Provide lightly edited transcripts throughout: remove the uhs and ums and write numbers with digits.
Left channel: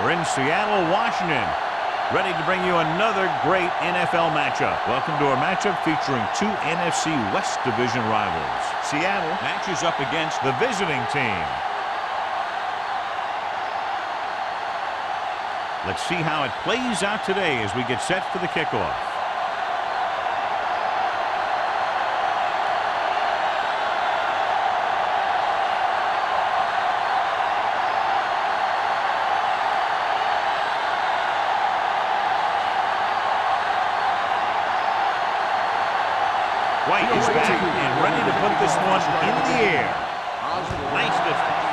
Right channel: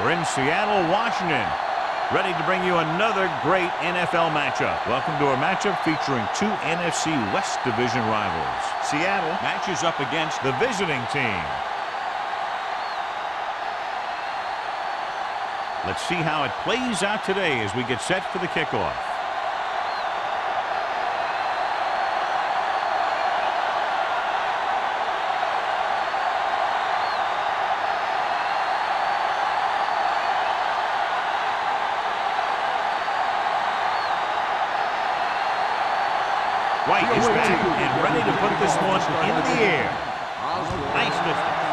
We're in Seattle, Washington, ready to bring you another great NFL matchup. Welcome to our matchup featuring two NFC West Division rivals. Seattle matches up against the visiting team. Let's see how it plays out today as we get set for the kickoff. White is back and ready to put this one in the air. Nice distance.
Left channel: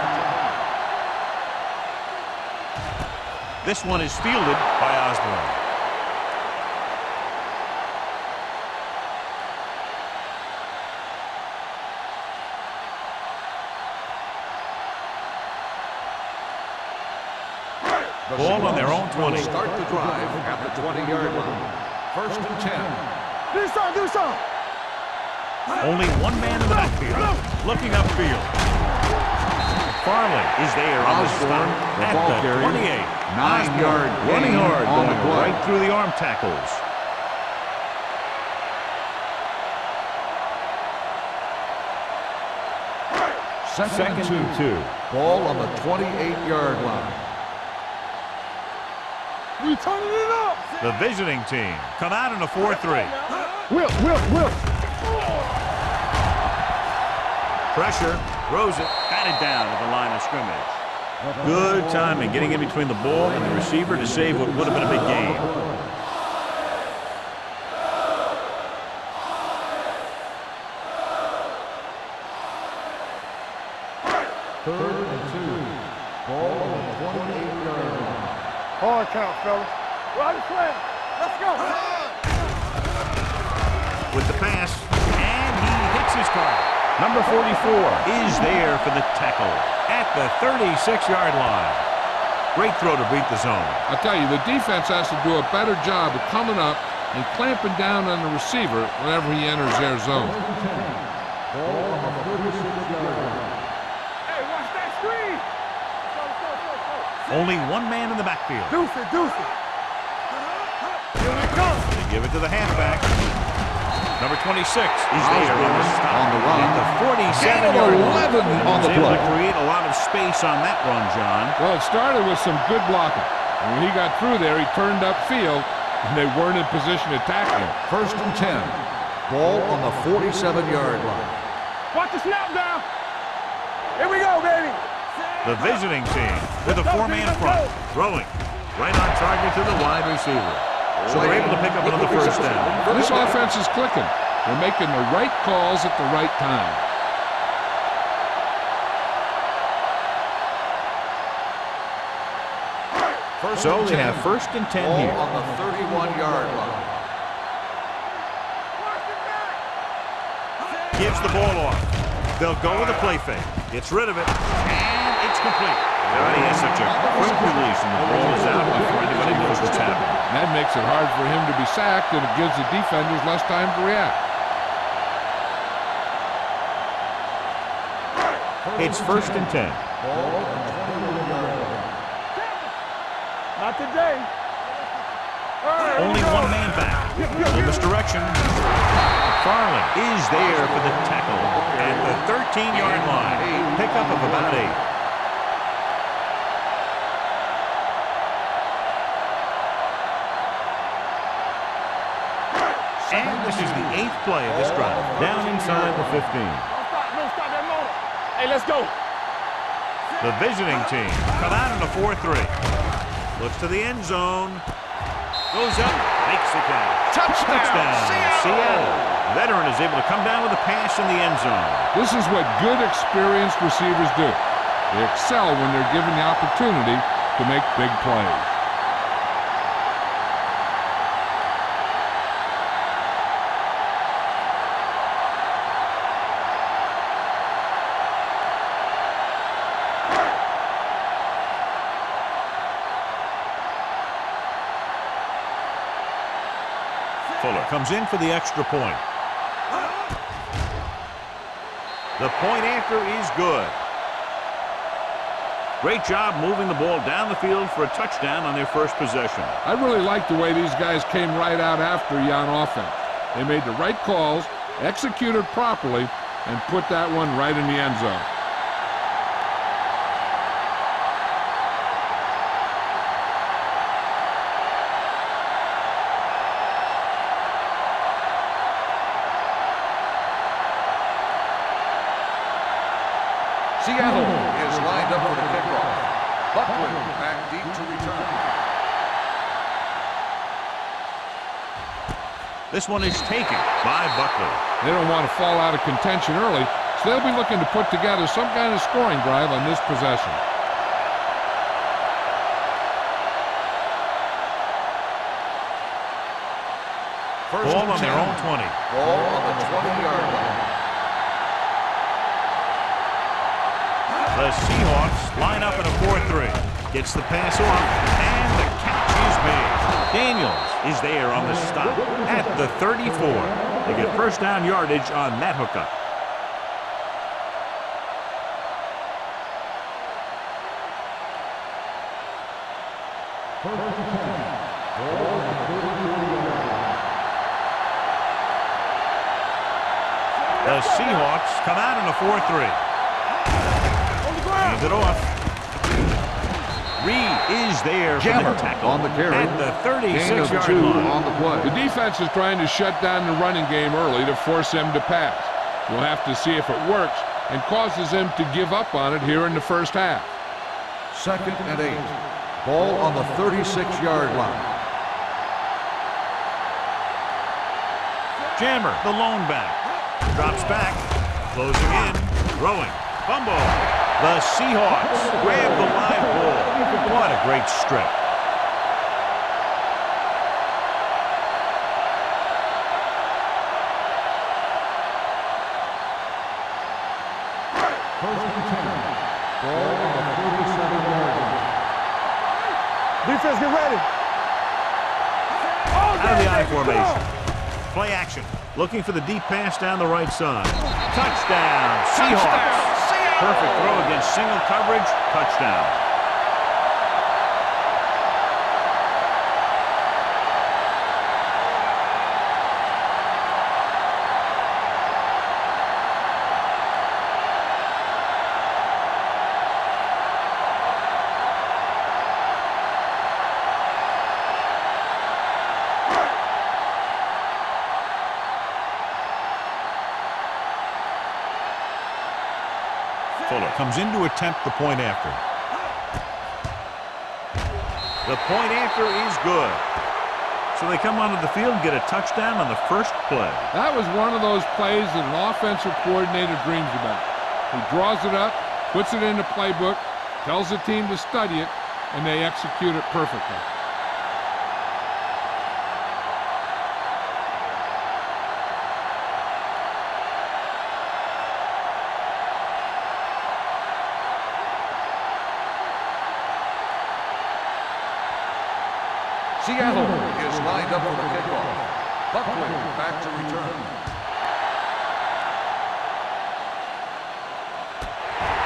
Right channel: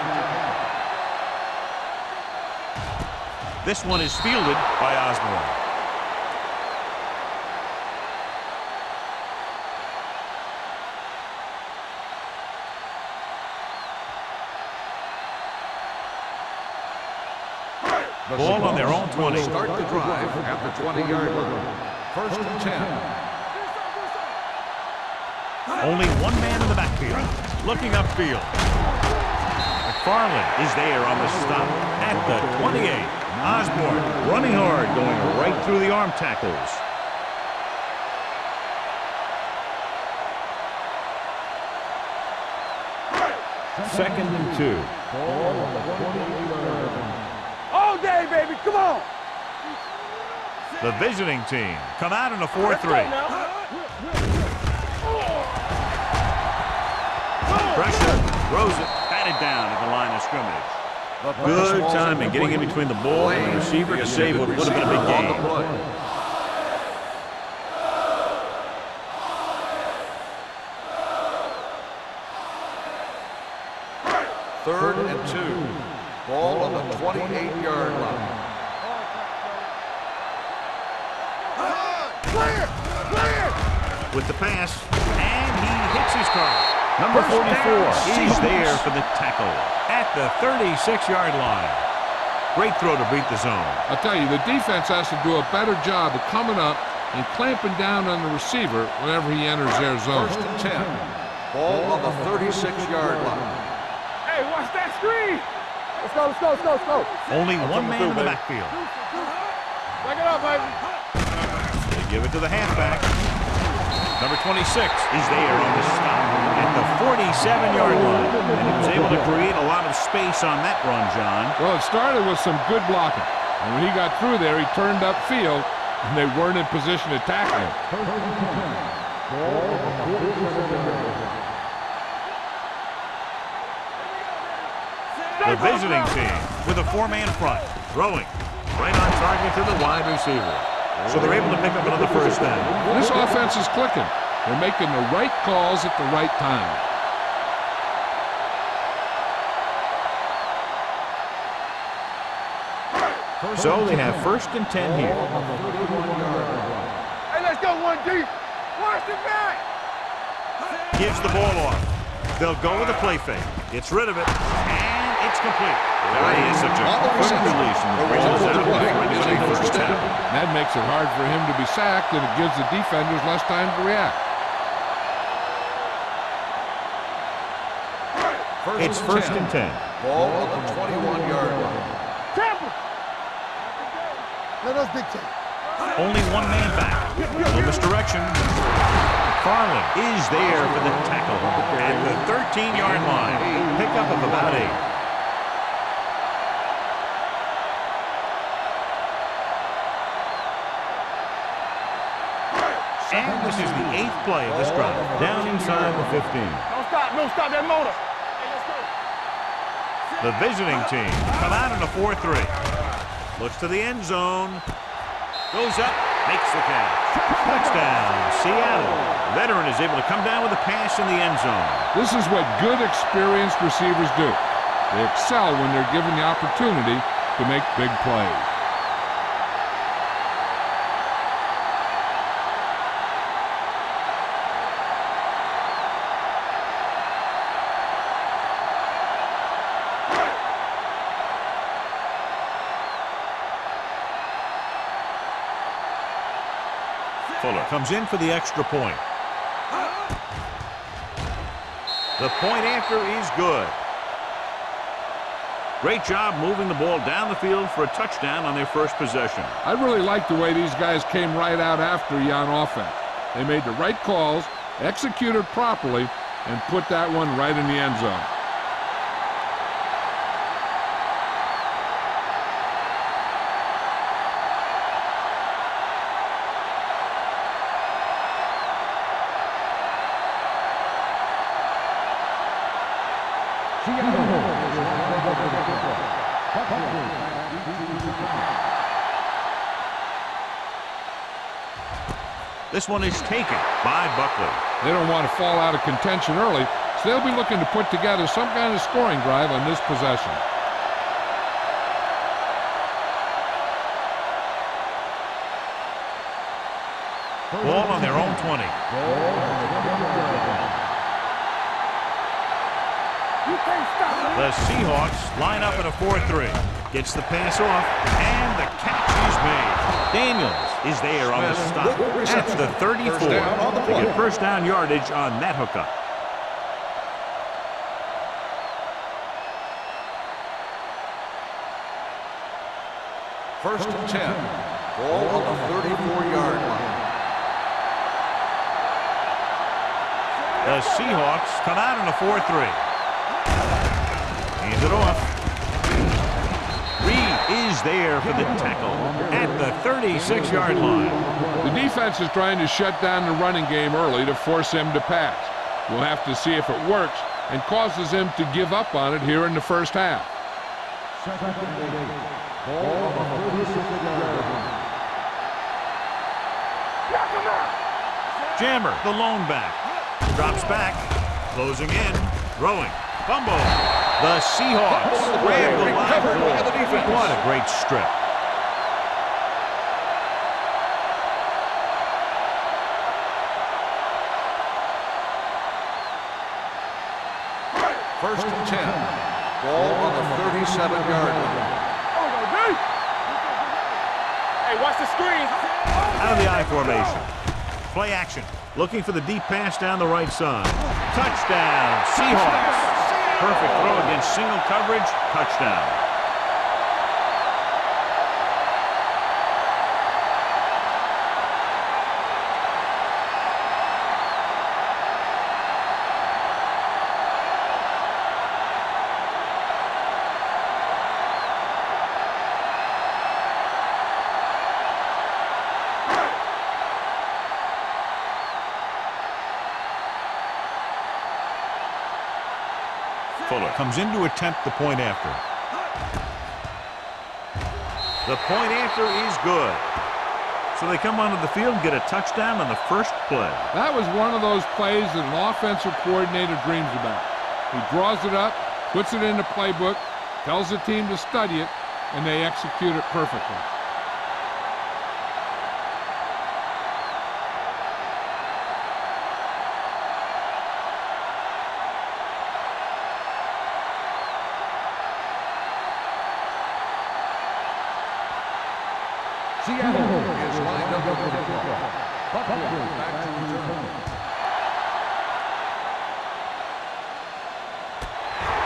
This one is fielded by Osborne. Ball on their own 20. Start the drive at the 20-yard line. First and 10. Only one man in the backfield, looking upfield. McFarland is there on the stop at the 28. Osborne running hard, going right through the arm tackles. Second and 2. Ball on the 28-yard line. All day, baby, come on. We turning it up. The visiting team come out in a 4-3. Will. Pressure, throws it, batted down at the line of scrimmage. Good timing, getting in between the ball and the receiver to save what would have been a big game. Third and 2. Ball on the 28-yard line. Hard count, fella. Run play. Let's go. With the pass, and he hits his target. Number 44 is there for the tackle at the 36-yard line. Great throw to beat the zone. I'll tell you, the defense has to do a better job of coming up and clamping down on the receiver whenever he enters their zone. First and 10. Ball on the 36-yard line. Hey, watch that screen. Let's go. Only one man in the backfield. Deuce it. Back it up, baby. They give it to the halfback. Number 26 is there on the stop at the 47-yard line. And he was able to create a lot of space on that run, John. Well, it started with some good blocking. And when he got through there, he turned upfield, and they weren't in position to tackle him. First and 10. Ball on the 47-yard line. Watch the snap down. Here we go, baby. The visiting team with a four-man front, throwing right on target to the wide receiver. So they're able to pick up another first down. This offense is clicking. They're making the right calls at the right time. So they have first and 10 here. On the 31-yard line. Hey, let's go one deep. Watch the back. Gives the ball off. They'll go with a play fake. Gets rid of it, and it's complete. He has such a quick release, and the ball is out before anybody knows what's happening. That makes it hard for him to be sacked, and it gives the defenders less time to react. It's first and 10. Ball on the 21-yard line. Tampa. Not today. Let us big time. Only one man back. Little misdirection. McFarland is there for the tackle at the 13-yard line. Pickup of about 8. And this is the 8th play of this drive. Down inside the 15. Don't stop that motor. Hey, let's go. The visiting team come out in a 4-3. Looks to the end zone. Goes up, makes the catch. Touchdown, Seattle. Veteran is able to come down with a pass in the end zone. This is what good, experienced receivers do. They excel when they're given the opportunity to make big plays. Fuller comes in for the extra point. The point after is good. Great job moving the ball down the field for a touchdown on their first possession. I really like the way these guys came right out after you on offense. They made the right calls, executed properly, and put that one right in the end zone. Seattle is lined up for the kickoff. Buckley back deep to return. This one is taken by Buckley. They don't want to fall out of contention early, so they'll be looking to put together some kind of scoring drive on this possession. Ball on their own 20. Ball on the 20-yard line. The Seahawks line up in a 4-3. Gets the pass off, and the catch is made. Daniels is there on the stop at the 34. They get first down yardage on that hookup. First and 10. Ball on the 34-yard line. The Seahawks come out in a 4-3. Hands it off. Reed is there for the tackle at the 36-yard line. The defense is trying to shut down the running game early to force him to pass. We'll have to see if it works and causes him to give up on it here in the first half. Second and 8. Ball on the 36-yard line. Jammer, the lone back. Drops back. Closing in. Throwing. Fumble. The Seahawks grab the live ball. What a great strip. First and 10. Ball on the 37-yard line. Defense, get ready. Hey, watch the screen. Out of the I formation. Play action. Looking for the deep pass down the right side. Touchdown, Seahawks. Perfect throw against single coverage. Touchdown. Fuller comes in to attempt the point after. The point after is good. So they come onto the field and get a touchdown on the first play. That was one of those plays that an offensive coordinator dreams about. He draws it up, puts it in the playbook, tells the team to study it, and they execute it perfectly. Seattle is lined up for the kickoff. Buckley back to return.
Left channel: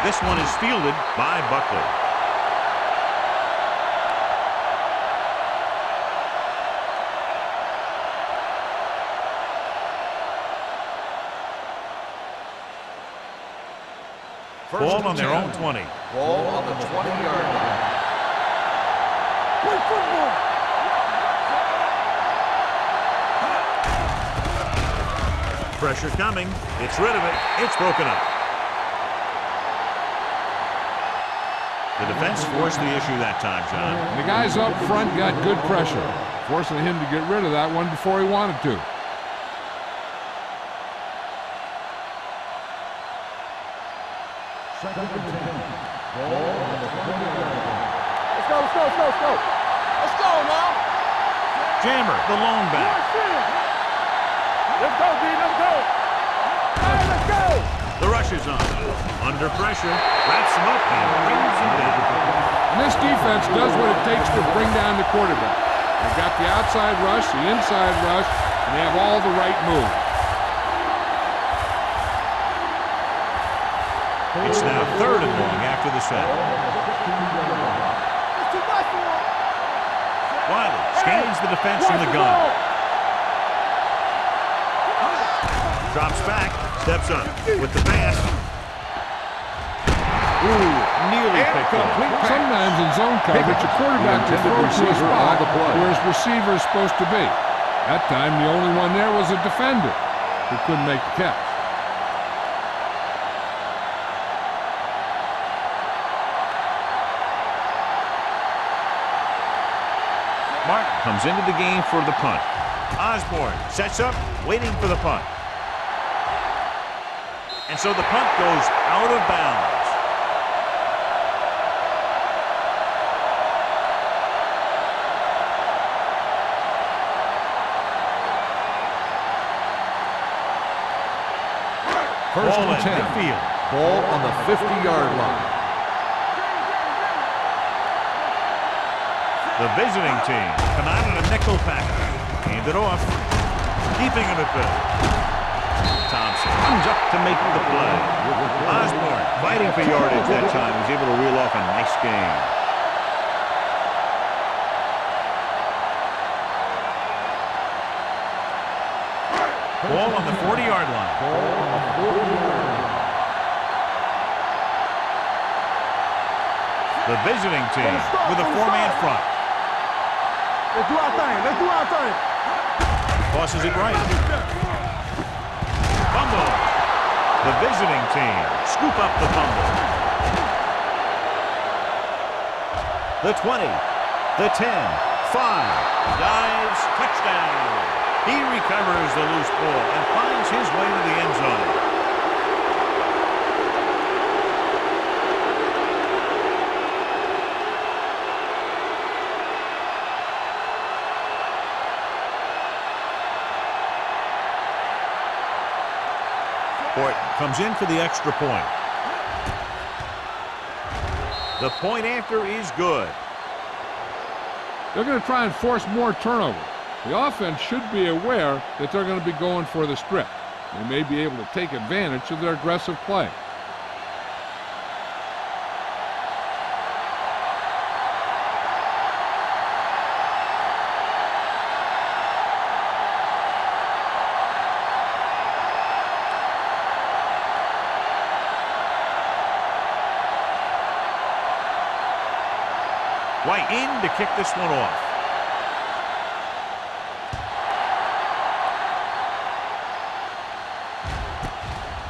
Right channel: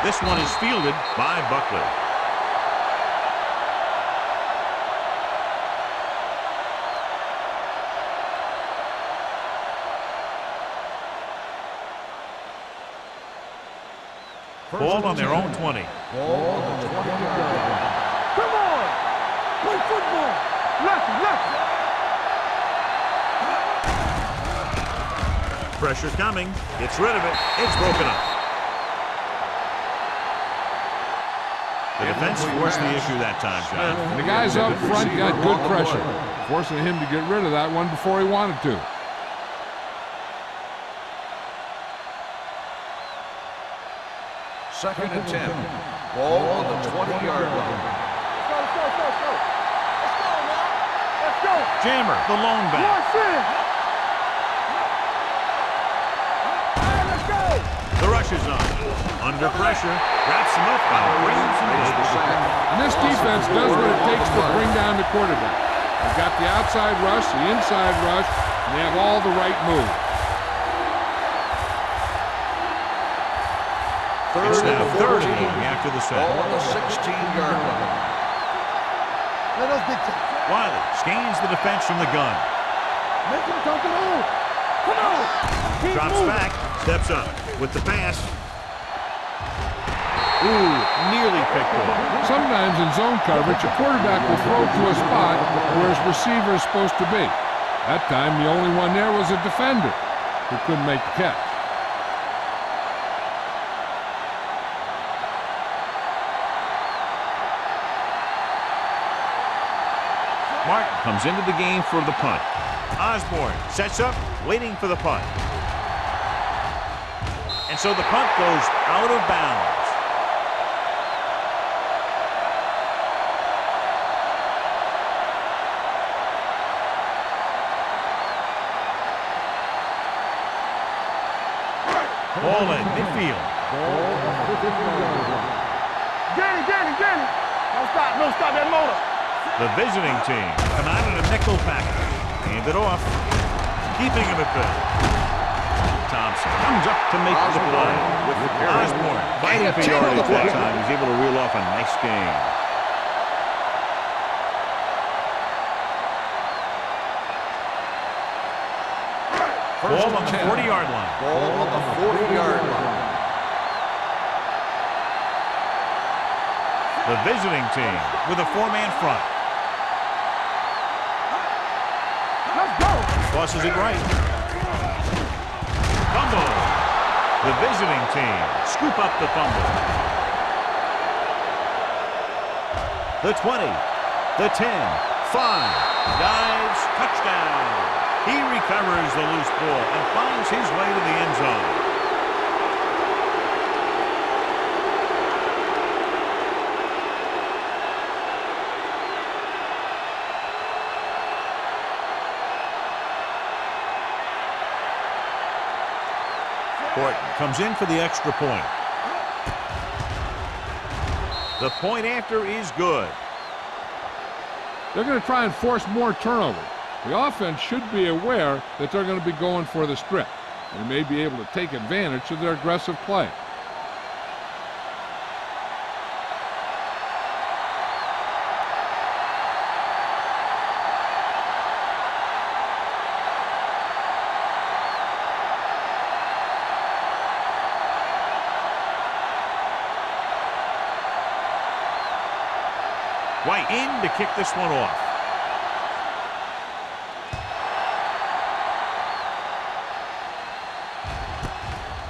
This one is fielded by Buckley. Ball on their own 20. Ball on the 20-yard line. Come on. Play football. Pressure coming. It's rid of it. It's broken up. The defense forced the issue that time, John. And the guys up front got good pressure, forcing him to get rid of that one before he wanted to. Second and 10. Ball on the 20-yard line. Let's go, let's go, let's go, let's go. Let's go now. Let's go. Jammer, the lone back. Let's go, D, let's go. All right, let's go. The rush is on. Under pressure, wraps him up and brings him down. And this defense does what it takes to bring down the quarterback. They've got the outside rush, the inside rush, and they have all the right moves. It's now 3rd and long after the sack. Ball on the 16-yard line. Wiley scans the defense from the gun. Drops back, steps up with the pass. Ooh, nearly picked off. Sometimes in zone coverage, a quarterback will throw to a spot where his receiver is supposed to be. That time, the only one there was a defender who couldn't make the catch. Martin comes into the game for the punt. Osborne sets up, waiting for the punt. And so the punt goes out of bounds. Ball in midfield. Ball on the 50-yard line. The visiting team come out in a nickel package. Hand it off. Keeping him at bay. Thompson comes up to make the play. Osborne fighting for yardage that time. He's able to reel off a nice gain. Ball on the 40-yard line. Ball on the 40-yard line. The visiting team with a 4-man front. Let's do our thing. Let's do our thing. Tosses it right. Fumble. The visiting team scoop up the fumble. The 20, the 10, 5, dives, touchdown. He recovers the loose ball and finds his way to the end zone. Horton comes in for the extra point. The point after is good. They're going to try and force more turnovers. The offense should be aware that they're going to be going for the strip. They may be able to take advantage of their aggressive play. White in to kick this one off.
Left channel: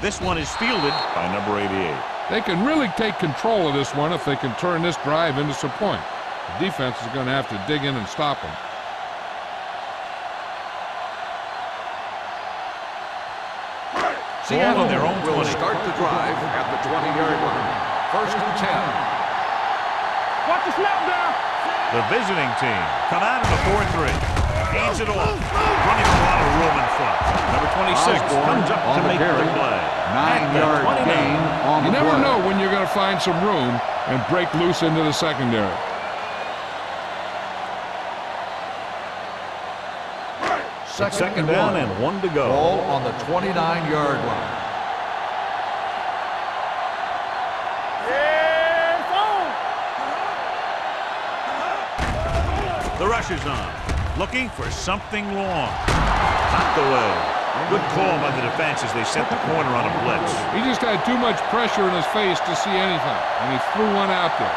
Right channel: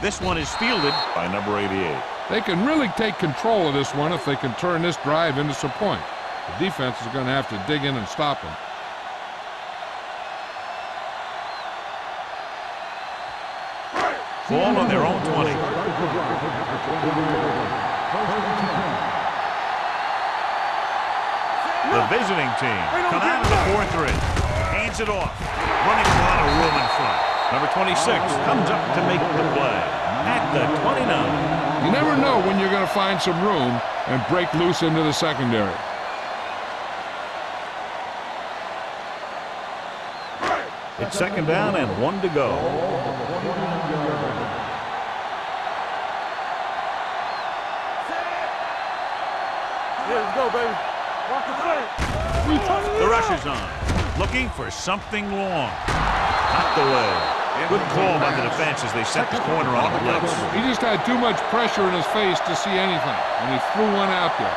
This one is fielded by number 88. They can really take control of this one if they can turn this drive into some points. The defense is going to have to dig in and stop them. Ball on their own 20. Start the drive at the 20-yard line. 1st and 10. The visiting team come out in a 4-3. Hands it off. Running with a lot of room in front. Number 26 comes up to make the play. At the 29. You never know when you're going to find some room and break loose into the secondary. It's 2nd down and 1 to go. Ball on the 29-yard line. The rush is on. Looking for something long. Knocked away. Good call by the defense as they set the corner on a blitz. He just had too much pressure in his face to see anything, and he threw one out there.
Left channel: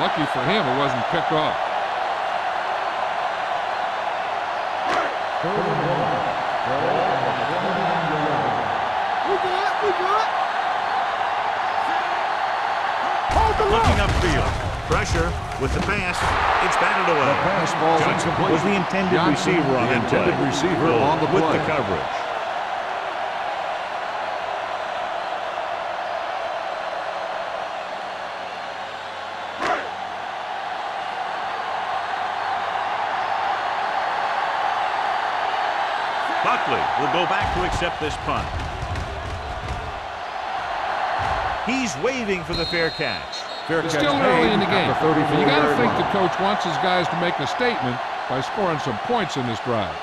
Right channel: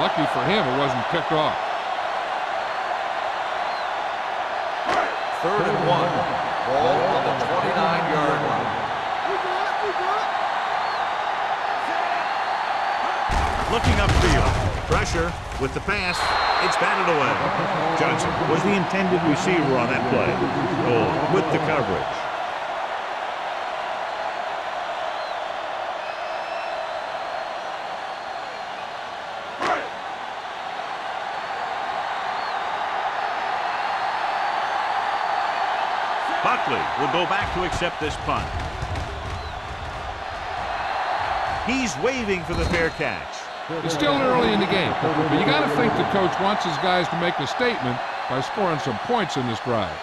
Lucky for him, it wasn't picked off. 3rd and 1. Ball on the 29-yard line. We good. Looking upfield. Pressure with the pass. It's batted away. Johnson was the intended receiver on that play. Goal with the coverage. Buckley will go back to accept this punt. He's waving for the fair catch. It's still early in the game, but you got to think the coach wants his guys to make a statement by scoring some points in this drive.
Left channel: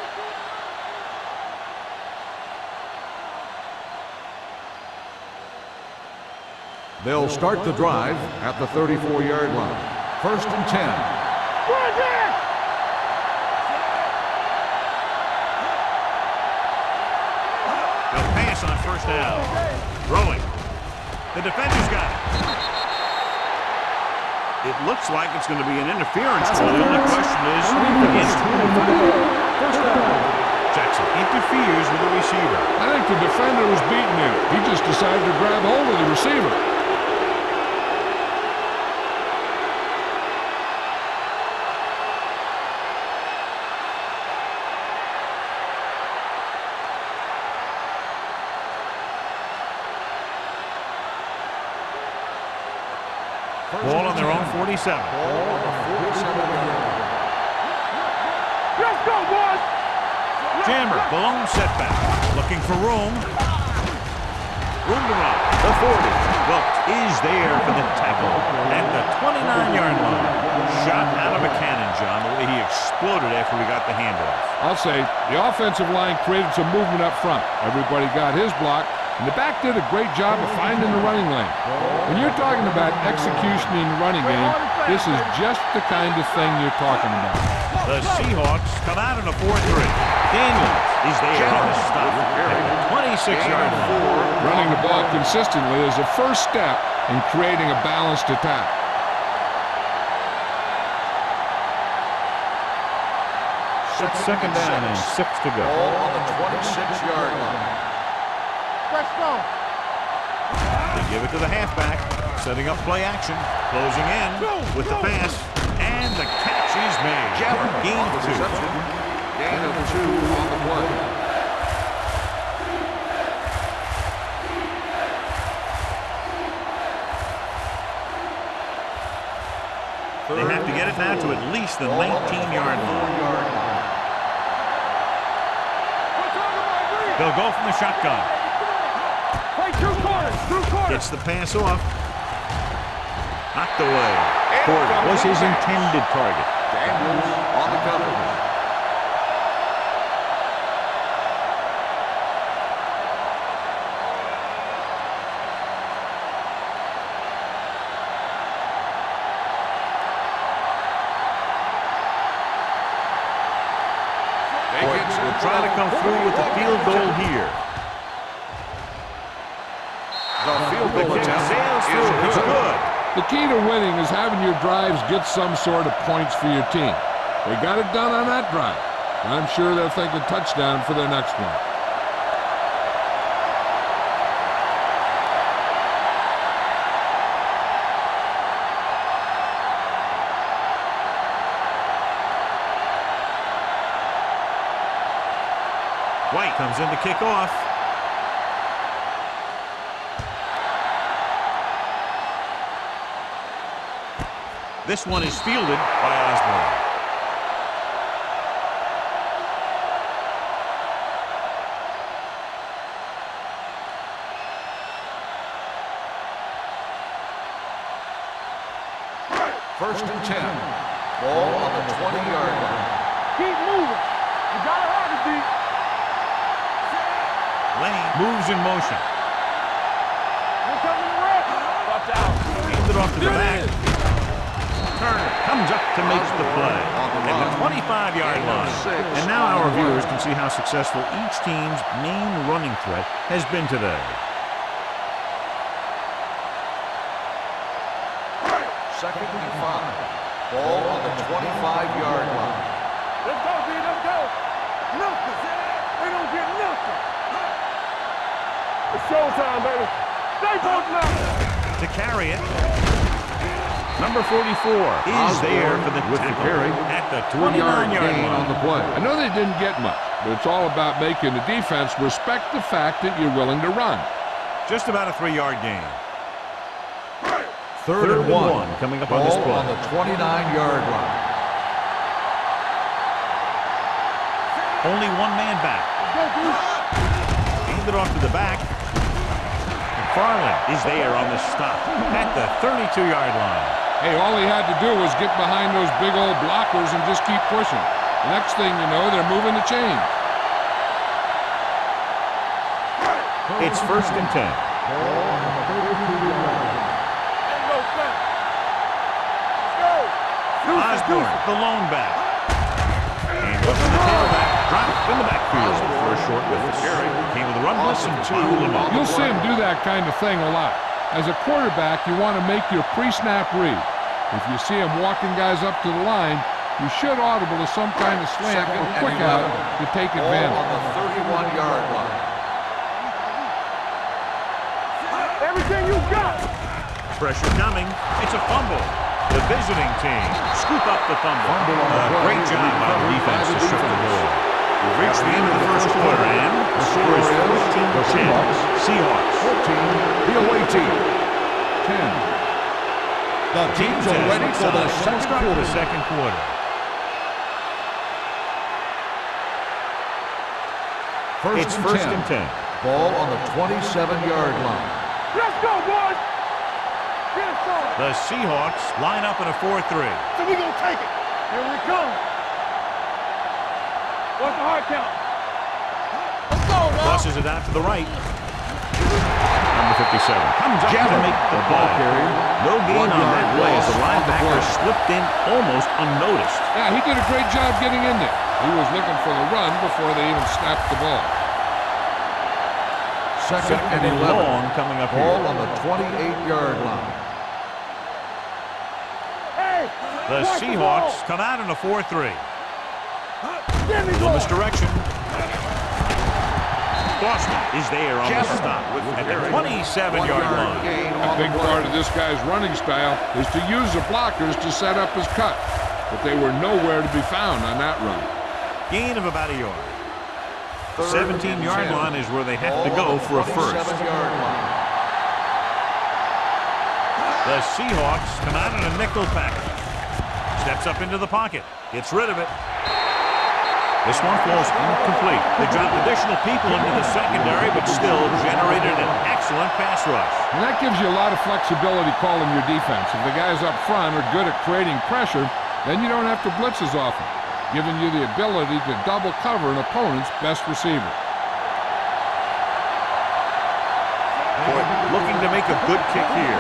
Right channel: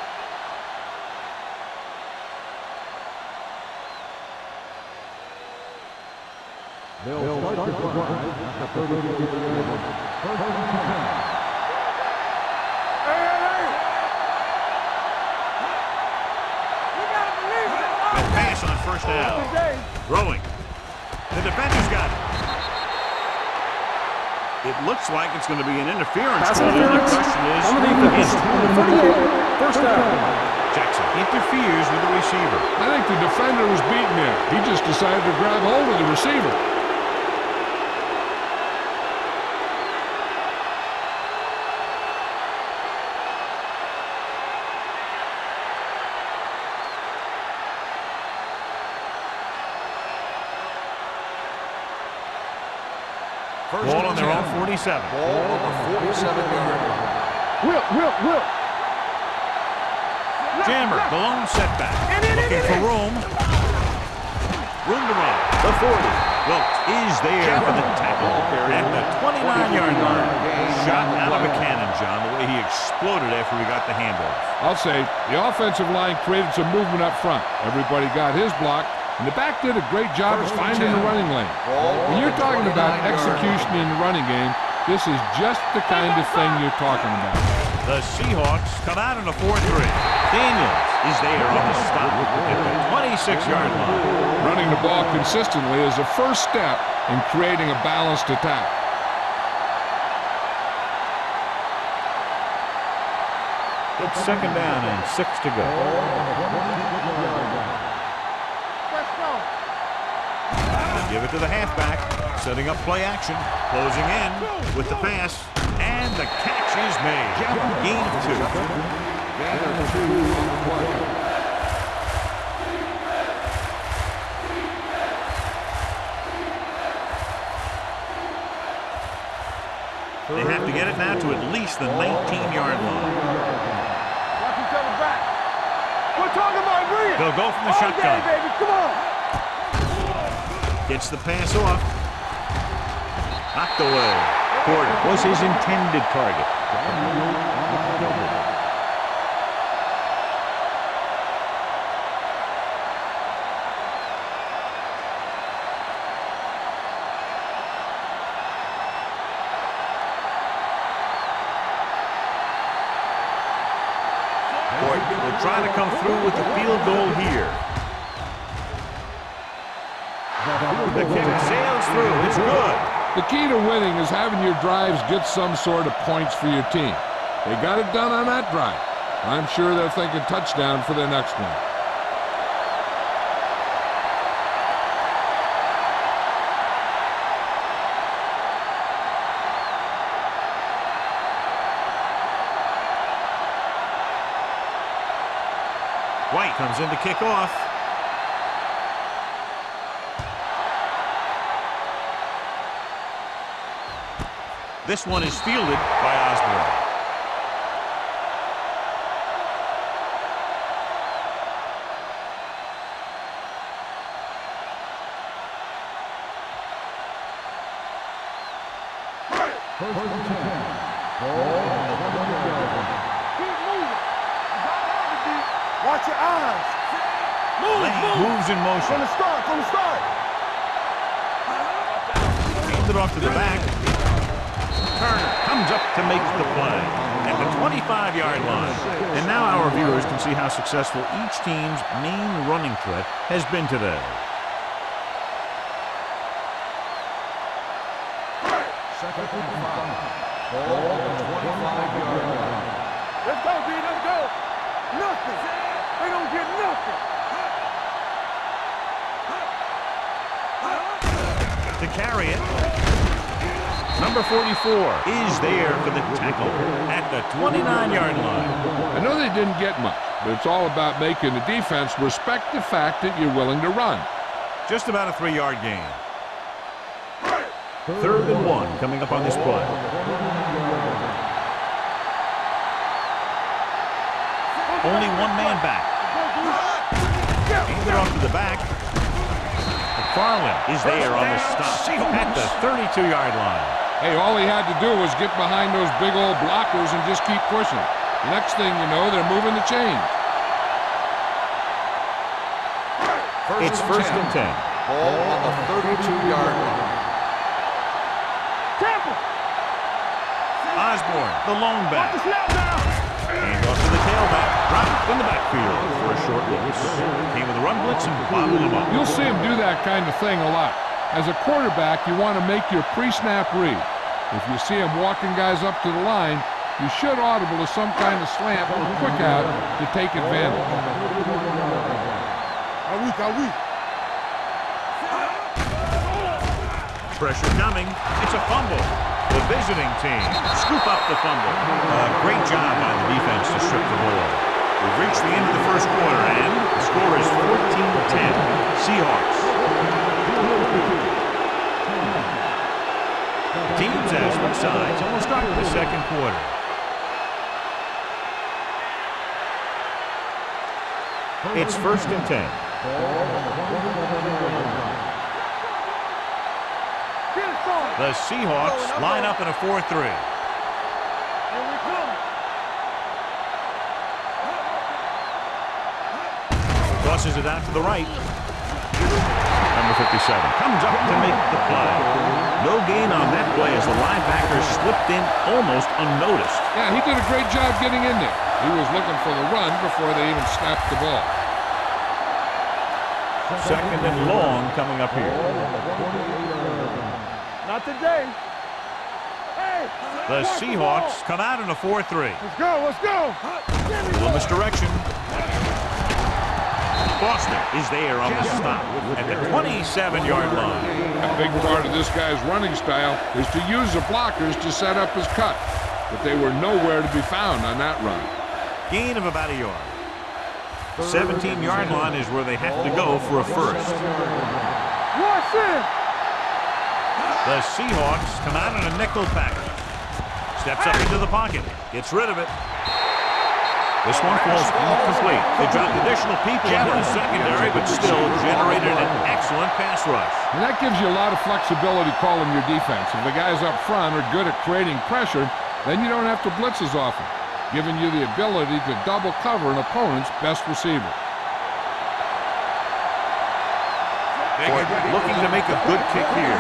They'll start the drive at the 34-yard line. 1st and 10. They'll pass on 1st down. Throwing. The defender's got it. It looks like it's going to be an interference. The only question is against whom? 1st down. Jackson interferes with the receiver. I think the defender was beaten there. He just decided to grab hold of the receiver. Ball on their own 47. Ball on the 47-yard line. Will. Let's go, boys. Jammer, the lone setback. Looking for room. Room to run. The 40. Wilkes is there for the tackle at the 29-yard line. Shot out of a cannon, John, the way he exploded after he got the handoff. I'll say the offensive line created some movement up front. Everybody got his block, and the back did a great job of finding the running lane. When you're talking about execution in the running game, this is just the kind of thing you're talking about. The Seahawks come out in a 4-3. Daniels is there on the stop at the 26-yard line. Running the ball consistently is the first step in creating a balanced attack. It's 2nd down and 6 to go. Ball on the 26-yard line. They give it to the halfback, setting up play action, closing in with the pass, and the catch is made. Gain of 2. Gain of 2 on the play. They have to get it now to at least the 19-yard line. They'll go from the shotgun. Gets the pass off. Knocked away. Porter was his intended target. Daniels on the cover. Porter will try to come through with the field goal here. The kick sails through. It's good. The key to winning is having your drives get some sort of points for your team. They got it done on that drive. I'm sure they're thinking touchdown for their next one. White comes in to kick off. This one is fielded by Osborne. First and 10. Ball on the 20-yard line. Keep moving. You gotta have it, D. Watch your eyes. Lane moves in motion. From the start. Watch out. Hands it off to the back. Turner comes up to make the play at the 25-yard line. And now our viewers can see how successful each team's main running threat has been today. Second and 5. Ball on the 25-yard line. Let's go, D. Let's go. Nothing. They don't get nothing. It's showtime, baby. Stay focused. To carry it, number 44 is there for the tackle at the 29-yard line. I know they didn't get much, but it's all about making the defense respect the fact that you're willing to run. Just about a 3-yard gain. Third and 1 coming up on this play. On the 29-yard line. Only one man back. Hand it off to the back. McFarland is there on the stop at the 32-yard line. Hey, all he had to do was get behind those big old blockers and just keep pushing. The next thing you know, they're moving the chains. It's first and 10. Ball on the 32-yard line. Osborne, the lone back. And off to the tailback. Dropped in the backfield for a short loss. Came with a run blitz and bottled him up. You'll see him do that kind of thing a lot. As a quarterback, you want to make your pre-snap read. If you see him walking guys up to the line, you should audible to some kind of slant or quick out to take advantage. On the 31-yard line. Everything you got. Pressure coming. It's a fumble. The visiting team scoop up the fumble. Great job by the defense to strip the ball. We've reached the end of the first quarter, and the score is 14-10. Seahawks. 14, the away team. 10. The Teams as switch sides, and we'll start the second quarter. It's first and 10. Ball on the 27-yard line. Let's go, boys. Get it started. The Seahawks line up in a 4-3. So we gonna take it. Here we come. What's the hard count? Crosses it out to the right. Number 57 comes up to make the play. No gain on that play as the linebacker slipped in almost unnoticed. Yeah, he did a great job getting in there. He was looking for the run before they even snapped the ball. Second and long coming up here. Ball on the 28-yard line. Not today. Hey. The watch Seahawks come out in a 4-3. Let's go. Let's go. Give me Little more. misdirection. Boston is there on the stop at the 27-yard line. A big part of this guy's running style is to use the blockers to set up his cut, but they were nowhere to be found on that run. Gain of about a yard. The 17-yard line is where they have to go for a first. Rush in. The Seahawks come out in a nickel package. Steps up into the pocket. Gets rid of it. This one falls incomplete. They dropped additional people into the secondary, but still generated an excellent pass rush. And that gives you a lot of flexibility calling your defense. If the guys up front are good at creating pressure, then you don't have to blitz as often, giving you the ability to double cover an opponent's best receiver. Ford looking to make a good kick here.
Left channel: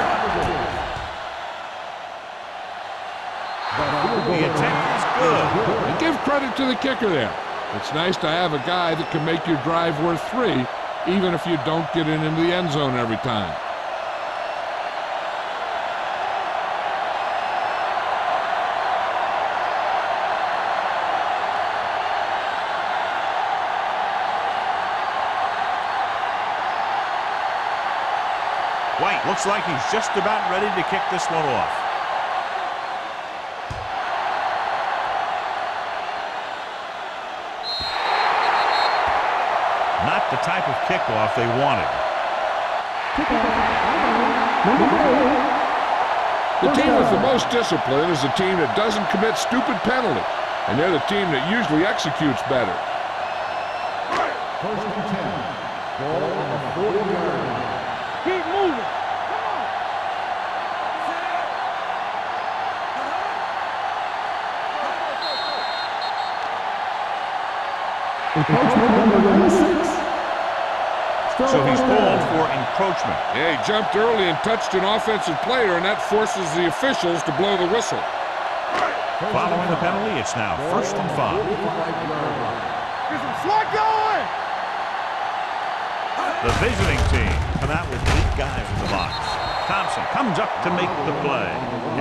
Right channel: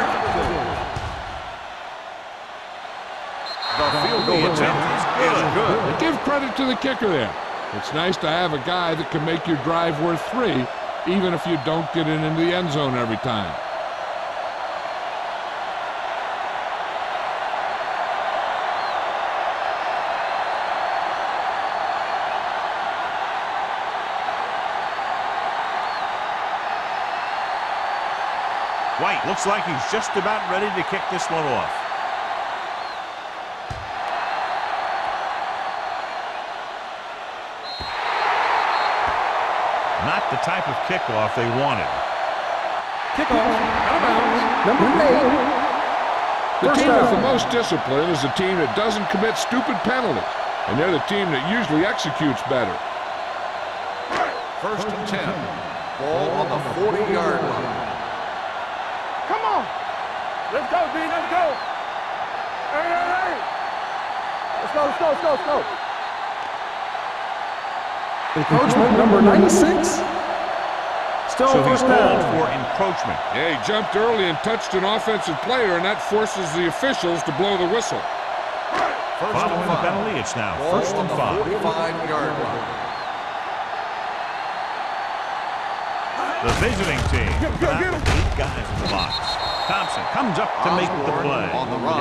The attempt is good. And give credit to the kicker there. It's nice to have a guy that can make your drive worth 3, even if you don't get it into the end zone every time. White looks like he's just about ready to kick this one off. Not the type of kickoff they wanted. The team with the most discipline is the team that doesn't commit stupid penalties, and they're the team that usually executes better. First and 10. Ball on the 40-yard line. Keep moving. Come on. Let's go, B. Let's go. Hey, hey, hey. Let's go. Encroachment number 96. So he's called for encroachment. Yeah, he jumped early and touched an offensive player, and that forces the officials to blow the whistle. Following the penalty, it's now first and 5. 45-yard line. Get some slack going. The visiting team come out with 8 guys in the box. Thompson comes up to make the play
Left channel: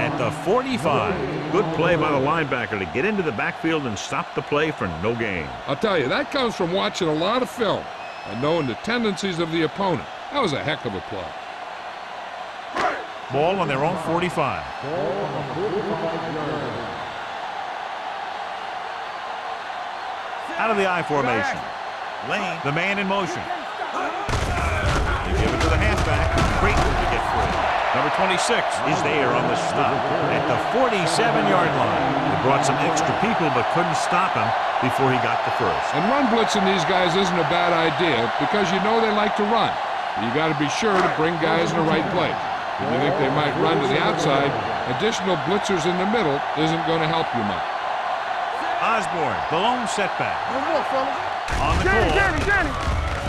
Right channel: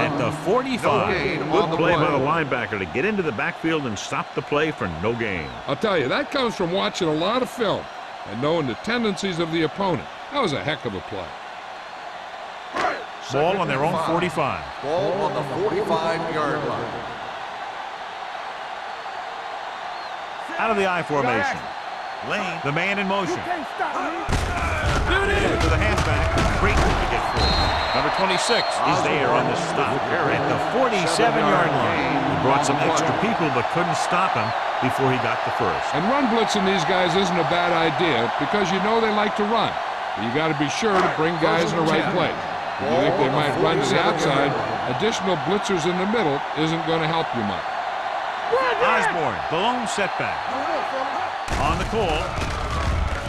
at the 45. Good play by the linebacker to get into the backfield and stop the play for no gain. I'll tell you, that comes from watching a lot of film and knowing the tendencies of the opponent. That was a heck of a play. Ball on their own 45. Ball on the 45-yard line. Out of the I formation. Lane, the man in motion. Can't stop me. They give it to the halfback. Great to get free. Number 26 is there on the stop at the 47-yard line. They brought some extra people but couldn't stop him before he got the first. And run blitzing these guys isn't a bad idea because you know they like to run. But you got to be sure to bring guys in the right place. If you think they might run to the outside, additional blitzers in the middle isn't going to help you much. Osborne, the lone setback. On the call.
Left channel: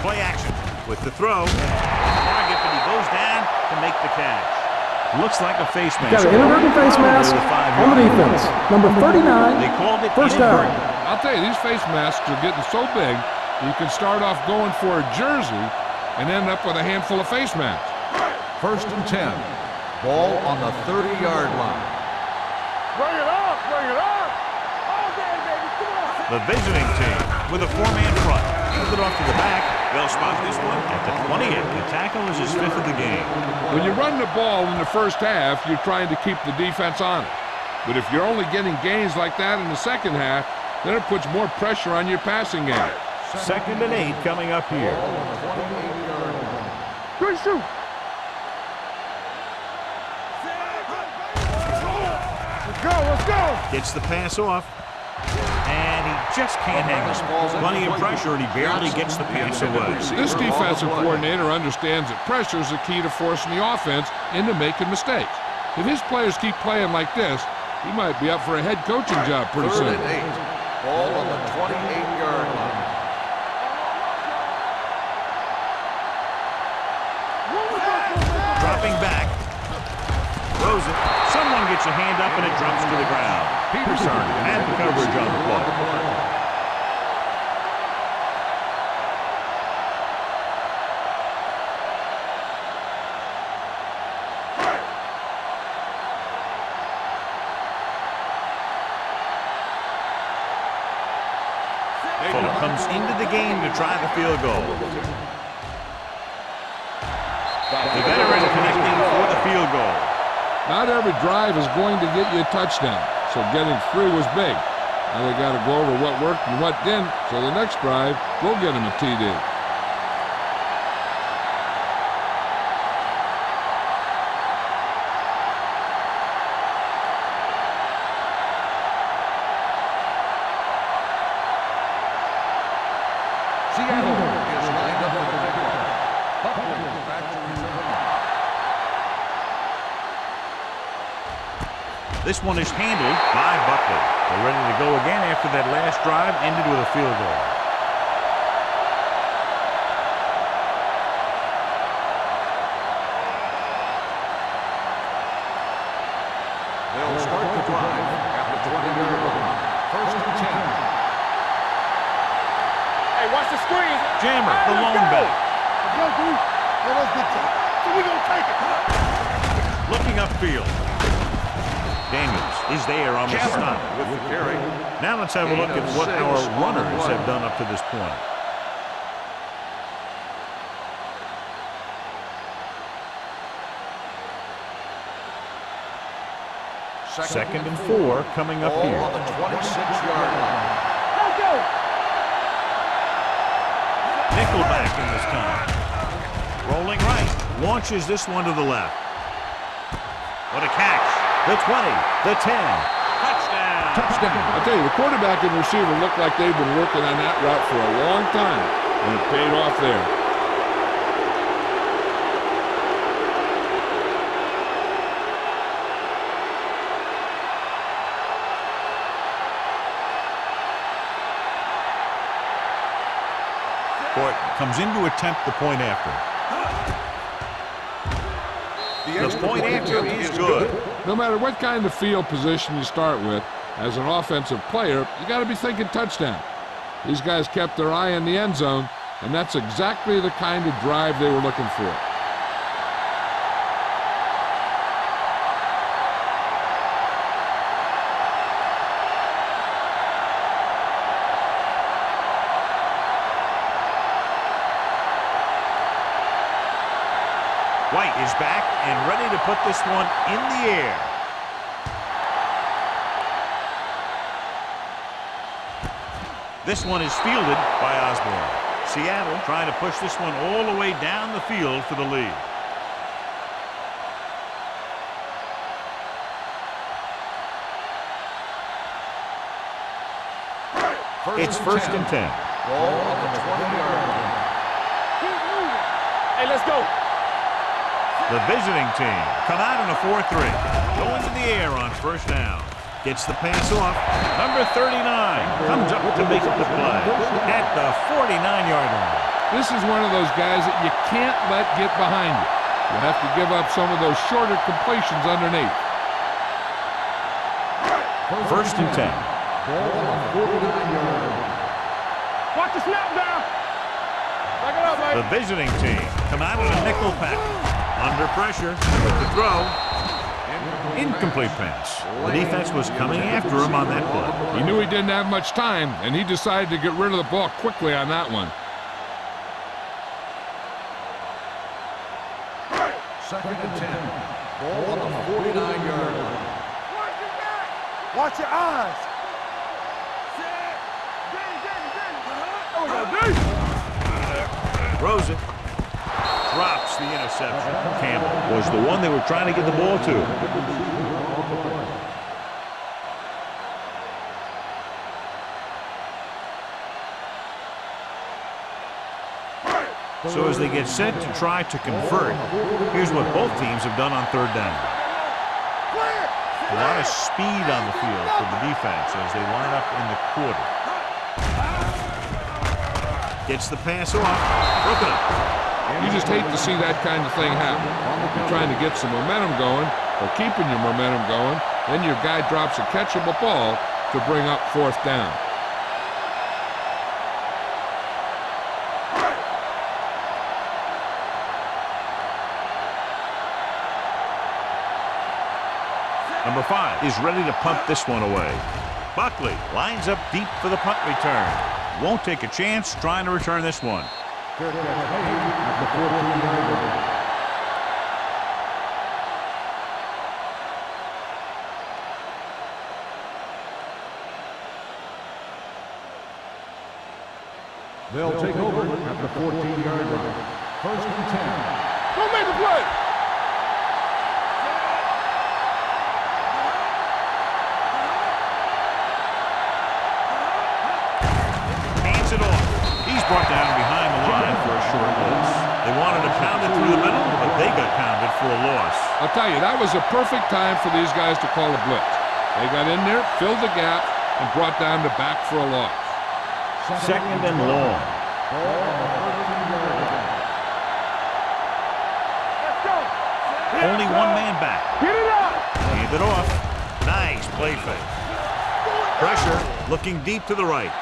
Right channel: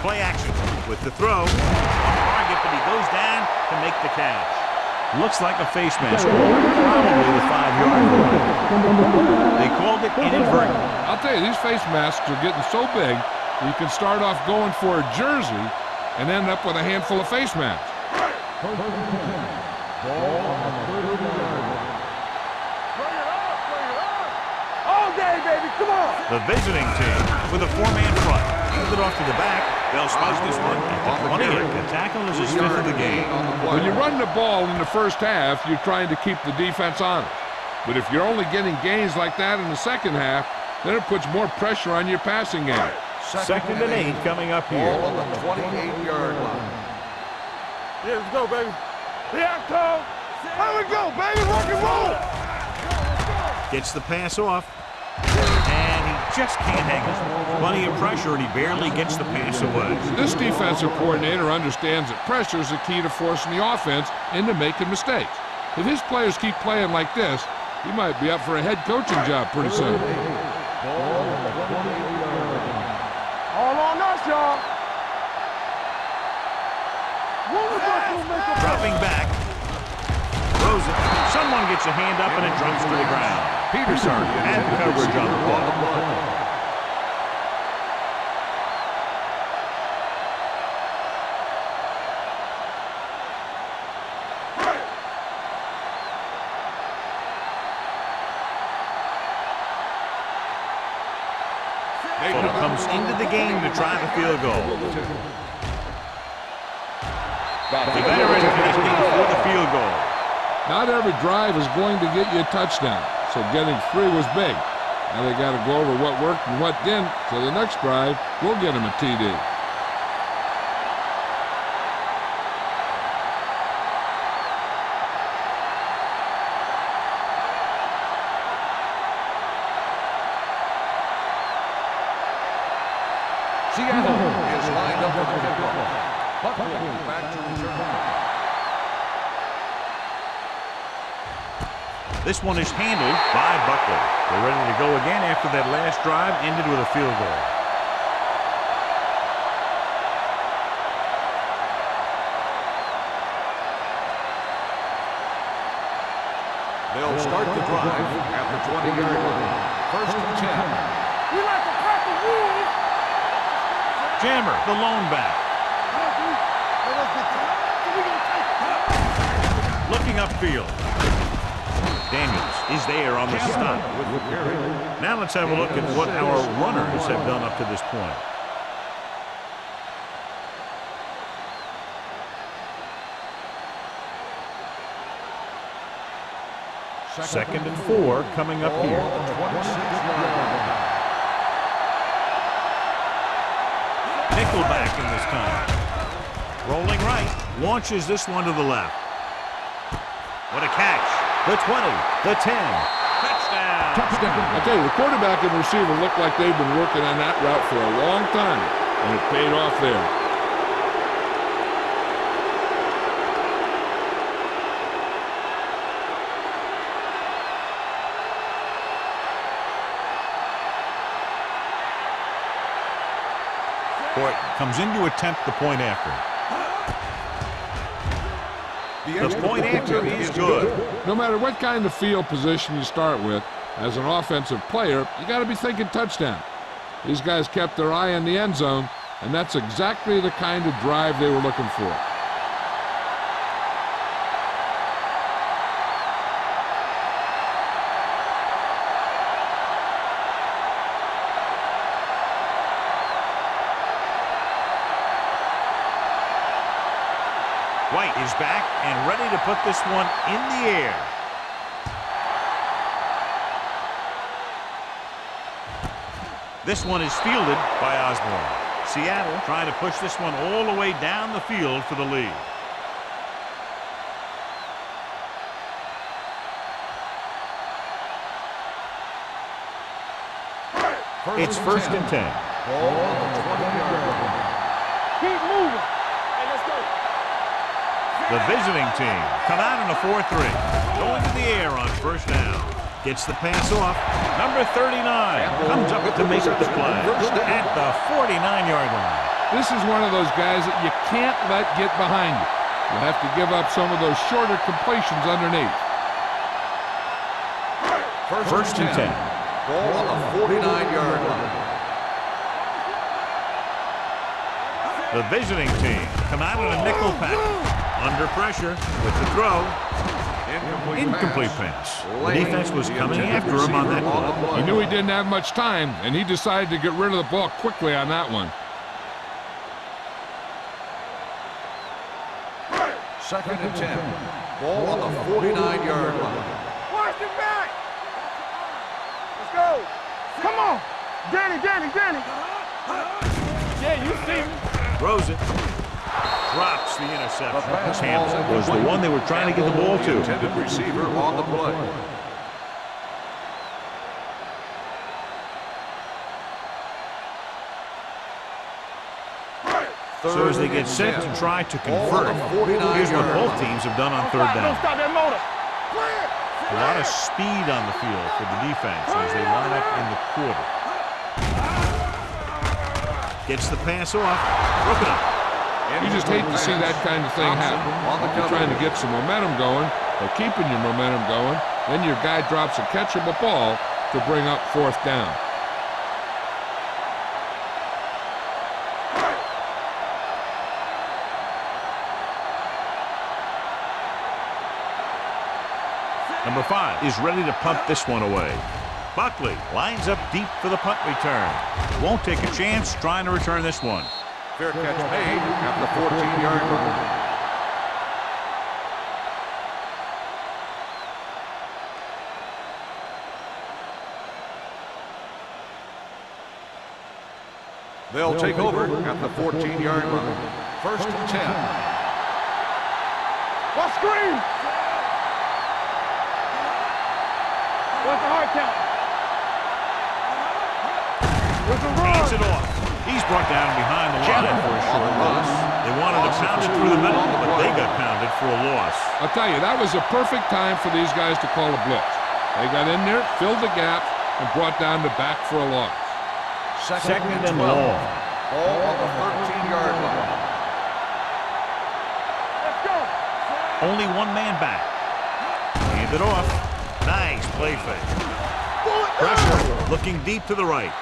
Play action with the throw. Off target, but he goes down to make the catch. Looks like a face Got mask. an inadvertent face Probably mask the on 5-yard the line. defense. Number 39. They called it First down. inadvertent. I'll tell you, these face masks are getting so big that you can start off going for a jersey and end up with a handful of face masks. First and 10. Ball on the 30-yard line. Bring it up, bring it up. All day, baby, come on. The visiting team with a 4-man front. Hand it off to the back. They'll spot this one at the 28. The tackle is his 5th of the game. When you run the ball in the first half, you're trying to keep the defense honest. But if you're only getting gains like that in the second half, then it puts more pressure on your passing game. Second and 8 coming up here. Ball on the 28-yard line. Good shoot. Yeah, let's go, baby. Here I come. Let it go, baby. Rock and roll. Let's go, let's go. Gets the pass off. And he just can't hang it. Plenty of pressure, and he barely gets the pass away. This defensive coordinator understands that pressure is the key to forcing the offense into making mistakes. If his players keep playing like this, he might be up for a head coaching job pretty soon. Third and 8. Ball on the 28-yard line. All on us, y'all. Wonderful, make Dropping back. Throws it. Someone gets a hand up, and it drops to the ground. Peterson had the coverage on the play. Fuller comes into the game to try the field goal. The veteran connecting for the field goal. Not every drive is going to get you a touchdown, so getting 3 was big. Now they got to go over what worked and what didn't, so the next drive will get him a TD. Seattle is lined up for the kickoff. Buckley back to return. This one is handled by Buckley. They're ready to go again after that last drive ended with a field goal. They'll start the drive at the 20-yard line. First and 10. We like to crack the rules. Hey, watch the screen, man. Jammer, the lone back. Let's go, D. Let us get to it. So we gonna take it. Looking upfield. Daniels is there on the stop. With the carry. Now let's have a look at what our runners have done up to this point. Second and 4 coming up Ball here. on the 26-yard line. Nickelback in this time. Rolling right. Launches this one to the left. What a catch. The 20, the 10. Touchdown. Touchdown. I'll tell you, the quarterback and receiver look like they've been working on that route for a long time, and it paid off there. Court comes in to attempt the point after. The point after is good. No matter what kind of field position you start with, as an offensive player, you got to be thinking touchdown. These guys kept their eye on the end zone, and that's exactly the kind of drive they were looking for. White is back and ready to put this one in the air. This one is fielded by Osborne. Seattle trying to push this one all the way down the field for the lead. It's first and 10. Ball on the 20-yard line. Keep moving. Hey, let's go. The visiting team come out in a 4-3. Going to the air on first down. Gets the pass off. Number 39 comes up to make the play at the 49-yard line. This is one of those guys that you can't let get behind you. You'll have to give up some of those shorter completions underneath. First and 10. Ball on the 49-yard line. Watch the snap down. Back it up, man. The visiting team come out in a nickel package. Under pressure with the throw. Incomplete pass. The defense was coming after him on that play. He knew he didn't have much time, and he decided to get rid of the ball quickly on that one. Second and 10. Ball on the 49-yard line. Watch your back. Watch your eyes. Let's go. Come on. Danny. Throws it. Drops the interception. Campbell was the one they were trying to get the ball to. Intended receiver on the play. So as they get set to try to convert, here's what both teams have done on third down. Stop that motor. Clear. A lot of speed on the field for the defense as they line up in the quarter. Gets the pass off. Broken up. You just hate to see that kind of thing happen. You're trying to get some momentum going, or keeping your momentum going, then your guy drops a catchable ball to bring up fourth down. Number 5 is ready to punt this one away. Buckley lines up deep for the punt return. Won't take a chance trying to return this one. Fair catch made at the 14-yard line. They'll take over at the 14-yard line. First and 10. Don't make the play. Watch screen. That's a hard count. Hands it off. He's brought down behind the line for a short loss. They wanted to pound it through the middle, but they got pounded for a loss. I'll tell you, that was a perfect time for these guys to call a blitz. They got in there, filled the gap, and brought down the back for a loss. Second and long. Ball on the 13-yard line. Let's go. Only one man back. Get it up. Hand it off. Nice play fake. Pressure, looking deep to the right.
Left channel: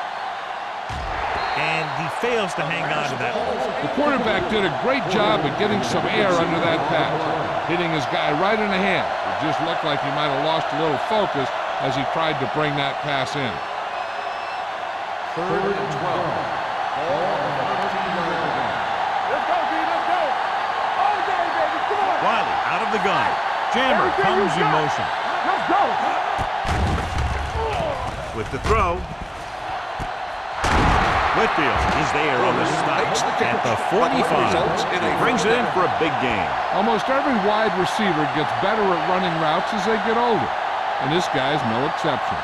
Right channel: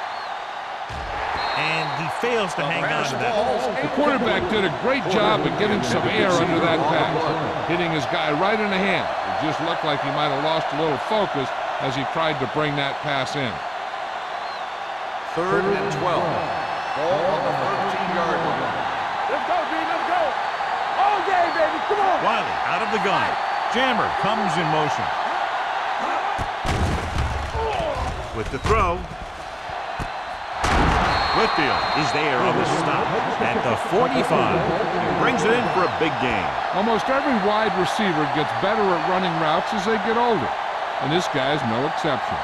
And he fails to hang on to that. The quarterback did a great job of getting some air under that pass, hitting his guy right in the hand. It just looked like he might have lost a little focus as he tried to bring that pass in. Third and 12. Ball on the 13-yard line. Let's go, D. Let's go. All day, baby. Come on. Wiley out of the gun. Jammer comes in motion. Let's go. With the throw. Whitfield is there on the stop at the 45. He brings it in for a big gain. Almost every wide receiver gets better at running routes as they get older, and this guy's no exception.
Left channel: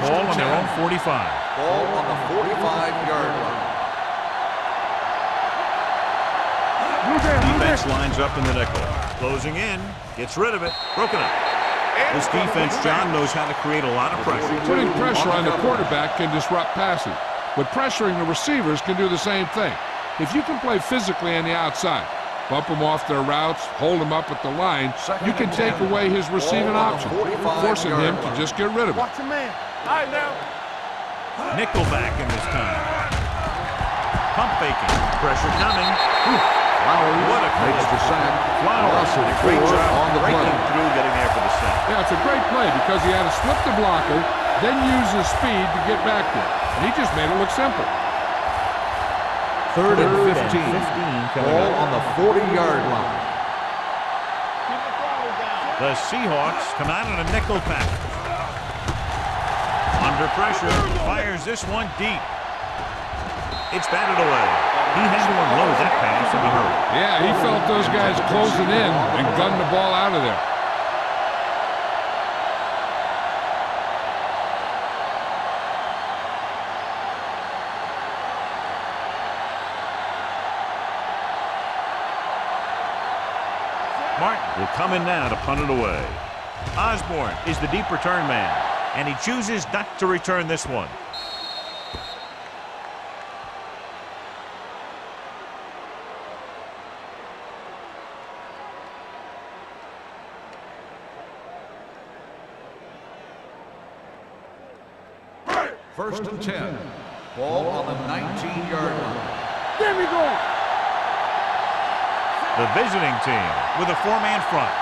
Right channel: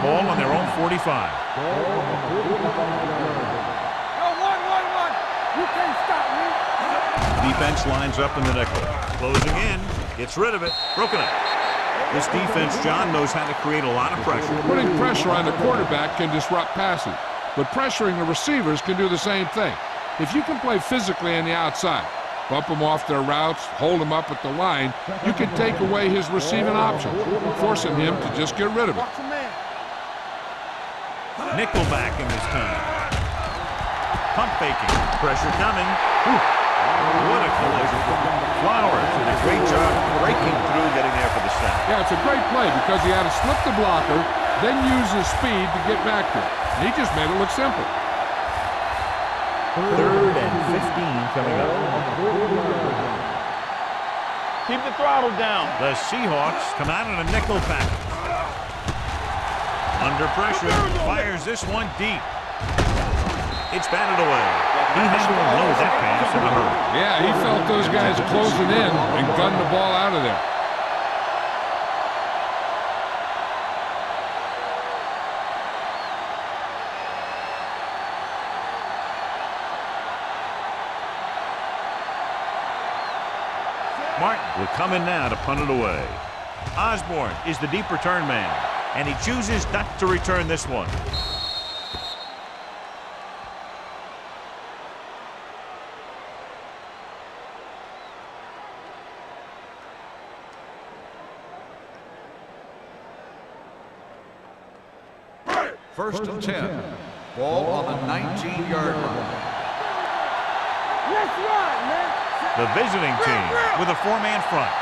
Ball on their own 45. Ball on the 45-yard line. Defense lines up in the nickel. Closing in. Gets rid of it. Broken up. This defense, John, knows how to create a lot of pressure. Putting pressure on the quarterback can disrupt passing, but pressuring the receivers can do the same thing. If you can play physically on the outside, bump them off their routes, hold them up at the line, you can take away his receiving options, forcing him to just get rid of it. Watch your man. All right, now. Nickel back in this time. Pump faking. Pressure coming. Whew. What a collision. Flowers did a great job breaking through, getting there for the sack. Yeah, it's a great play because he had to slip the blocker, then use his speed to get back there. And he just made it look simple. Third and 15 coming Ball up. on the 40-yard line. Keep the throttle down. The Seahawks come out in a nickel package. Under pressure, fires this one deep. It's batted away. He had to unload that pass in a hurry. Yeah, he felt those guys closing in and gunned the ball out of there. Martin will come in now to punt it away. Osborne is the deep return man, and he chooses not to return this one. First and 10. Ball on the 19-yard line. There we go. Let's run, man. The visiting team with a four-man front.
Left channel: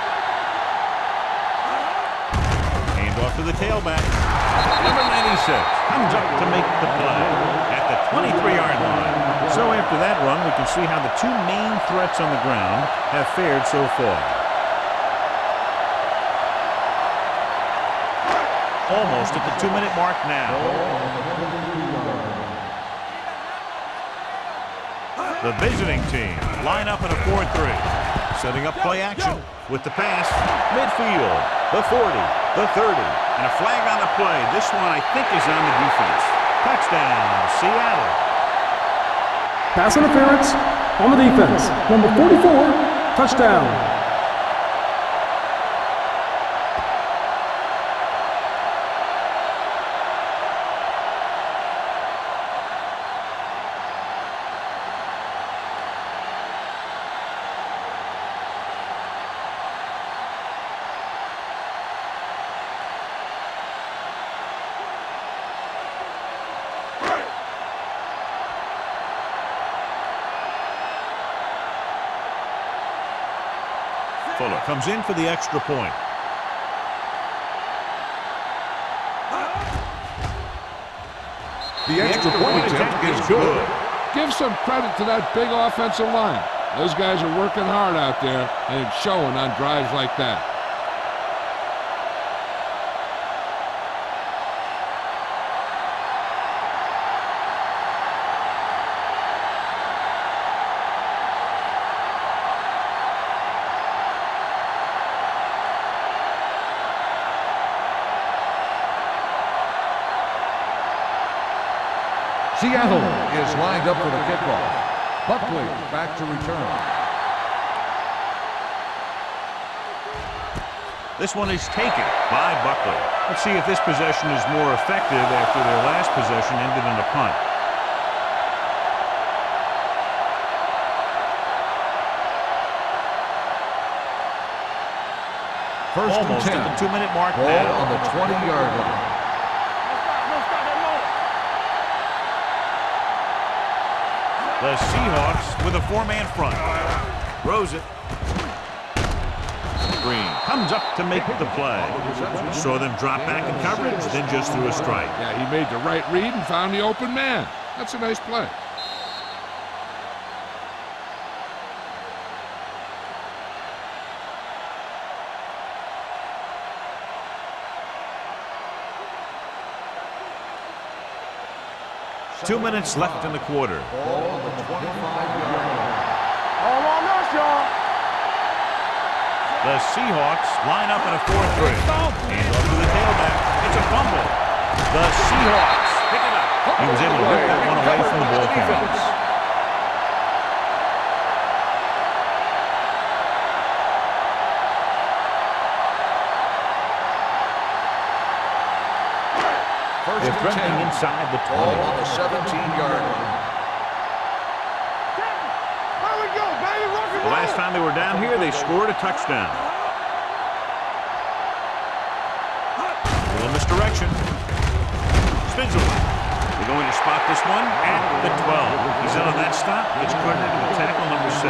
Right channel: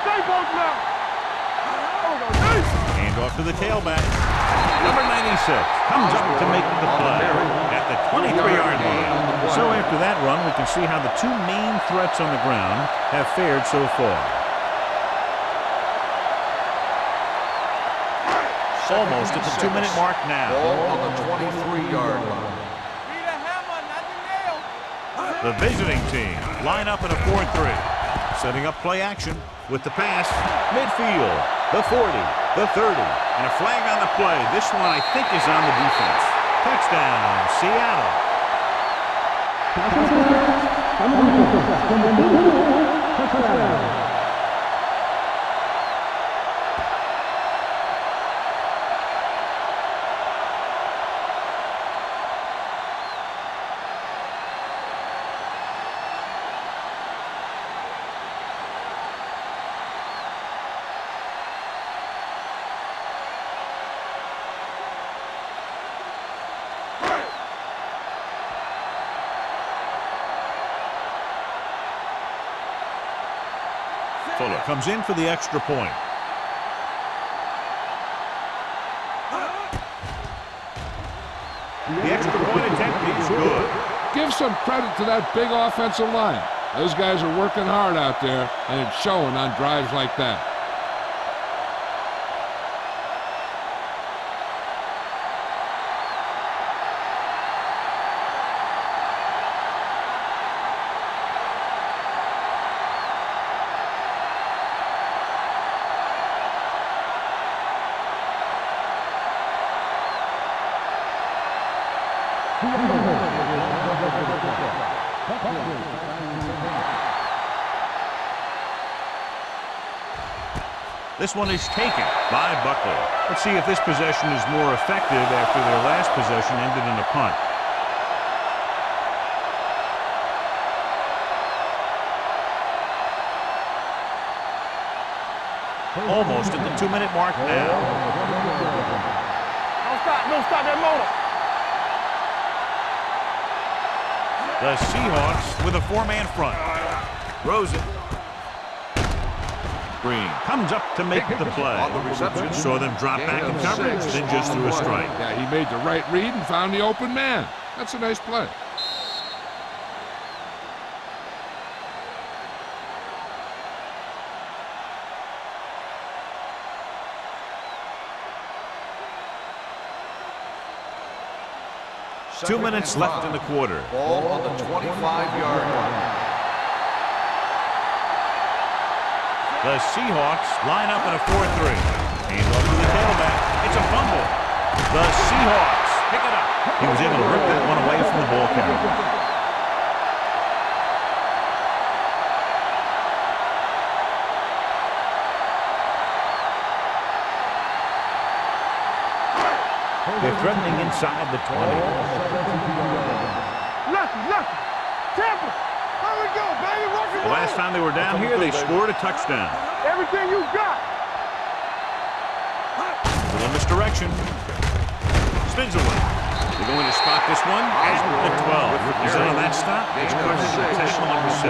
Stay both now. Hand off to the tailback. Number 96 comes up to make the play at the 23-yard line. So after that run, we can see how the two main threats on the ground have fared so far. Almost at the 2-minute mark now. Ball on the 23-yard line. Need a hammer, not the nail. The visiting team line up in a 4-3. Setting up play action with the pass. Midfield, the 40, the 30, and a flag on the play. This one, I think, is on the defense. Touchdown, Seattle. Pass interference on the defense. Number 44, touchdown. Fuller comes in for the extra point. The extra point attempt is good. Give some credit to that big offensive line. Those guys are working hard out there, and it's showing on drives like that. Seattle is lined up for the kickoff. Buckley back to return. This one is taken by Buckley. Let's see if this possession is more effective after their last possession ended in a punt. Almost at the 2-minute mark Ball now. on the 20-yard line. Don't stop that motor. The Seahawks with a four-man front. Throws it. Green comes up to make the play. On the reception. Saw them drop back in coverage, then just threw a strike. Yeah, he made the right read and found the open man. That's a nice play. Two minutes left in the quarter. Ball on the 25-yard line. All on us, y'all. The Seahawks line up in a 4-3. Hand off to the tailback. It's a fumble. The Seahawks pick it up. He was able to rip that one away from the ball carriers. They're threatening inside the 20. Ball on the 17-yard line. Lucky. Tampa. There we go, baby. Rock and The roll. last time they were down here, they scored a touchdown. Everything you got. A little misdirection. Spins away. They're going to spot this one at the 12. He's in on that stop. It's credited to tackle number 6.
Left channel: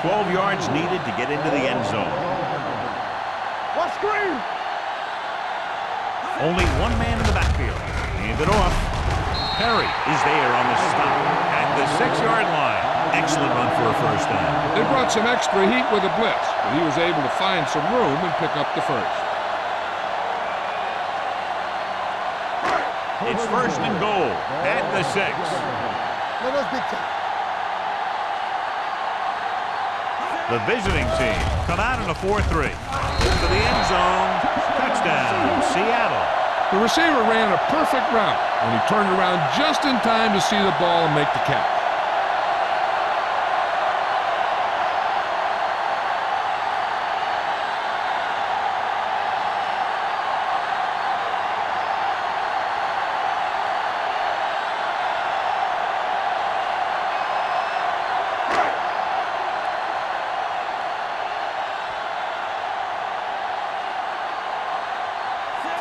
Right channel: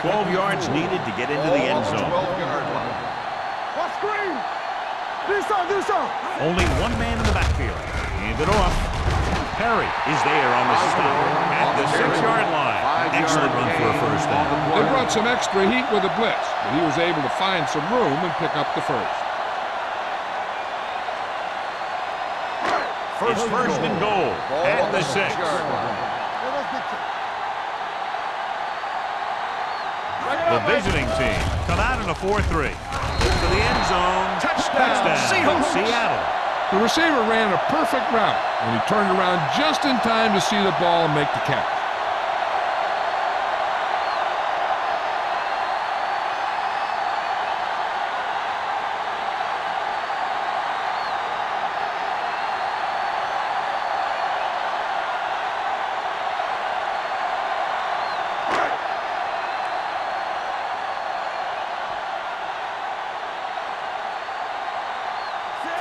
12 yards needed to get into the end zone. What screen? Do something. Only one man in the backfield. Hand it off. Perry is there on the stop at the 6-yard line. Excellent run for a first down. They brought some extra heat with a blitz, but he was able to find some room and pick up the first. It's first and goal at the 6. Let us big take. The visiting team come out in a 4-3. To the end zone. Touchdown, Seattle. The receiver ran a perfect route, and he turned around just in time to see the ball and make the catch.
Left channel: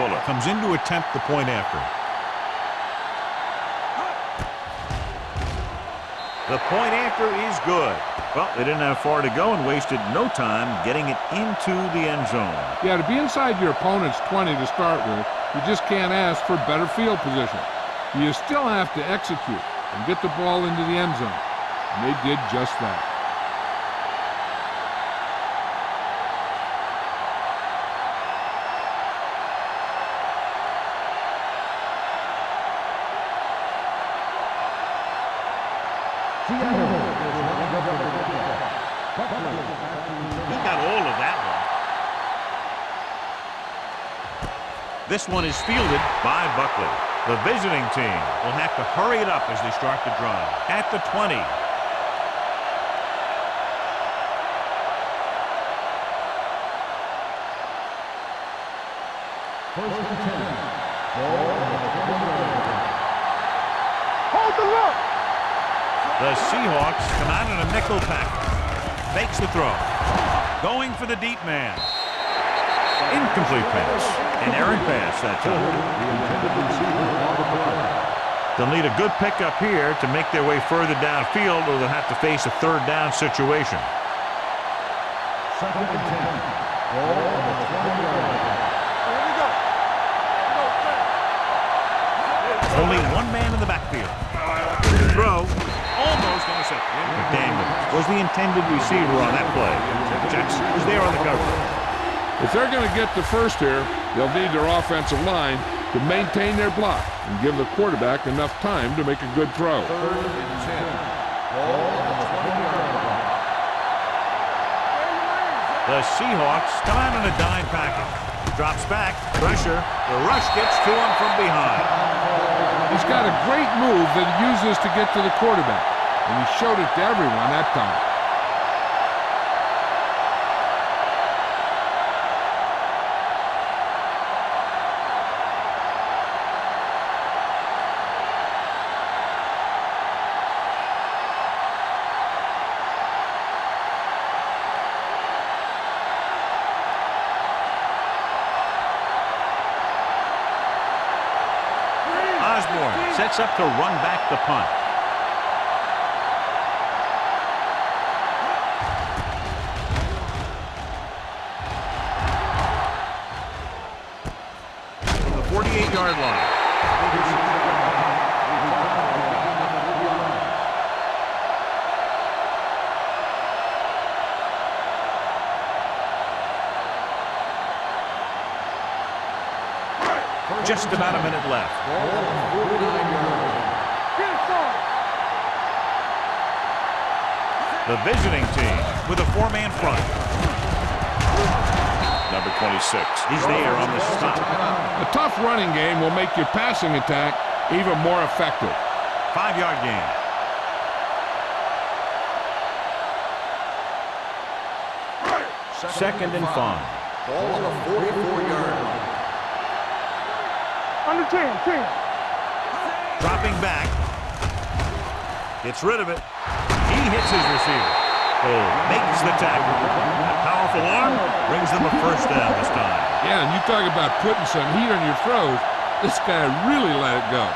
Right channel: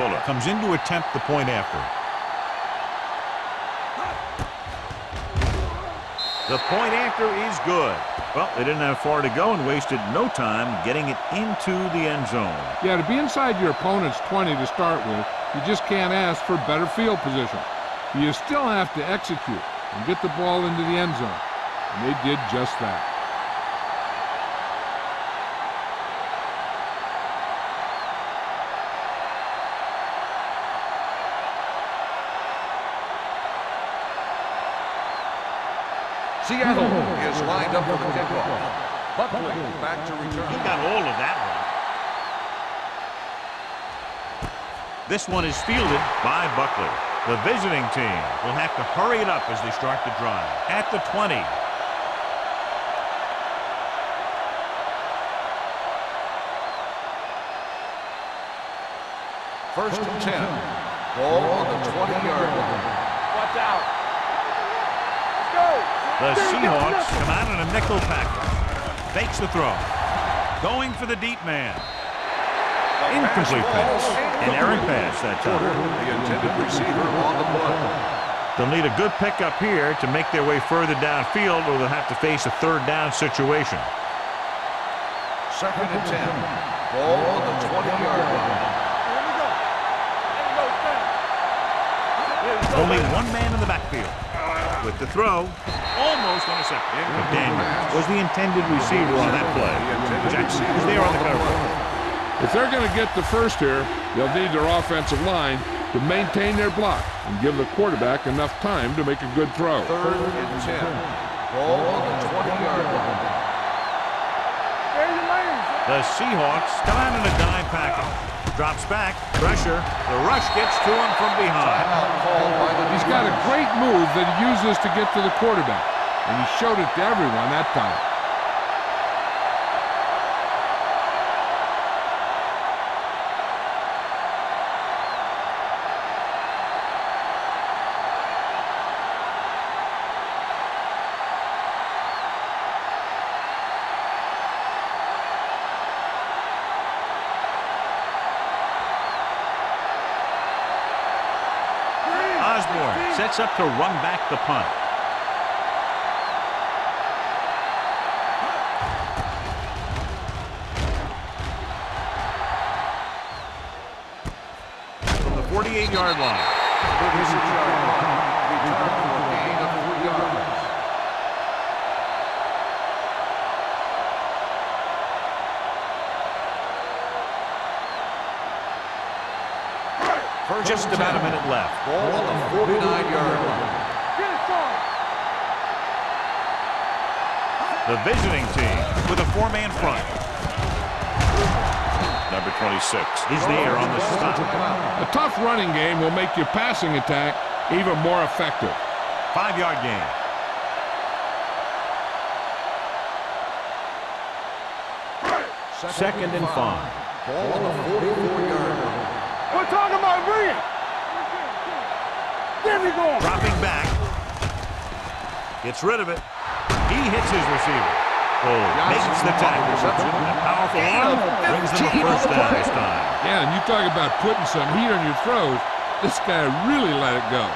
Fuller comes in to attempt the point after. The point after is good. Well, they didn't have far to go and wasted no time getting it into the end zone. Yeah, to be inside your opponent's 20 to start with, you just can't ask for better field position. You still have to execute and get the ball into the end zone. And they did just that. Seattle is lined up for the kickoff. Buckley back to return. He got all of that one. This one is fielded by Buckley. The visiting team will have to hurry it up as they start the drive. At the 20. First and 10. Ball on the 20-yard line. Hold the look. The Seahawks come out in a nickel package. Fakes the throw. Going for the deep man. Incomplete pass. An errant pass that time. They'll need a good pickup here to make their way further downfield, or they'll have to face a third down situation. Second and 10. Ball on the 20-yard line. Here we go. Ain't no thing. Only one man in the backfield. With the throw, almost intercepted. McDaniels was the intended receiver on that play. Jackson is there on the cover. If they're going to get the first here, they'll need their offensive line to maintain their block and give the quarterback enough time to make a good throw. Third and 10. Ball on the 20-yard line. Stay your lanes. The Seahawks come out in a dime package. Drops back, pressure. The rush gets to him from behind. Timeout called by the He's got a great move that he uses to get to the quarterback, and he showed it to everyone that time. Osborne sets up to run back the punt. From the 48-yard line. 36-yard punt. Return for a gain of 3 yards. Just about a minute left. Ball on the 49-yard line. Get it, son. The visiting team with a four-man front. Number 26 is there on the stop. Timeout. A tough running game will make your passing attack even more effective. 5-yard gain. Second and 5. Ball on the 44-yard line. We're talking about Green. Under 10. There we go. Dropping back. Gets rid of it. He hits his receiver. Cole makes the tackle. A powerful arm brings them a first down this time. Yeah, and you talk about putting some heat on your throws. This guy really let it go.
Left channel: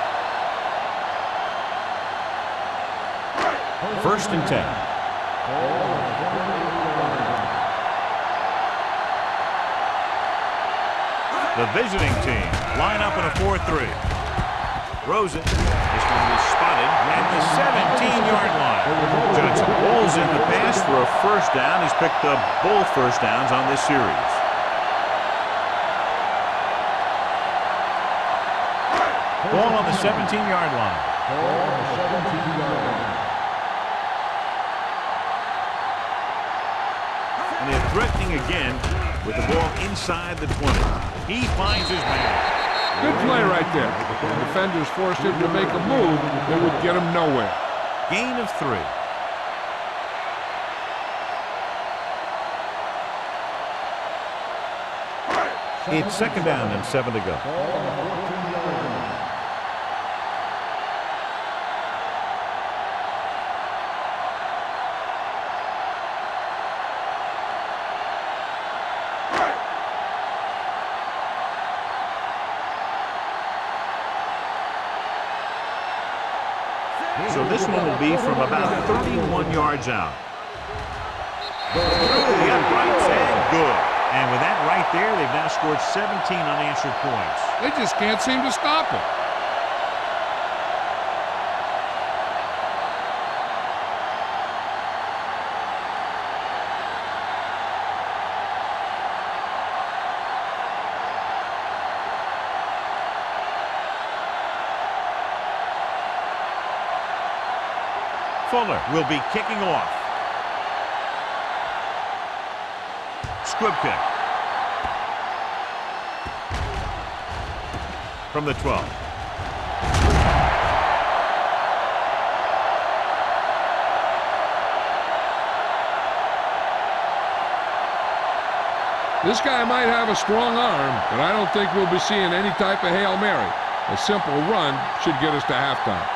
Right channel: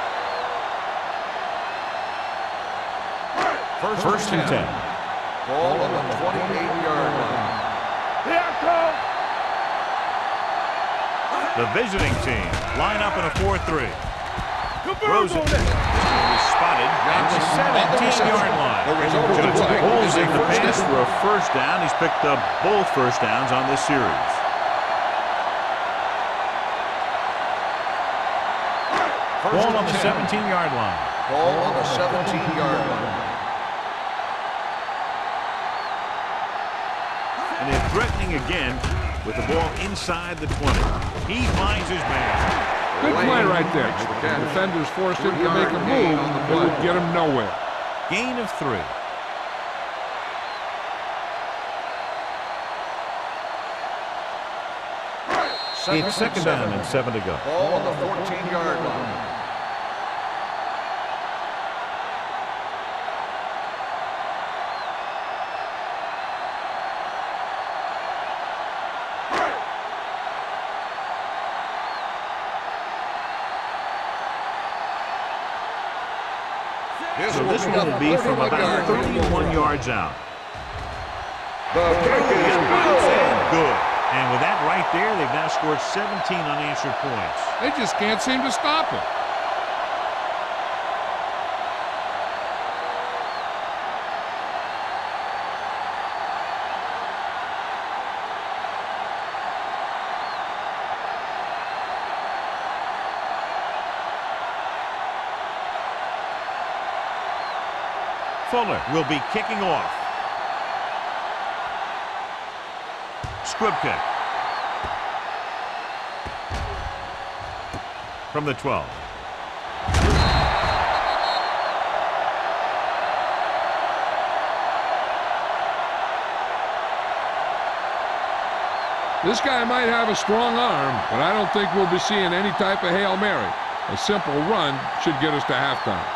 First and 10. Ball on the 28-yard line. Here I come. The visiting team line up in a 4-3. Throws it. This one was spotted at the 17-yard line. Johnson pulls in the pass for a first down. He's picked up both first downs on this series. Ball on the 17-yard line. Ball on the 17-yard line. And they're threatening again with the ball inside the 20. He finds his man. Good play right there. The defenders forced him to make a move that would get him nowhere. Gain of 3. It's second down and 7 to go. Ball on the 14-yard line. So this one will be from about 31 yards out. Through the uprights and good. And with that right there, they've now scored 17 unanswered points. They just can't seem to stop him. Fuller will be kicking off. Squib kick. From the 12. This guy might have a strong arm, but I don't think we'll be seeing any type of Hail Mary. A simple run should get us to halftime.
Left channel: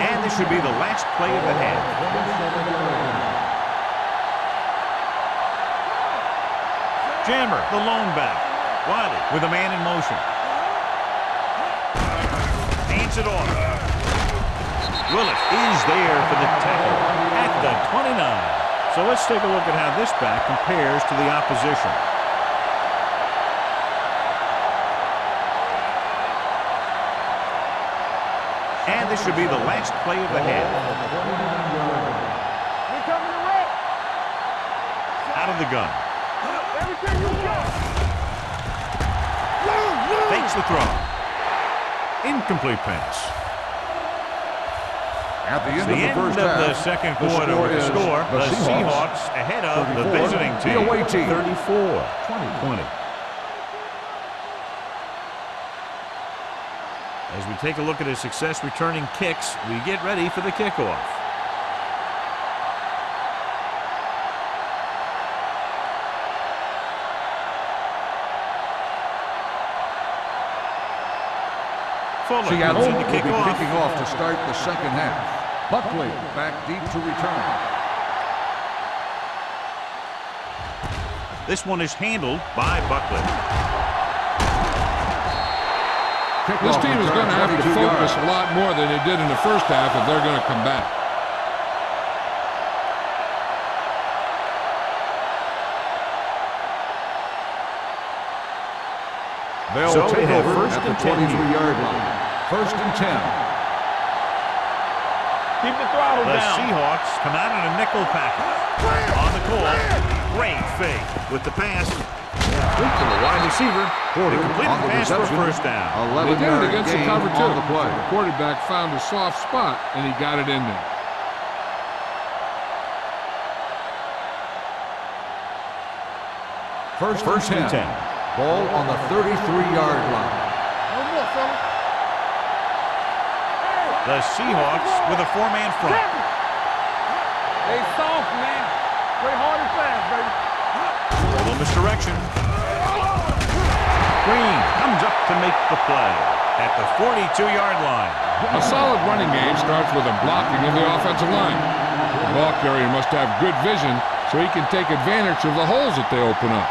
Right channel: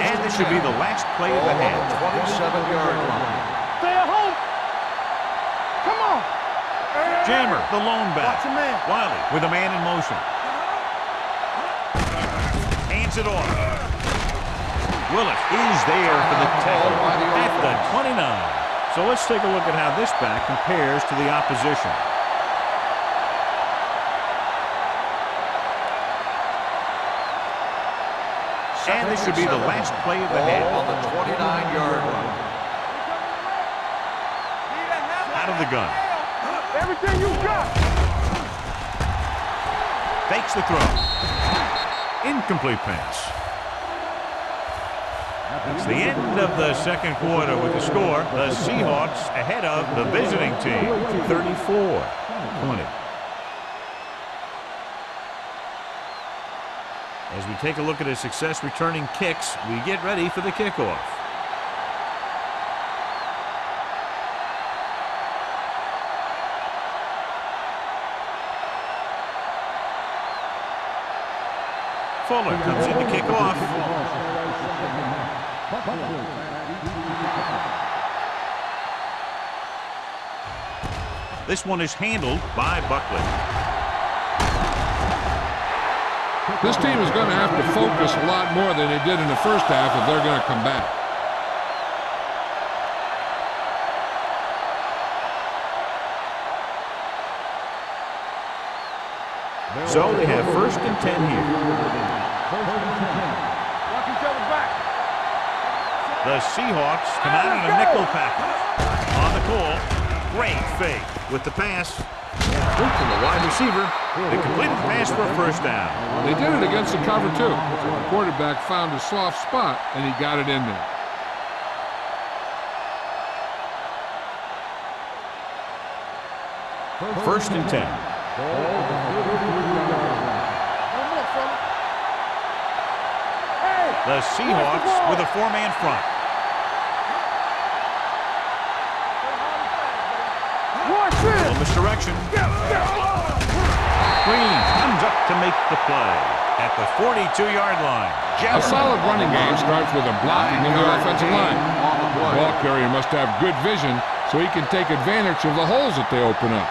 And this should be the last play of the half. 27-yard line. Stay at home. Come on. Jammer, the lone back. Wiley with a man in motion. Hands it off. Willis is there for the tackle at the 29. So let's take a look at how this back compares to the opposition. And this should be the last play of the half. 29-yard line. We coming to wreck. Out of the gun. Everything you got. Fakes the throw. Incomplete pass. At It's the end of the second quarter with the score. The Seahawks ahead of the visiting team, 34-20. As we take a look at his success returning kicks, we get ready for the kickoff. Fuller comes in to kick off. Kicking off to start the second half. Buckley back deep to return. This one is handled by Buckley. This team is going to have to focus a lot more than they did in the first half if they're going to come back. So they have first and 10 here. First and 10. Watch each other back. Keep the throttle The down. Seahawks come out in a nickel package. On the call, great fake with the pass. Quick to the wide receiver. They completed the pass for a first down. They did it against the cover, too. The quarterback found a soft spot, and he got it in there. First and 10. Ball on the 33-yard line. No more, fella. Hey. The Seahawks with a four-man front. Stay soft, man. Play hard and fast, baby. Little misdirection. Green comes up to make the play at the 42-yard line. A solid running game starts with a blocking of the offensive line. The ball carrier must have good vision so he can take advantage of the holes that they open up.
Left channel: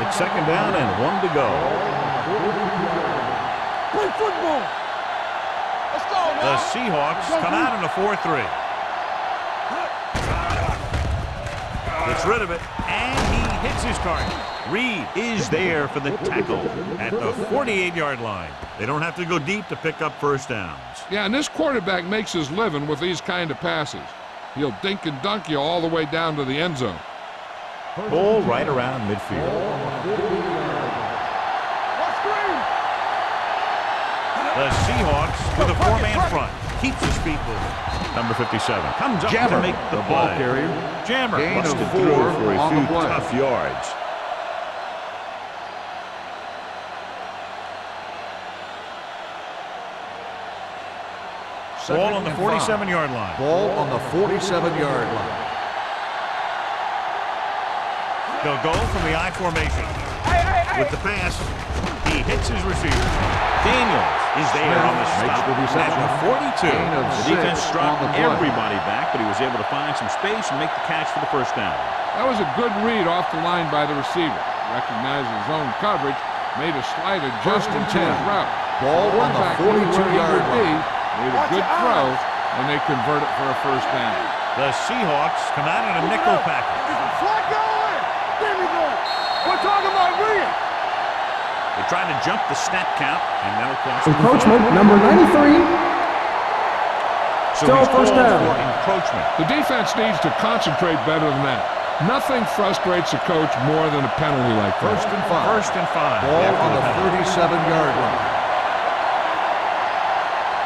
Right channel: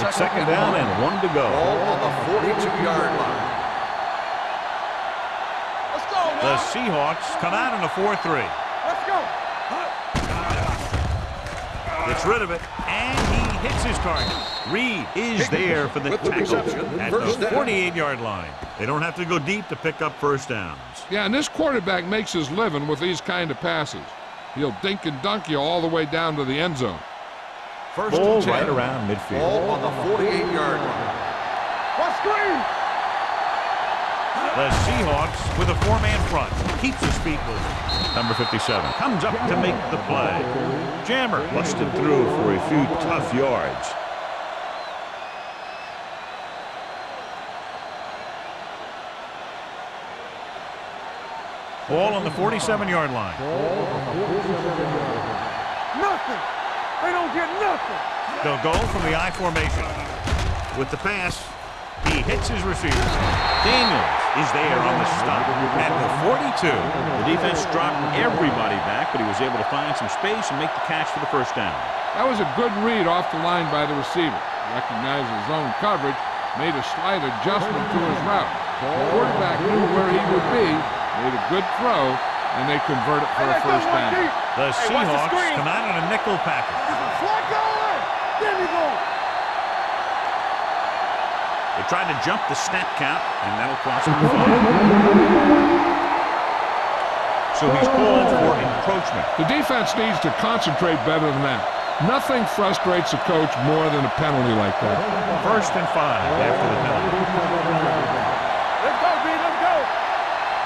It's second down and 1 to go. Ball on the 42-yard line. Play football. Let's go, man. The Seahawks come out in a 4-3. Let's go. Gets rid of it, and he hits his target. Reed is there for the tackle at the 48-yard line. They don't have to go deep to pick up first downs. Yeah, and this quarterback makes his living with these kind of passes. He'll dink and dunk you all the way down to the end zone. Ball right around midfield. Ball on the 48-yard line. What screen? The Seahawks with a four-man front. Keeps his feet moving. Number 57 comes up to make the play. Jammer busted through for a few tough yards. Ball on the 47-yard line. Ball on the 47-yard line. Nothing. They don't get nothing. They'll go from the I formation. With the pass, he hits his receiver. Daniels is there on the stop. At the 42, the defense dropped everybody back, but he was able to find some space and make the catch for the first down. That was a good read off the line by the receiver. Recognized his zone coverage, made a slight adjustment to his route. Ball on the Quarterback knew where he 42-yard would be, line. made a good throw, and they convert it for a first down. The Seahawks come out in a nickel package. Slide going. There we go. We're talking about bringing. They try to jump the snap count, and that'll cost them the Encroachment, ball. number 93. So Still he's first called down. for encroachment. The defense needs to concentrate better than that. Nothing frustrates a coach more than a penalty like that. First and 5 Ball after on the the penalty. 37-yard line.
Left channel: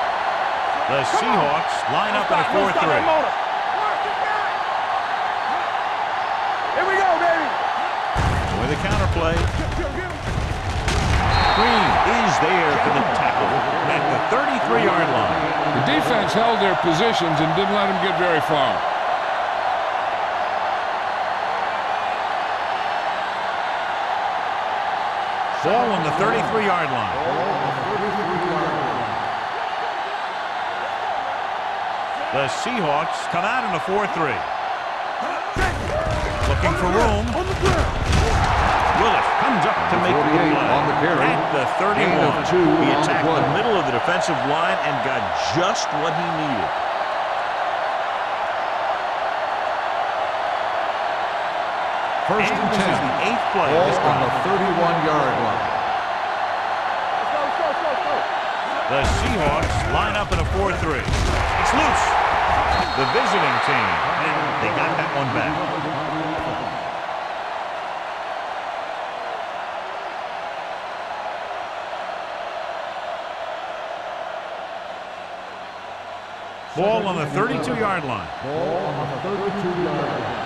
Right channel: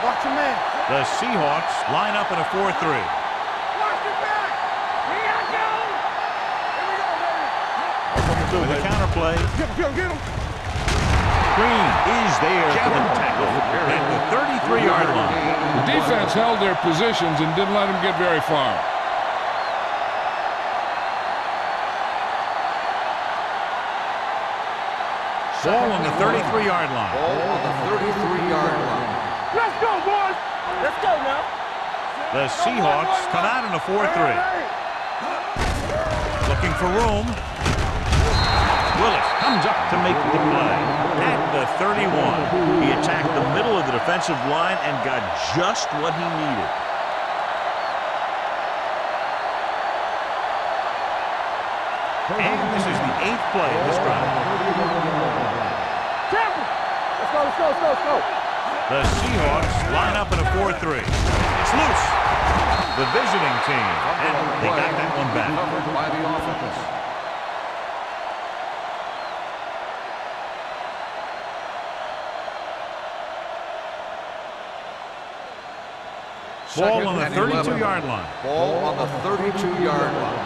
Watch your man. The Seahawks line up in a 4-3. Watch the back. Here we go, baby. With a counterplay, Get him. Green is there for the tackle at the 33-yard line. The defense held their positions and didn't let them get very far. Ball on the 33-yard line. Ball on the 33-yard line. Let's go, boys. Let's go, man. The Seahawks come out in a 4-3. Looking for room. Willis comes up to make the play at the 31. He attacked the middle of the defensive line and got just what he needed. And this is the 8th play of this Ball on drive. the 31-yard line. Let's go. The Seahawks line up in a 4-3. It's loose. The visiting team, and they got that one back. Ball on the 32-yard line. Ball on the 32-yard line.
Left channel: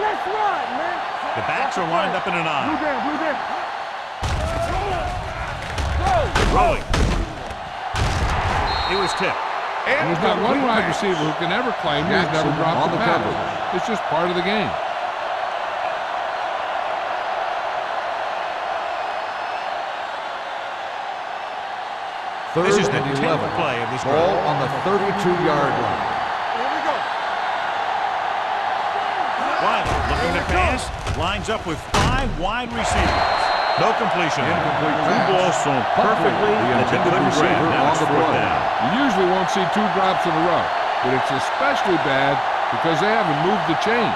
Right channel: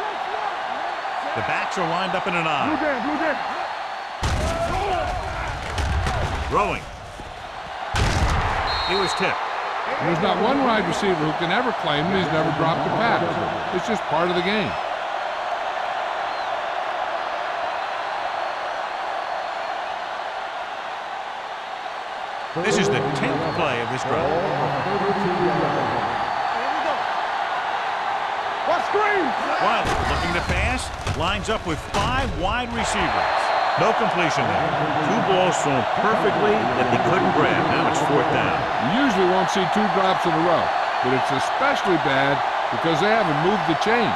Let's run, man. The backs are lined up in an I. Blue down. Throwing. He was tipped. And there's not one wide receiver who can ever claim that he's never dropped a pass. It's just part of the game. This is the 10th play of this Ball drive. on the 32-yard line. Here we go. Let's screen. Wiley looking to pass. Lines up with 5 wide receivers. No completion there. 2 balls thrown perfectly that they couldn't grab. Now it's 4th down. You usually won't see 2 drops in a row, but it's especially bad because they haven't moved the chain.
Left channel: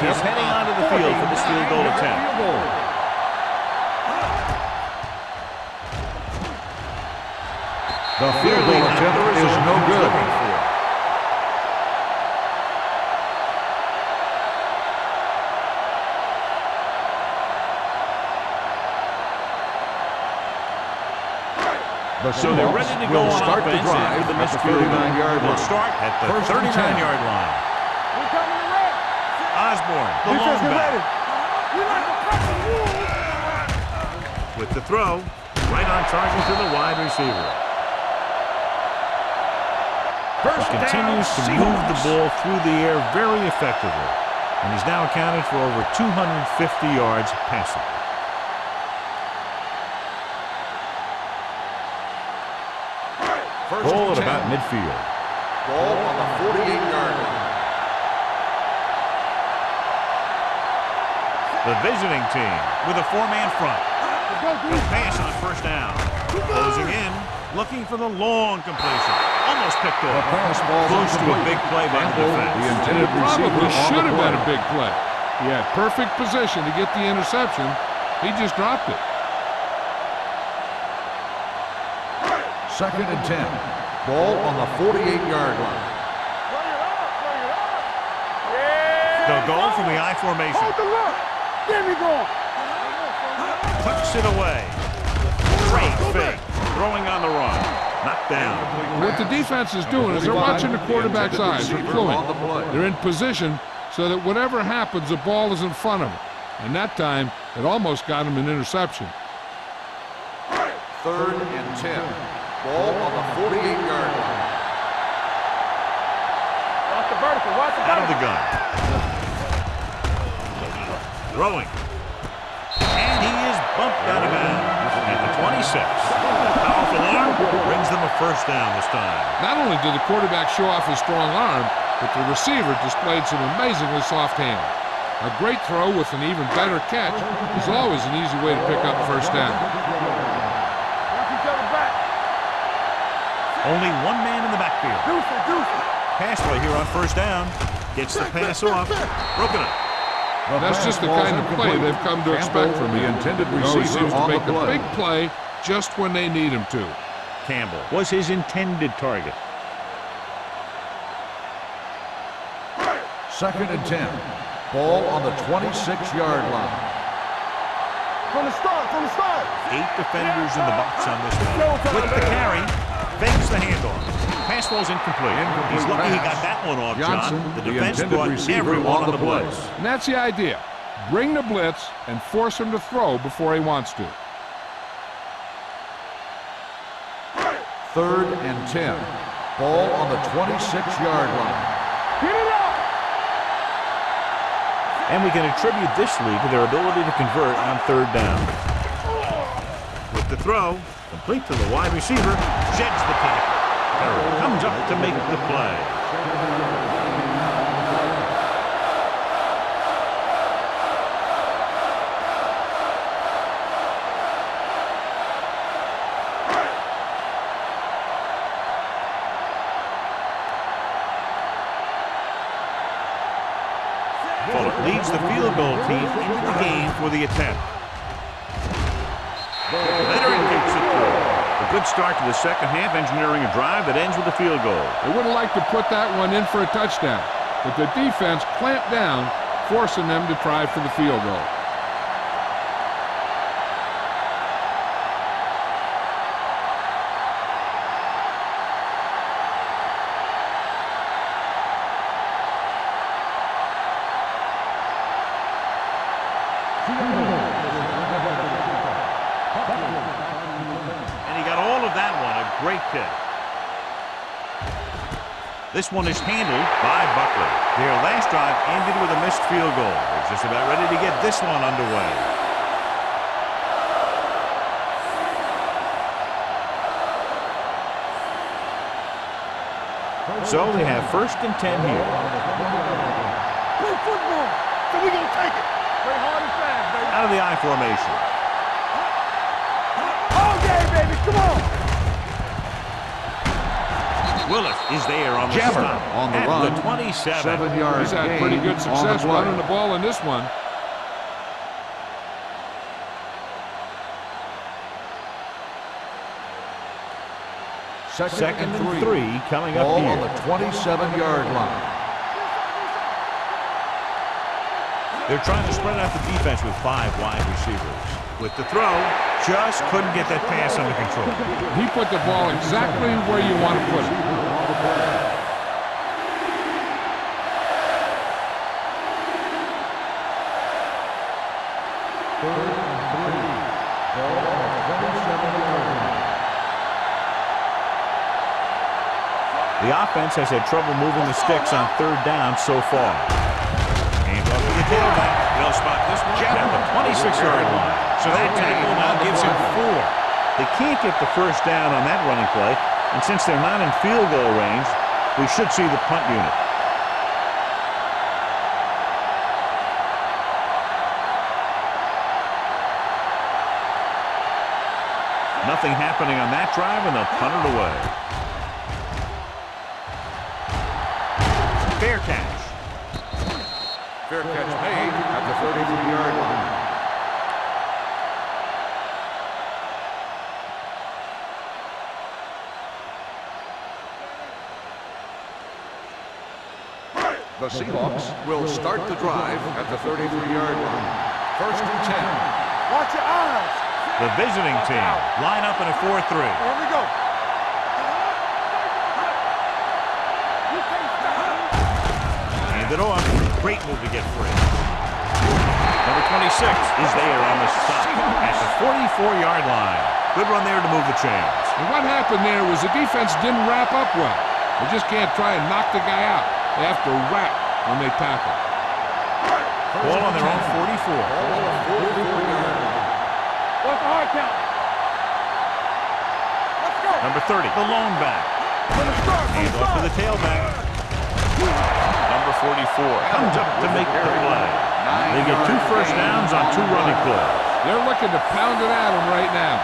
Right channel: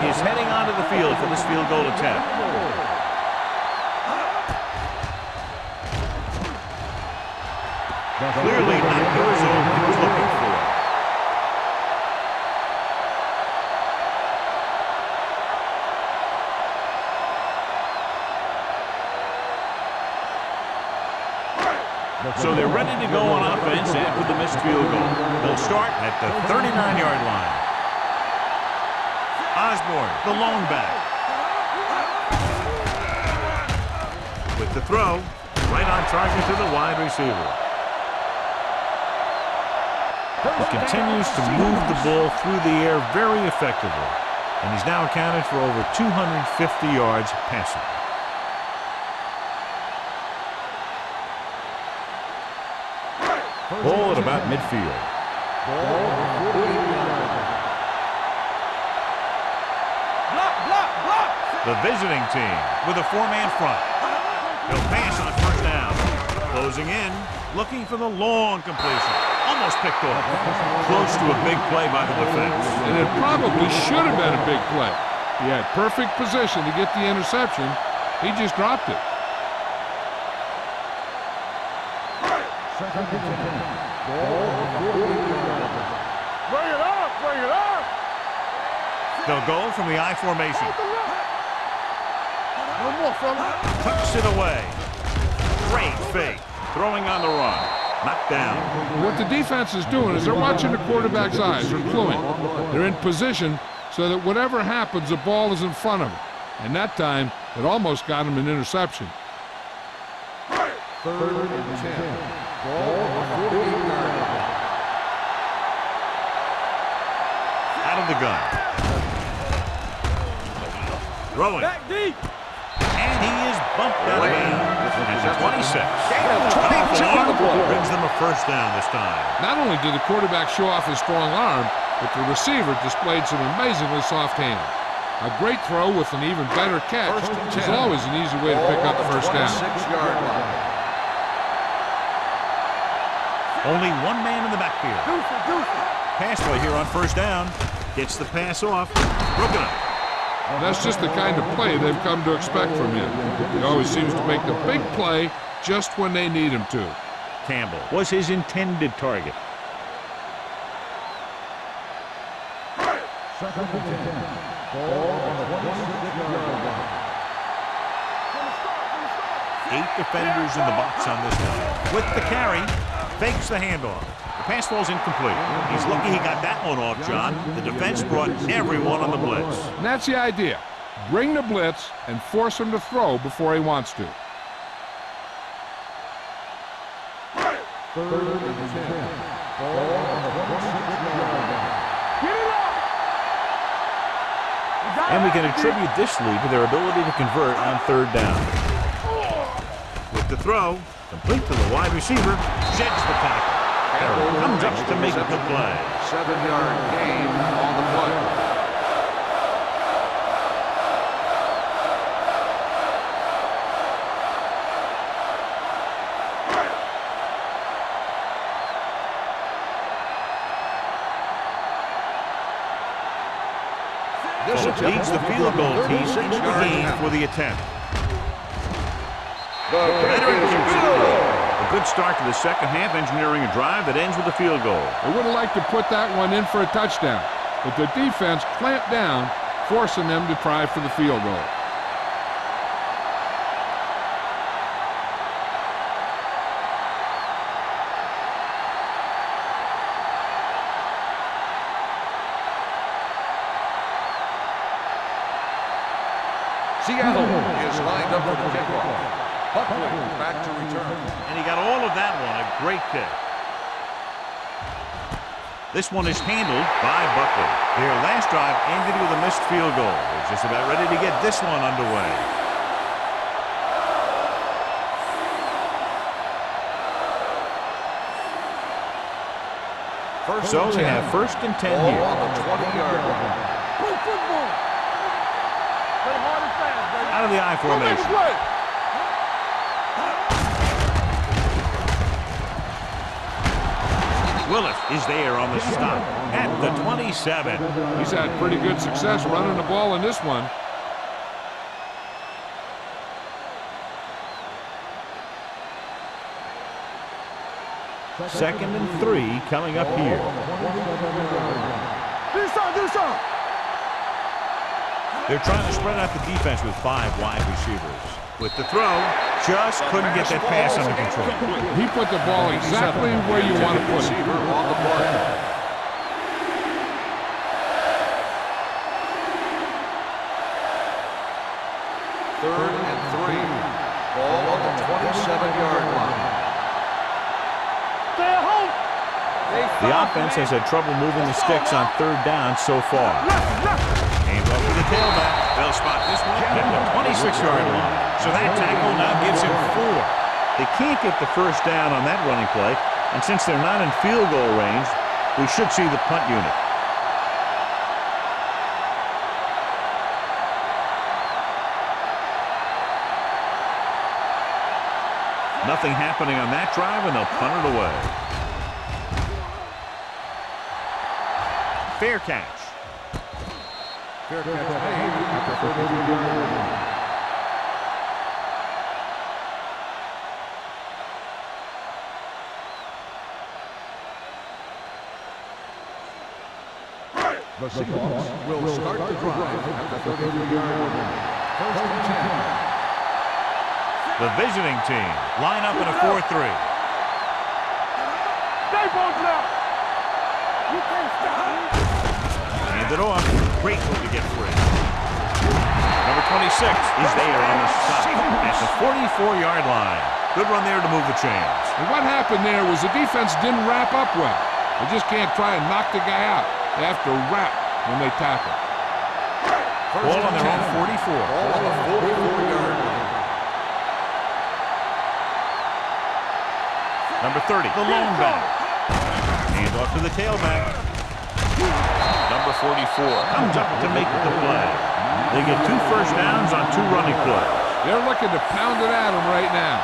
He is heading onto the field for this field goal attempt. Clearly not the result he was looking for. So they're ready to go on offense after the missed field goal. They'll start at the 39-yard line. Osborne, the lone back. With the throw, right on target to the wide receiver. He continues to move the ball through the air very effectively, and he's now accounted for over 250 yards passing. Ball at about midfield. Ball on the 48-yard line. The visiting team with a 4-man front. He'll pass on first down. Closing in, looking for the long completion. Almost picked off. Close to a big play by the defense. And it probably should have been a big play. He had perfect position to get the interception. He just dropped it. 2nd and 10. Ball on the 48-yard line. Bring it up. Yeah. They'll go from the I formation. Hold the look. There we go. One more, fella. Tucks it away. Great fake. Throwing on the run. Knocked down. What the defense is doing is they're watching the quarterback's eyes. They're cluing. They're in position so that whatever happens, the ball is in front of them. And that time, it almost got him an interception. 3rd and 10. Ball on the 48-yard line. Out of the gun. Throwing. And he is bumped out of bounds at the 26. Powerful arm brings them a first down this time. Not only did the quarterback show off his strong arm, but the receiver displayed some amazingly soft hands. A great throw with an even better catch is always an easy way to pick up first down. Only one man in the backfield. Pass play here on first down. Gets the pass off. Broken up. That's just the kind of play they've come to expect from him. He always seems to make the big play just when they need him to. Campbell was his intended target. 2nd and 10. Ball on the 26-yard line. From the start. 8 defenders in the box on this one. With the carry, fakes the handoff. Pass ball's incomplete. He's lucky he got that one off, John. The defense brought everyone on the blitz. And that's the idea. Bring the blitz and force him to throw before he wants to. 3rd and 10. Ball on the 26-yard line. Get it up! And we can attribute this lead to their ability to convert on 3rd down. With the throw, complete to the wide receiver, sheds the tackle. Perry comes up to make the play. 7-yard gain on the play. Fuller leads the field goal team into the game for the attempt. The veteran kicks it through. A good start to the second half, engineering a drive that ends with a field goal. They would have liked to put that one in for a touchdown, but the defense clamped down, forcing them to try for the field goal. Seattle is lined up for the kickoff. Buckley back to return. And he got all of that one, a great kick. This one is handled by Buckley. Their last drive ended with a missed field goal. They're just about ready to get this one underway. So they have 1st and 10 here. Play football, so we gonna take it. Play hard and fast, baby. Out of the I formation. Willis is there on the stop at the 27. He's had pretty good success running the ball in this one. Second and 3 coming up here. 27-yard line. They're trying to spread out the defense with 5 wide receivers. With the throw, just couldn't get that pass under control. He put the ball exactly where you want to put it. Third and 3. Ball on the 27-yard line. The offense has had trouble moving the sticks on 3rd down so far. Hands off to the tailback. They'll spot this one at the 26-yard line. So that tackle now gives him 4. They can't get the first down on that running play, and since they're not in field goal range, we should see the punt unit. Nothing happening on that drive, and they'll punt it away. Fair catch. Fair catch made at the 33-yard line. The Seahawks will start the drive at the 33-yard line. 1st and 10. Watch your eyes. The visiting team line up in a 4-3. Here we go. You can't stop me. Hand it off. Great move to get free. Number 26 is there on the stop at the 44-yard line. Good run there to move the chains. And what happened there was the defense didn't wrap up well. They just can't try and knock the guy out. They have to wrap when they tackle. Ball on their own 44. Ball on the 44-yard line. What's the hard count? Number 30, the lone back. Hand off to the tailback. Number 44 comes up to make the play. They get 2 first downs on 2 running plays. They're looking to pound it at him right now.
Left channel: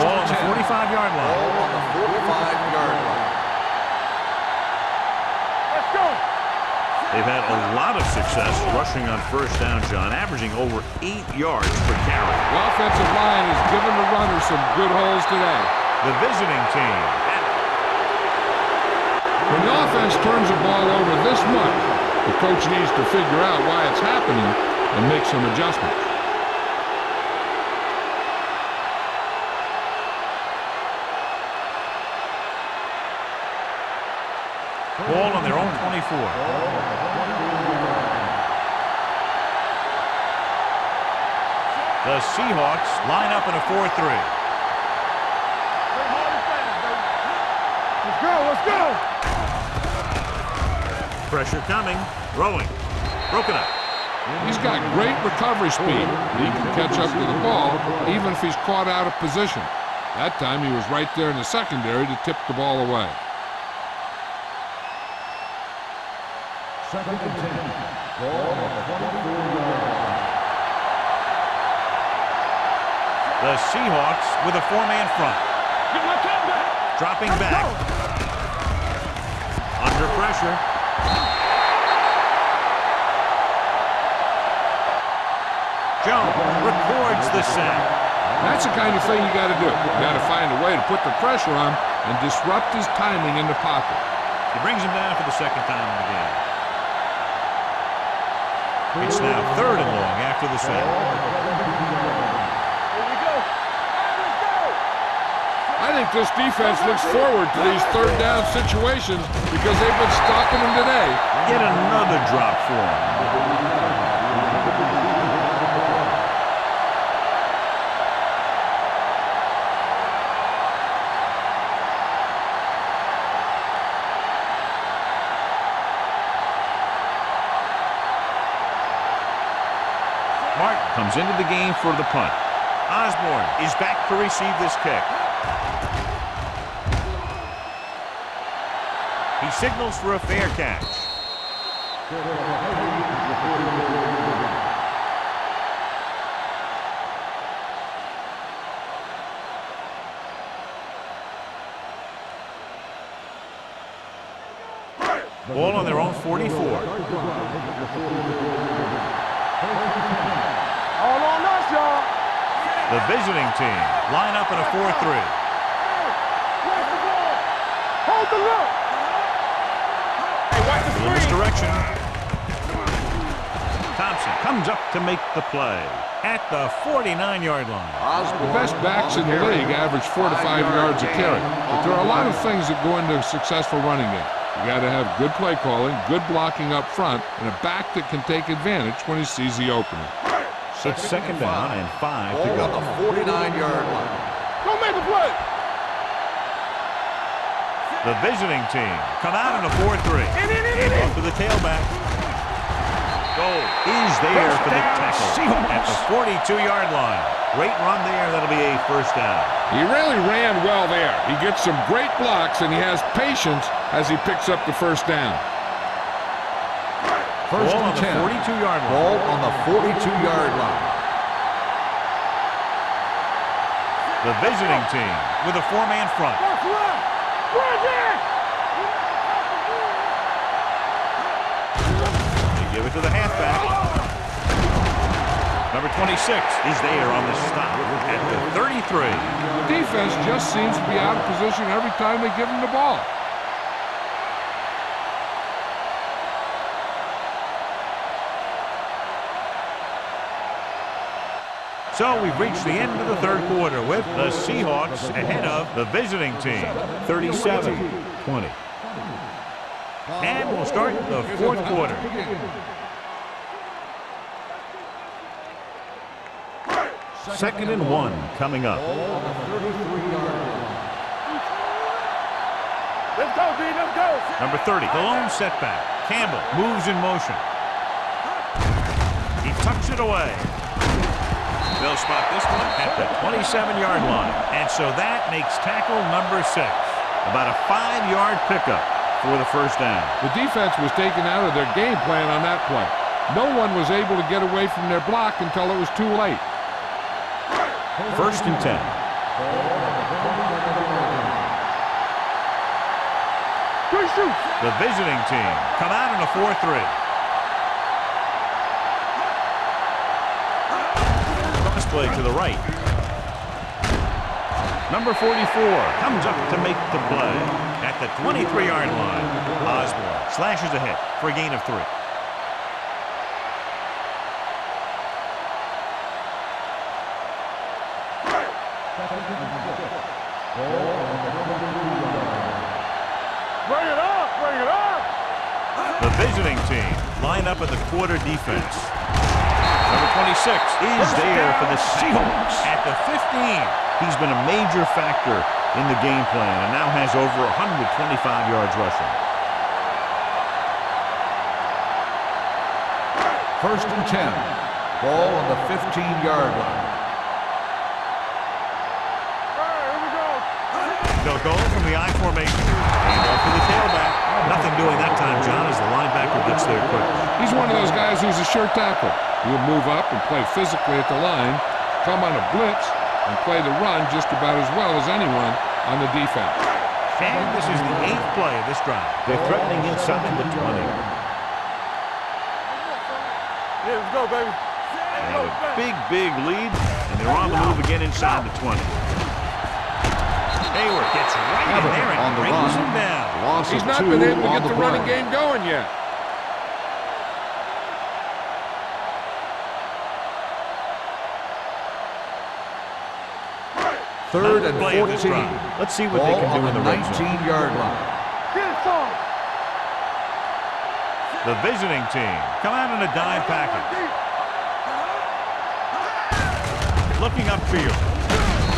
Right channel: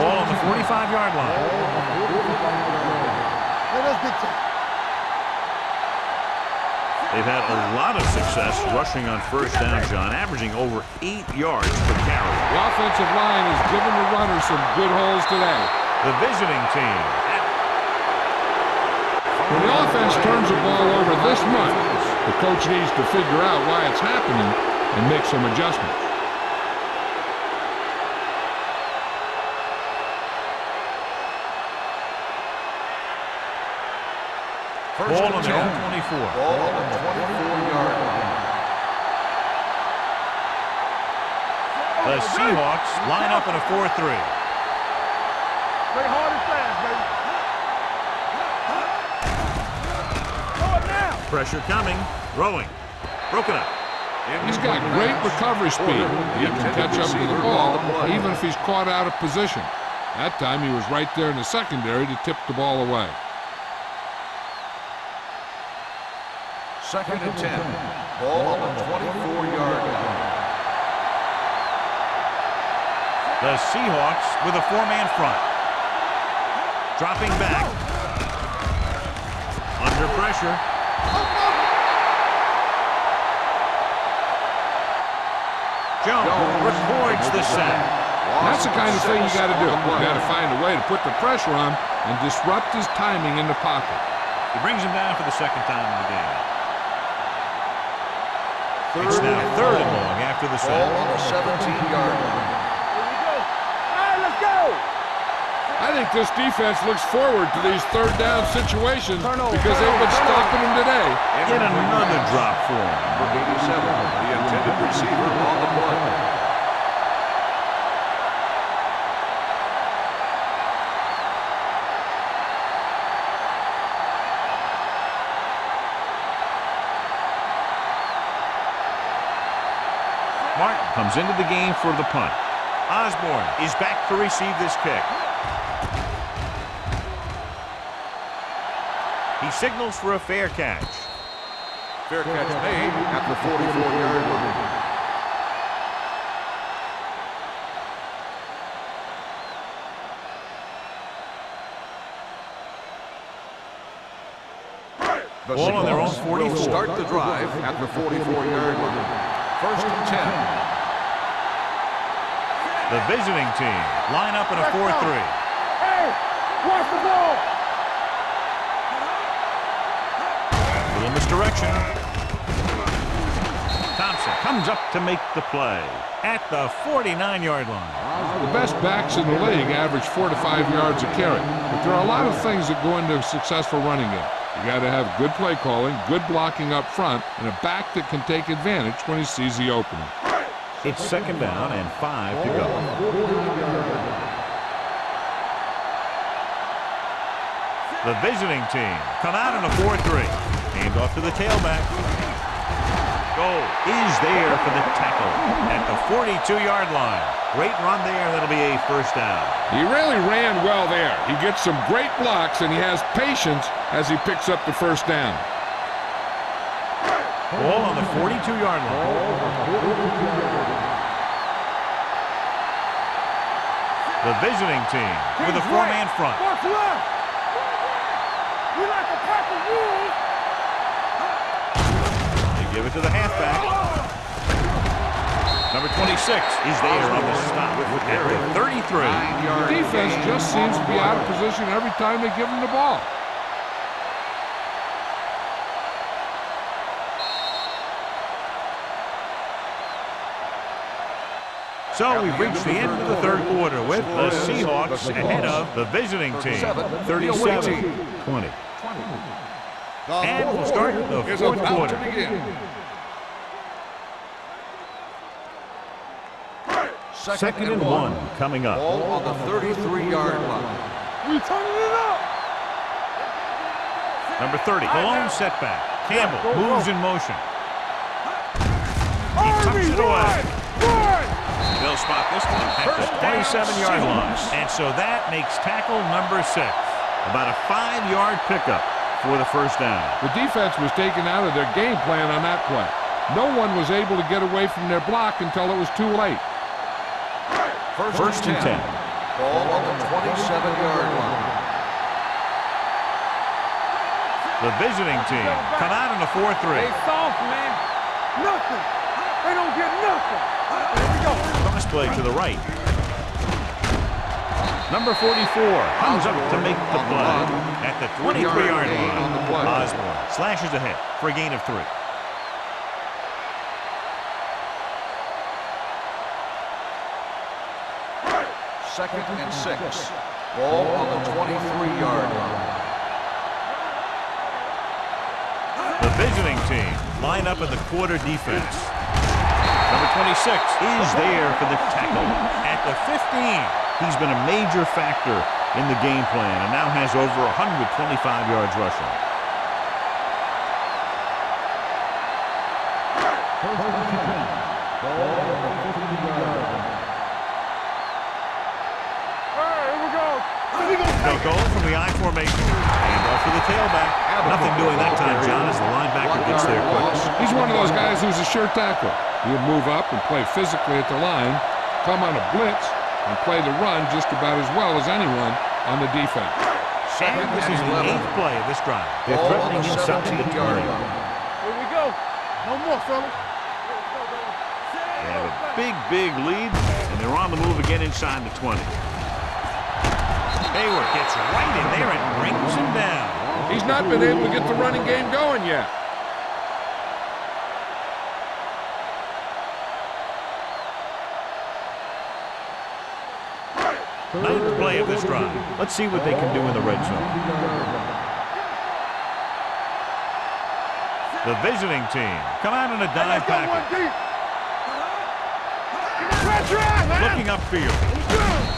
Ball on the 45-yard line. Ball on the 45-yard line. They've had a lot of success rushing on first down, John, averaging over 8 yards per carry. The offensive line has given the runners some good holes today. The visiting team. When the offense turns the ball over this much, the coach needs to figure out why it's happening and make some adjustments. Ball on their own 24. Ball on the 24-yard line. The Seahawks line up in a 4-3. Play hard and fast, baby. Let's go, let's go. Pressure coming. Throwing. Broken up. He's got great recovery speed. He can catch up to the ball even if he's caught out of position. That time he was right there in the secondary to tip the ball away. 2nd and 10. Ball on the 24-yard line. The Seahawks with a 4-man front. Dropping back. Under pressure. Jones records the sack. That's the kind of thing you got to do. You got to find a way to put the pressure on and disrupt his timing in the pocket. He brings him down for the 2nd time in the game. It's now 3rd and long after the sack. Ball on the 17-yard line. Here we go. All right, let's go. I think this defense looks forward to these 3rd down situations because they've been stopping them today. Yet another drop for him. Number 87, the intended receiver on the play. Martin comes into the game for the punt. Osborne is back to receive this kick. He signals for a fair catch. Fair catch made at the 44-yard line. Ball on their own 44. Start the drive at the 44-yard line. 1st and 10. All on us, y'all. The visiting team line up in a 4-3. Hey, watch the ball. Hold the look. A little misdirection. Thompson comes up to make the play at the 49-yard line. The best backs in the league average 4 to 5 yards a carry. But there are a lot of things that go into a successful running game. You got to have good play calling, good blocking up front, and a back that can take advantage when he sees the opening. It's 2nd down and 5 to go. Ball on the 49-yard line. Don't make the play. The visiting team come out in a 4-3. Hand off to the tailback. Goal is there for the tackle at the 42-yard line. Great run there. That'll be a 1st down. He really ran well there. He gets some great blocks, and he has patience as he picks up the 1st down. Ball on the 42-yard line. Ball on the 42-yard line. The visiting team with a 4-man front. Box left. Right there. We like to pack the rules. They give it to the halfback. Number 26 is there on the stop at the 33. The defense just seems to be out of position every time they give him the ball. So we've reached the end of the 3rd quarter with the Seahawks ahead of the visiting team, 37-20. And we'll start the 4th quarter. Second and 1 coming up. Ball on the 33-yard line. We turning it up. Let's go, B. Let's go. Number 30, the lone setback. Campbell moves in motion. He tucks it away. they'll spot this one at the 27-yard line. And so that makes tackle number 6. About a 5-yard pickup for the first down. The defense was taken out of their game plan on that play. No one was able to get away from their block until it was too late. First and 10. Ball on the 27-yard line. The visiting team come out in a 4-3. Cross play to the right. Number 44 comes up to make the play at the 23-yard line. Osborne slashes ahead for a gain of 3. Second and 6. Ball on the 23-yard line. The visiting team line up in the quarter defense. Number 26 is there for the tackle at the 15. He's been a major factor in the game plan and now has over 125 yards rushing. First and 10. Ball on the 15-yard line. They'll go from the I formation. And off to the tailback. Nothing doing that time, John, as the linebacker gets there quick. He's one of those guys who's a sure tackler. He'll move up and play physically at the line, come on a blitz, and play the run just about as well as anyone on the defense. And this is the 8th play of this drive. They're threatening inside the 20. Here we go. No more, son. Yeah, let's go, baby. They have a big lead, and they're on the move again inside the 20. Hayward gets right in there and brings him down. He's not been able to get the running game going yet. Ninth play of this drive. Let's see what they can do in the red zone. The visiting team come out in a dive package. Looking upfield.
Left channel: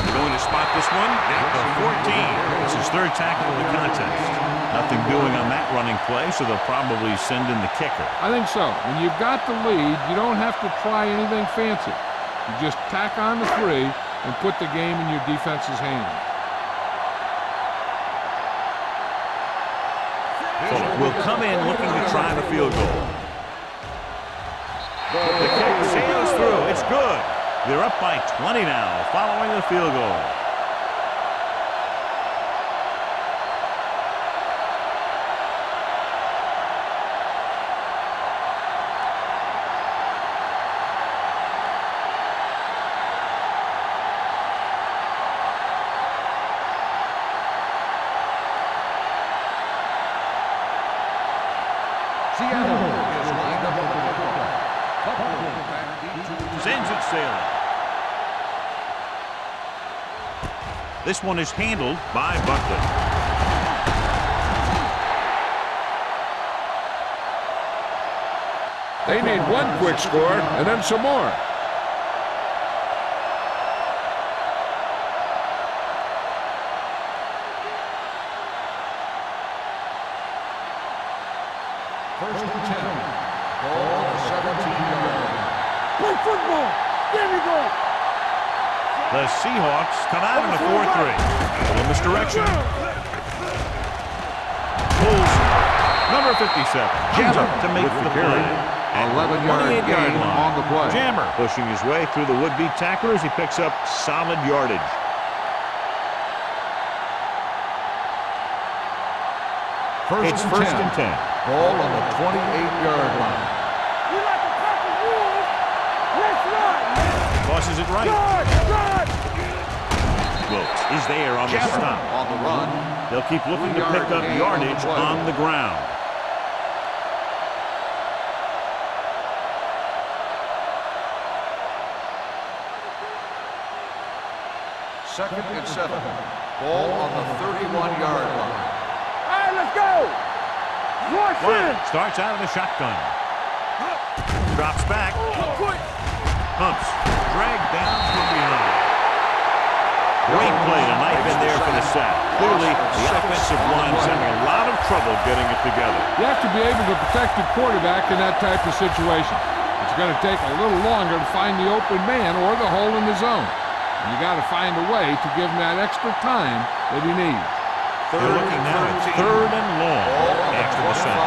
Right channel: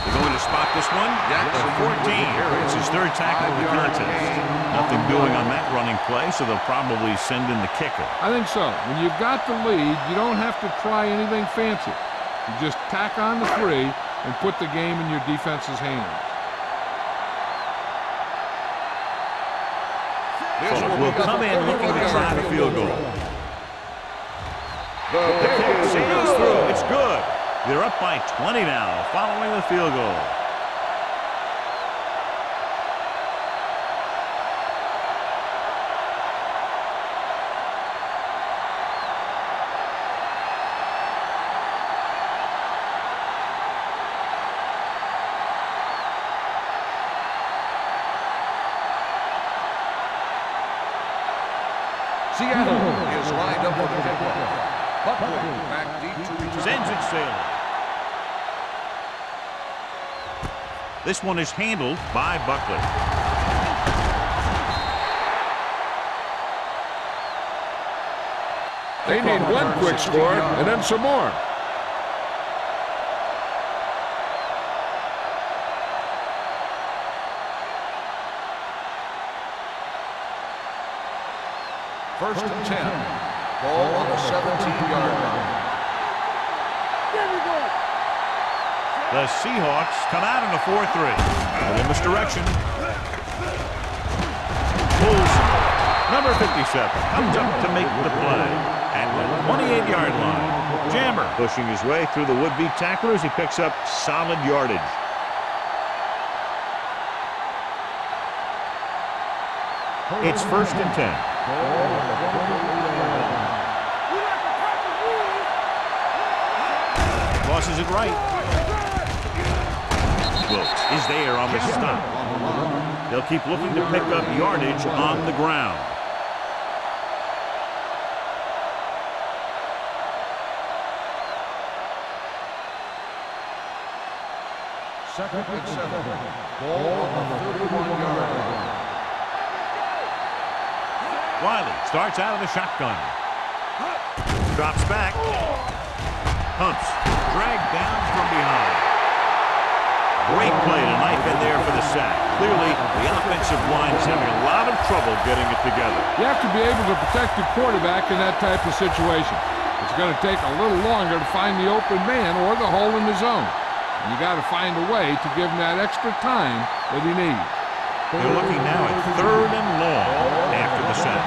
They're going to spot this one at the 14. It's his 3rd tackle of the contest. Nothing doing on that running play, so they'll probably send in the kicker. I think so. When you've got the lead, you don't have to try anything fancy. You just tack on the 3 and put the game in your defense's hands. Fuller will come in looking to try the field goal. The kick sails through. It's good. They're up by 20 now following the field goal. Seattle is lined up for the kickoff. Buckley back deep to return. Sends it sailing. This one is handled by Buckley. They need one quick score and then some more. First and 10. Ball on the 17-yard line. Play football. There we go. The Seahawks come out in a 4-3. A little misdirection. Pulls. Number 57 comes up to make the play at the 28-yard line. Jammer pushing his way through the would-be tacklers. He picks up solid yardage. It's first and 10. Ball on the 28-yard line. We like to crack the rules. Tosses it right. Wilkes is there on the stop. On the run. They'll keep looking to pick up yardage on the ground. Second and 7. Ball on the 31-yard line. All right, let's go. Wiley starts out of the shotgun. Drops back. Humps. Dragged down from behind. Great play to knife in there for the sack. Clearly, the offensive line is having a lot of trouble getting it together. You have to be able to protect the quarterback in that type of situation. It's going to take a little longer to find the open man or the hole in the zone. And you got to find a way to give him that extra time that he needs. They're looking now at 3rd and long after the sack.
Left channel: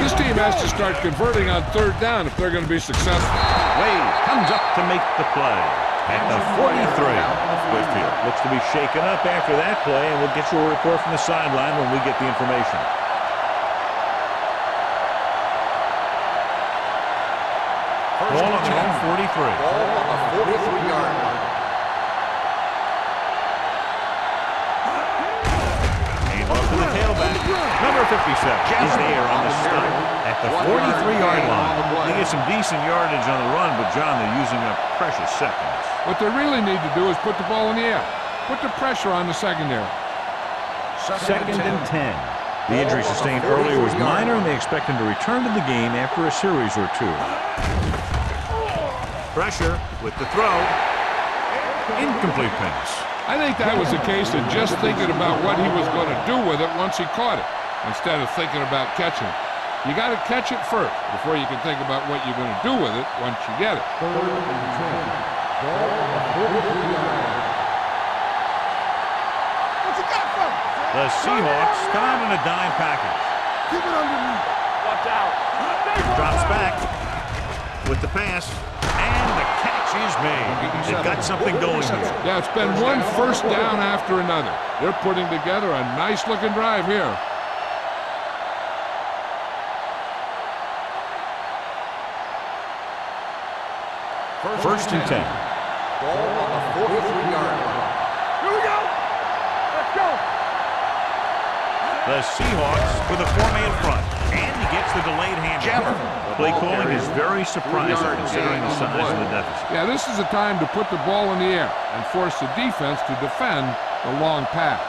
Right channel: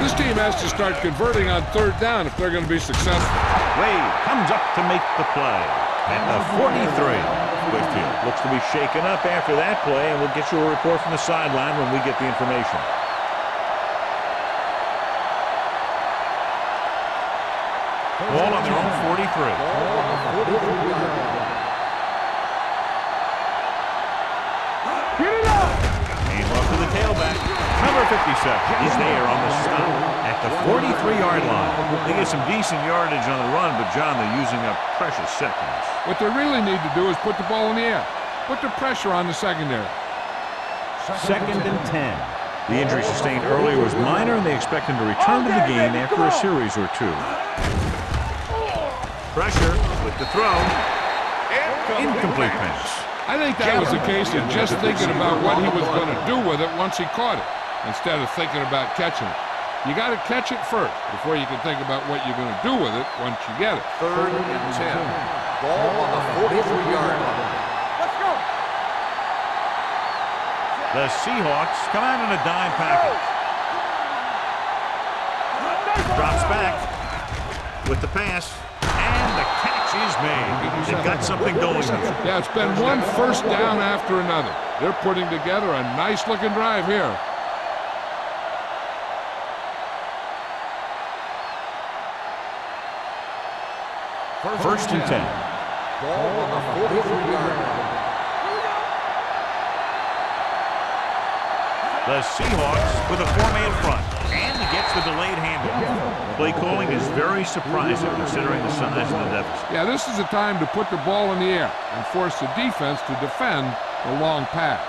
This team has to start converting on 3rd down if they're going to be successful. Wade comes up to make the play at the 43. Whitfield looks to be shaken up after that play, and we'll get you a report from the sideline when we get the information. Ball on their own 43. Ball on the 43-yard line. Came up to the tailback. Number 57 is there on the stop at the 43-yard line. They get some decent yardage on the run, but, John, they're using up precious seconds. What they really need to do is put the ball in the air. Put the pressure on the secondary. 2nd and 10. The injury sustained earlier was minor, and they expect him to return to the game after a series or two. Pressure with the throw. Incomplete pass. I think that was a case of just thinking about what he was going to do with it once he caught it, instead of thinking about catching it. You got to catch it first before you can think about what you're going to do with it once you get it. 3rd and 10. Ball on the 43-yard line. The Seahawks come out in a dime package. Drops back with the pass, and the catch is made. They've got something going here. Yeah, it's been one first down after another. They're putting together a nice-looking drive here. First and 10. Ball on the 43-yard line. Here we go. Let's go. The Seahawks with a 4-man front, and he gets the delayed handoff. Play calling is very surprising considering the size of the deficit. Yeah, this is the time to put the ball in the air and force the defense to defend the long pass.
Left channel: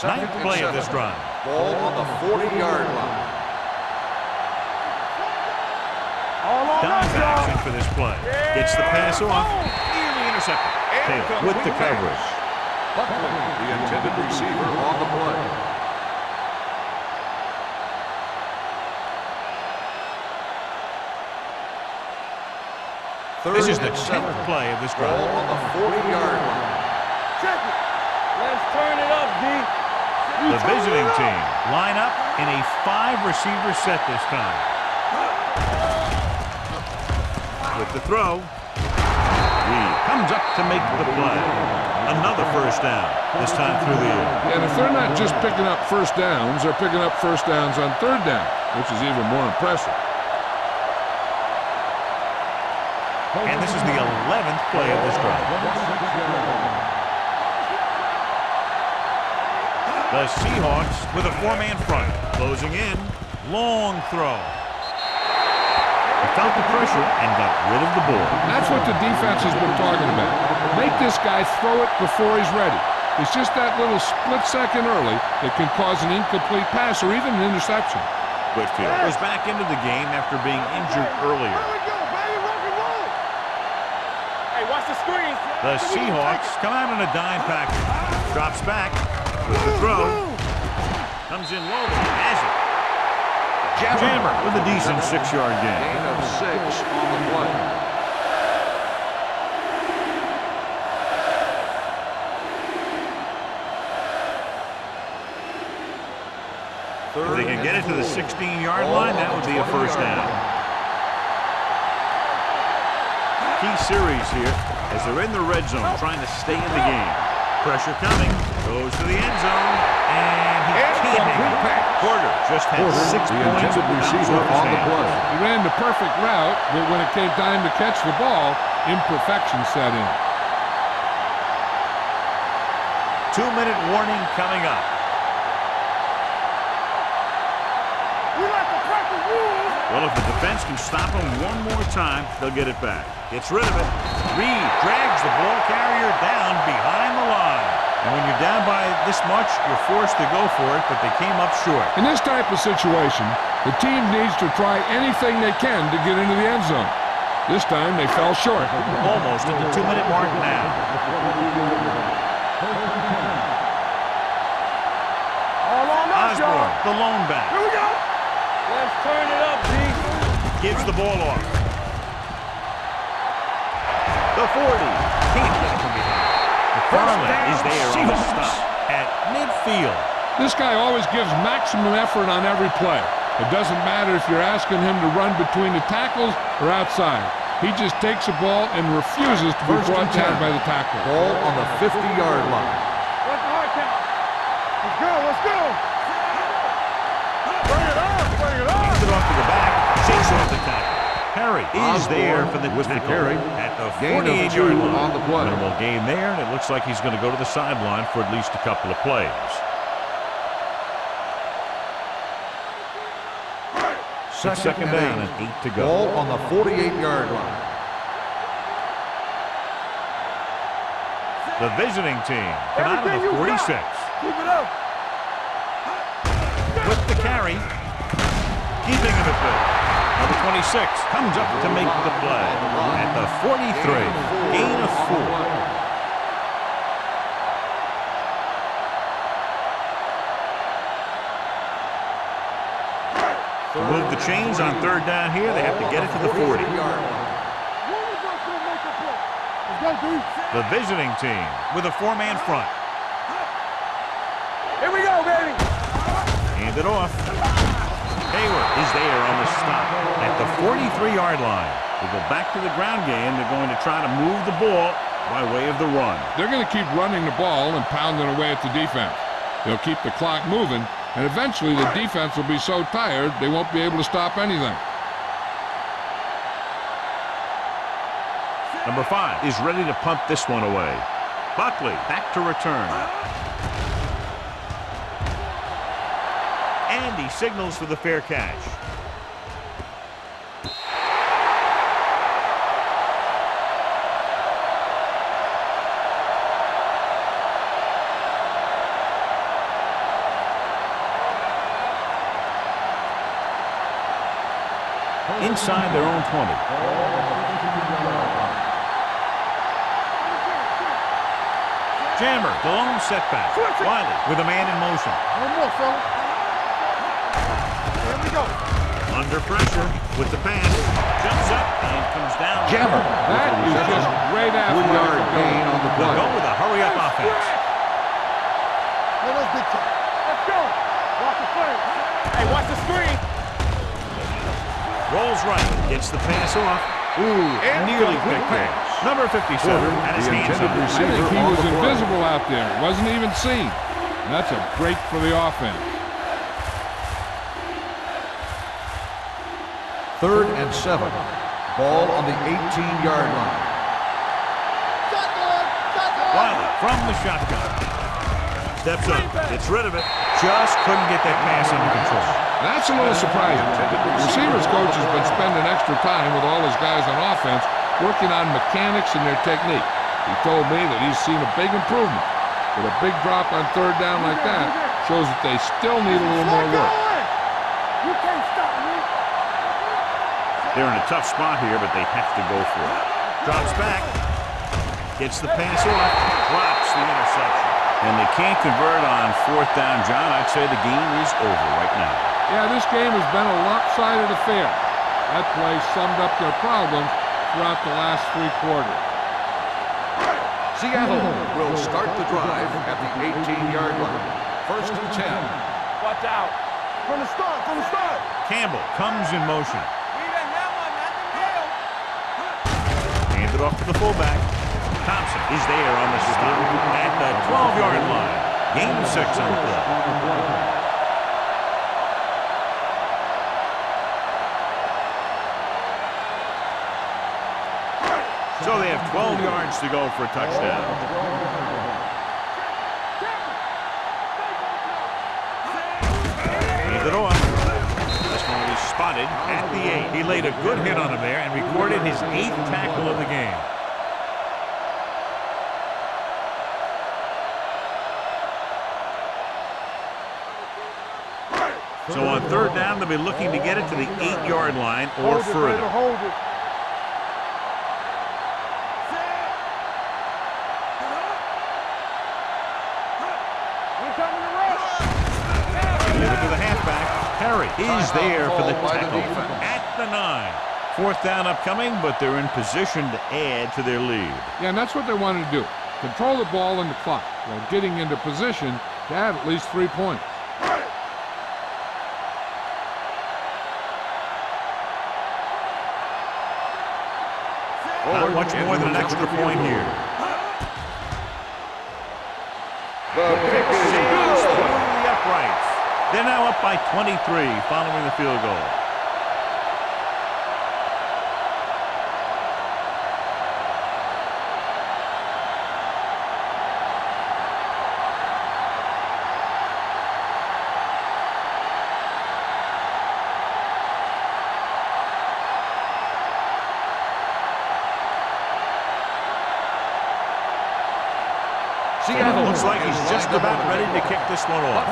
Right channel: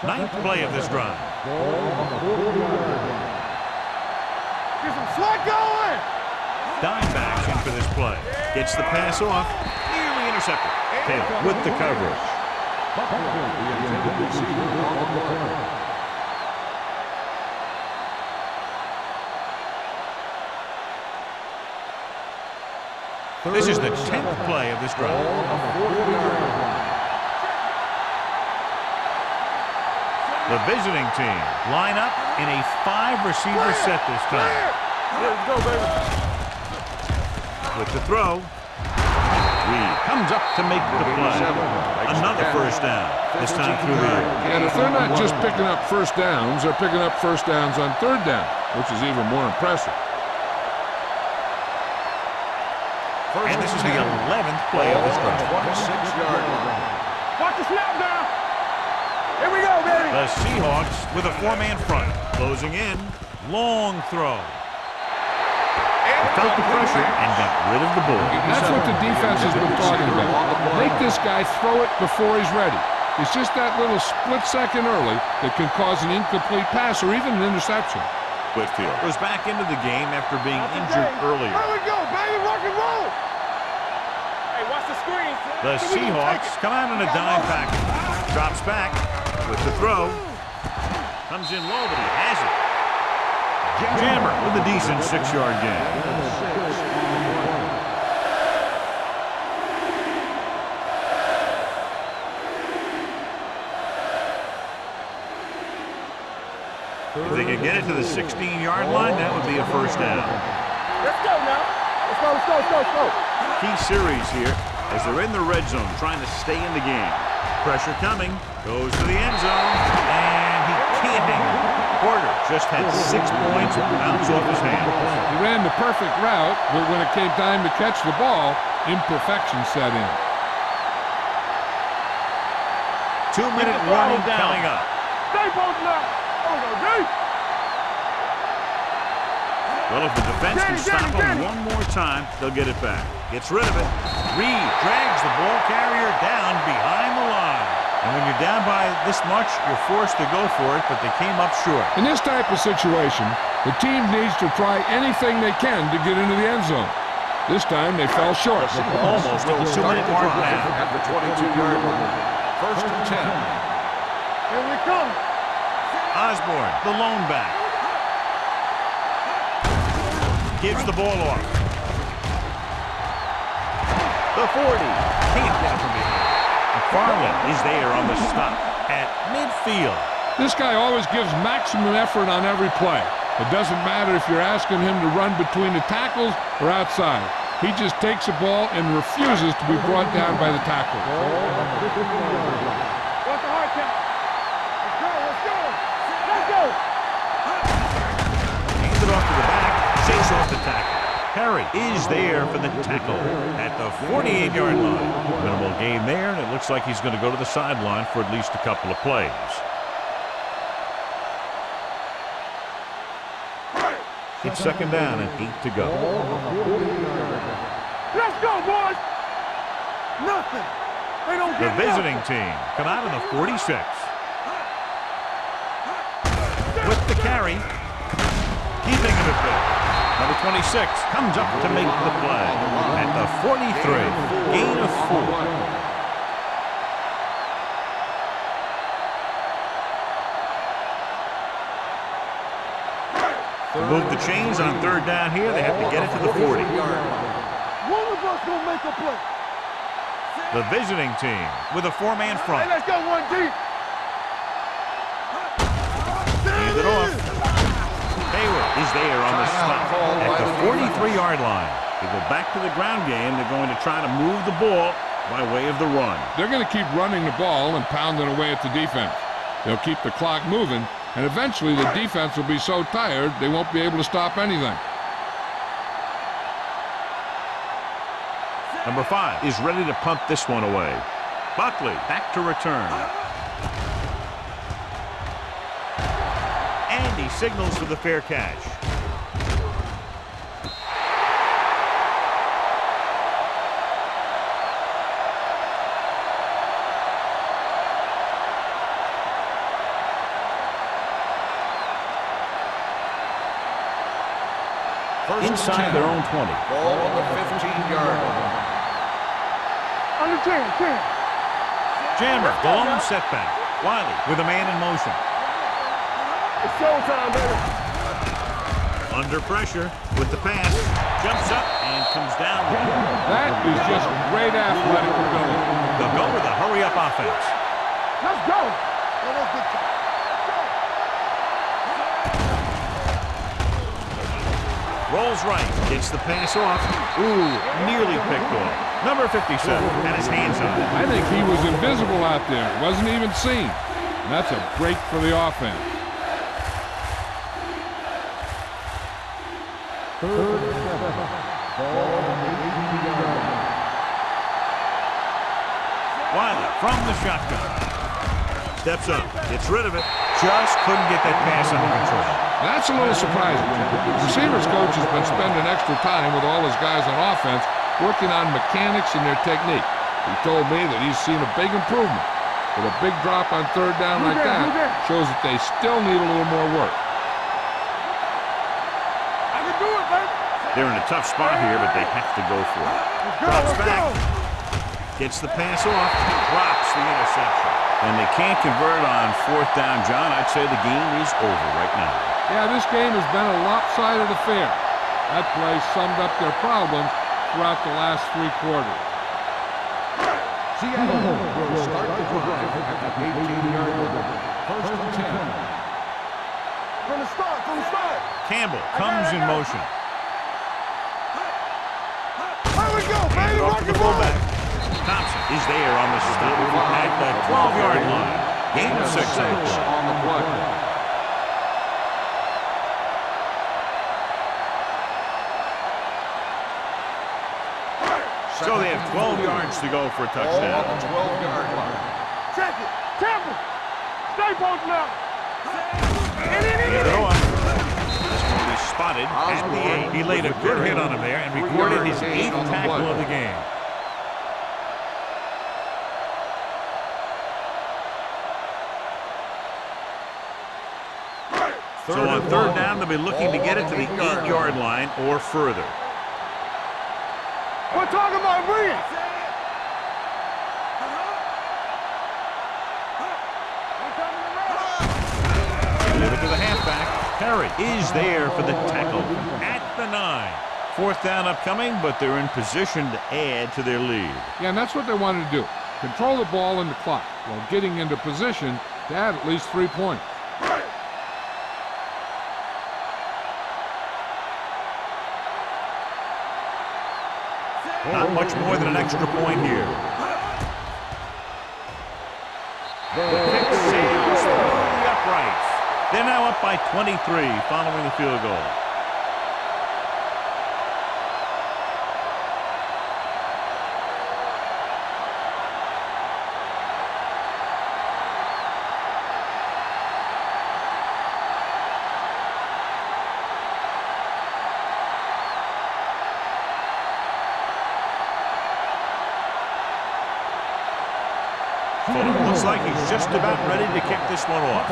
9th play of this drive. Ball on the 40-yard line. Get some slug going. Dime backs in for this play. Gets the pass off, nearly intercepted. Taylor with the coverage. Buckley, the intended receiver, on the play. This is the 10th play of this drive. Ball on the 40-yard line. Check it. Let's turn it up, D. The visiting team line up in a 5-receiver set this time. With the throw, Reed comes up to make the play. Another first down, this time through the air. And if they're not just picking up first downs, they're picking up first downs on 3rd down, which is even more impressive. And this is the 11th play of this drive. Watch the snap down. Here we go, baby. The Seahawks with a 4-man front, closing in, long throw. He felt the pressure and got rid of the ball. That's what the defense has been talking about. Make this guy throw it before he's ready. It's just that little split second early that can cause an incomplete pass or even an interception. Whitfield was back into the game after being injured earlier. Here we go, baby. Rock and roll. Hey, watch the screen. The Seahawks come out in a dime package. Drops back with the throw. Comes in low, but he has it. Jammer with a decent 6-yard gain. Gain of 6 on the play. If they can get it to the 16-yard line, that would be a first down. Let's go now. Let's go. Key series here as they're in the red zone trying to stay in the game. Pressure coming, goes to the end zone, and he can't hang on. Porter just had 6 points bounce off his hands. He ran the perfect route, but when it came time to catch the ball, imperfection set in. 2-minute warning coming up. Well, if the defense can stop him one more time, they'll get it back. Gets rid of it. Reed drags the ball carrier down behind the line. And when you're down by this much, you're forced to go for it, but they came up short. In this type of situation, the team needs to try anything they can to get into the end zone. This time, they fell short. Almost at the 2-minute mark now. At the 22-yard line. First and 10. Here we come. Osborne, the lone back. Here we go. Let's turn it up, B. Gives the ball off. The 40. Can't get it from behind. McFarland is there on the stop at midfield. This guy always gives maximum effort on every play. It doesn't matter if you're asking him to run between the tackles or outside. He just takes the ball and refuses to be brought down by the tackler. Ball on the 50-yard line. What's the hard count? Let's go, let's go. Hands it off to the back, shakes off the tackle. Perry is there for the tackle at the 48-yard line. Minimal gain there, and it looks like he's going to go to the sideline for at least a couple of plays. It's second down and 8 to go. Ball on the 48-yard line. Let's go, boys. Nothing. They don't The visiting team come out of the 46. keep it up. With the carry. Keeping of it good. Number 26 comes up to make the play at the 43. Gain of 4. To move the chains on third down here, they have to get it to the 40. One of us gonna make a play. Let's go, D. The visiting team with a 4-man front. Let's go, one deep. Here we go, baby. Hand it off. Hayward is there on the stop at the 43-yard line. They go back to the ground game. They're going to try to move the ball by way of the run. They're going to keep running the ball and pounding away at the defense. They'll keep the clock moving, and eventually the defense will be so tired they won't be able to stop anything. Number 5 is ready to punt this one away. Buckley back to return. And he signals for the fair catch. Inside their own 20. Ball on the 15-yard line. On the 10. Jammer, the lone setback. Wiley with a man in motion. No more, fella. It's showtime, baby. Under pressure with the pass. Jumps up and comes down. That is just great athletic ability. They'll go with a hurry-up offense. Let's go. Yeah, that's big time. Let's go. Watch the play. Hey, watch the screen. Rolls right, gets the pass off. Ooh, nearly picked off. Number 57 had his hands on it. I think he was invisible out there. Wasn't even seen. And that's a break for the offense. 3rd and 7. Ball on the 18-yard line. Wiley from the shotgun. Steps up, gets rid of it. Just couldn't get that pass under control. That's a little surprising. The receivers coach has been spending extra time with all his guys on offense working on mechanics and their technique. He told me that he's seen a big improvement. But a big drop on third down like that shows that they still need a little more work. You can't stop me. I can do it, baby. They're in a tough spot here, but they have to go for it. Drops back, gets the pass off, drops the interception. And they can't convert on 4th down, John. I'd say the game is over right now. Yeah, this game has been a lopsided affair. That play summed up their problems throughout the last 3 quarters. Seattle will start the drive at the 18-yard line. 1st and 10. Watch out. From the start, from the start. Campbell comes in motion. Hands it off to the fullback. Thompson is there on the stop at the 12-yard line. Gain of 6 on the play. So they have 12 yards to go for a touchdown. Hands it off. This one will be spotted at the 8. He laid a good hit on him there and recorded his 8th tackle of the game. So on 3rd down, they'll be looking to get it to the 8-yard line or further. We're talking about bringing. We're coming to rush. back. Perry is there for the tackle at the 9. 4th down upcoming, but they're in position to add to their lead. Yeah, and that's what they wanted to do. Control the ball and the clock while getting into position to add at least 3 points. Not much more than an extra point here. The kick sails through the uprights. They're now up by 23 following the field goal. Looks like he's just about ready to kick this one off.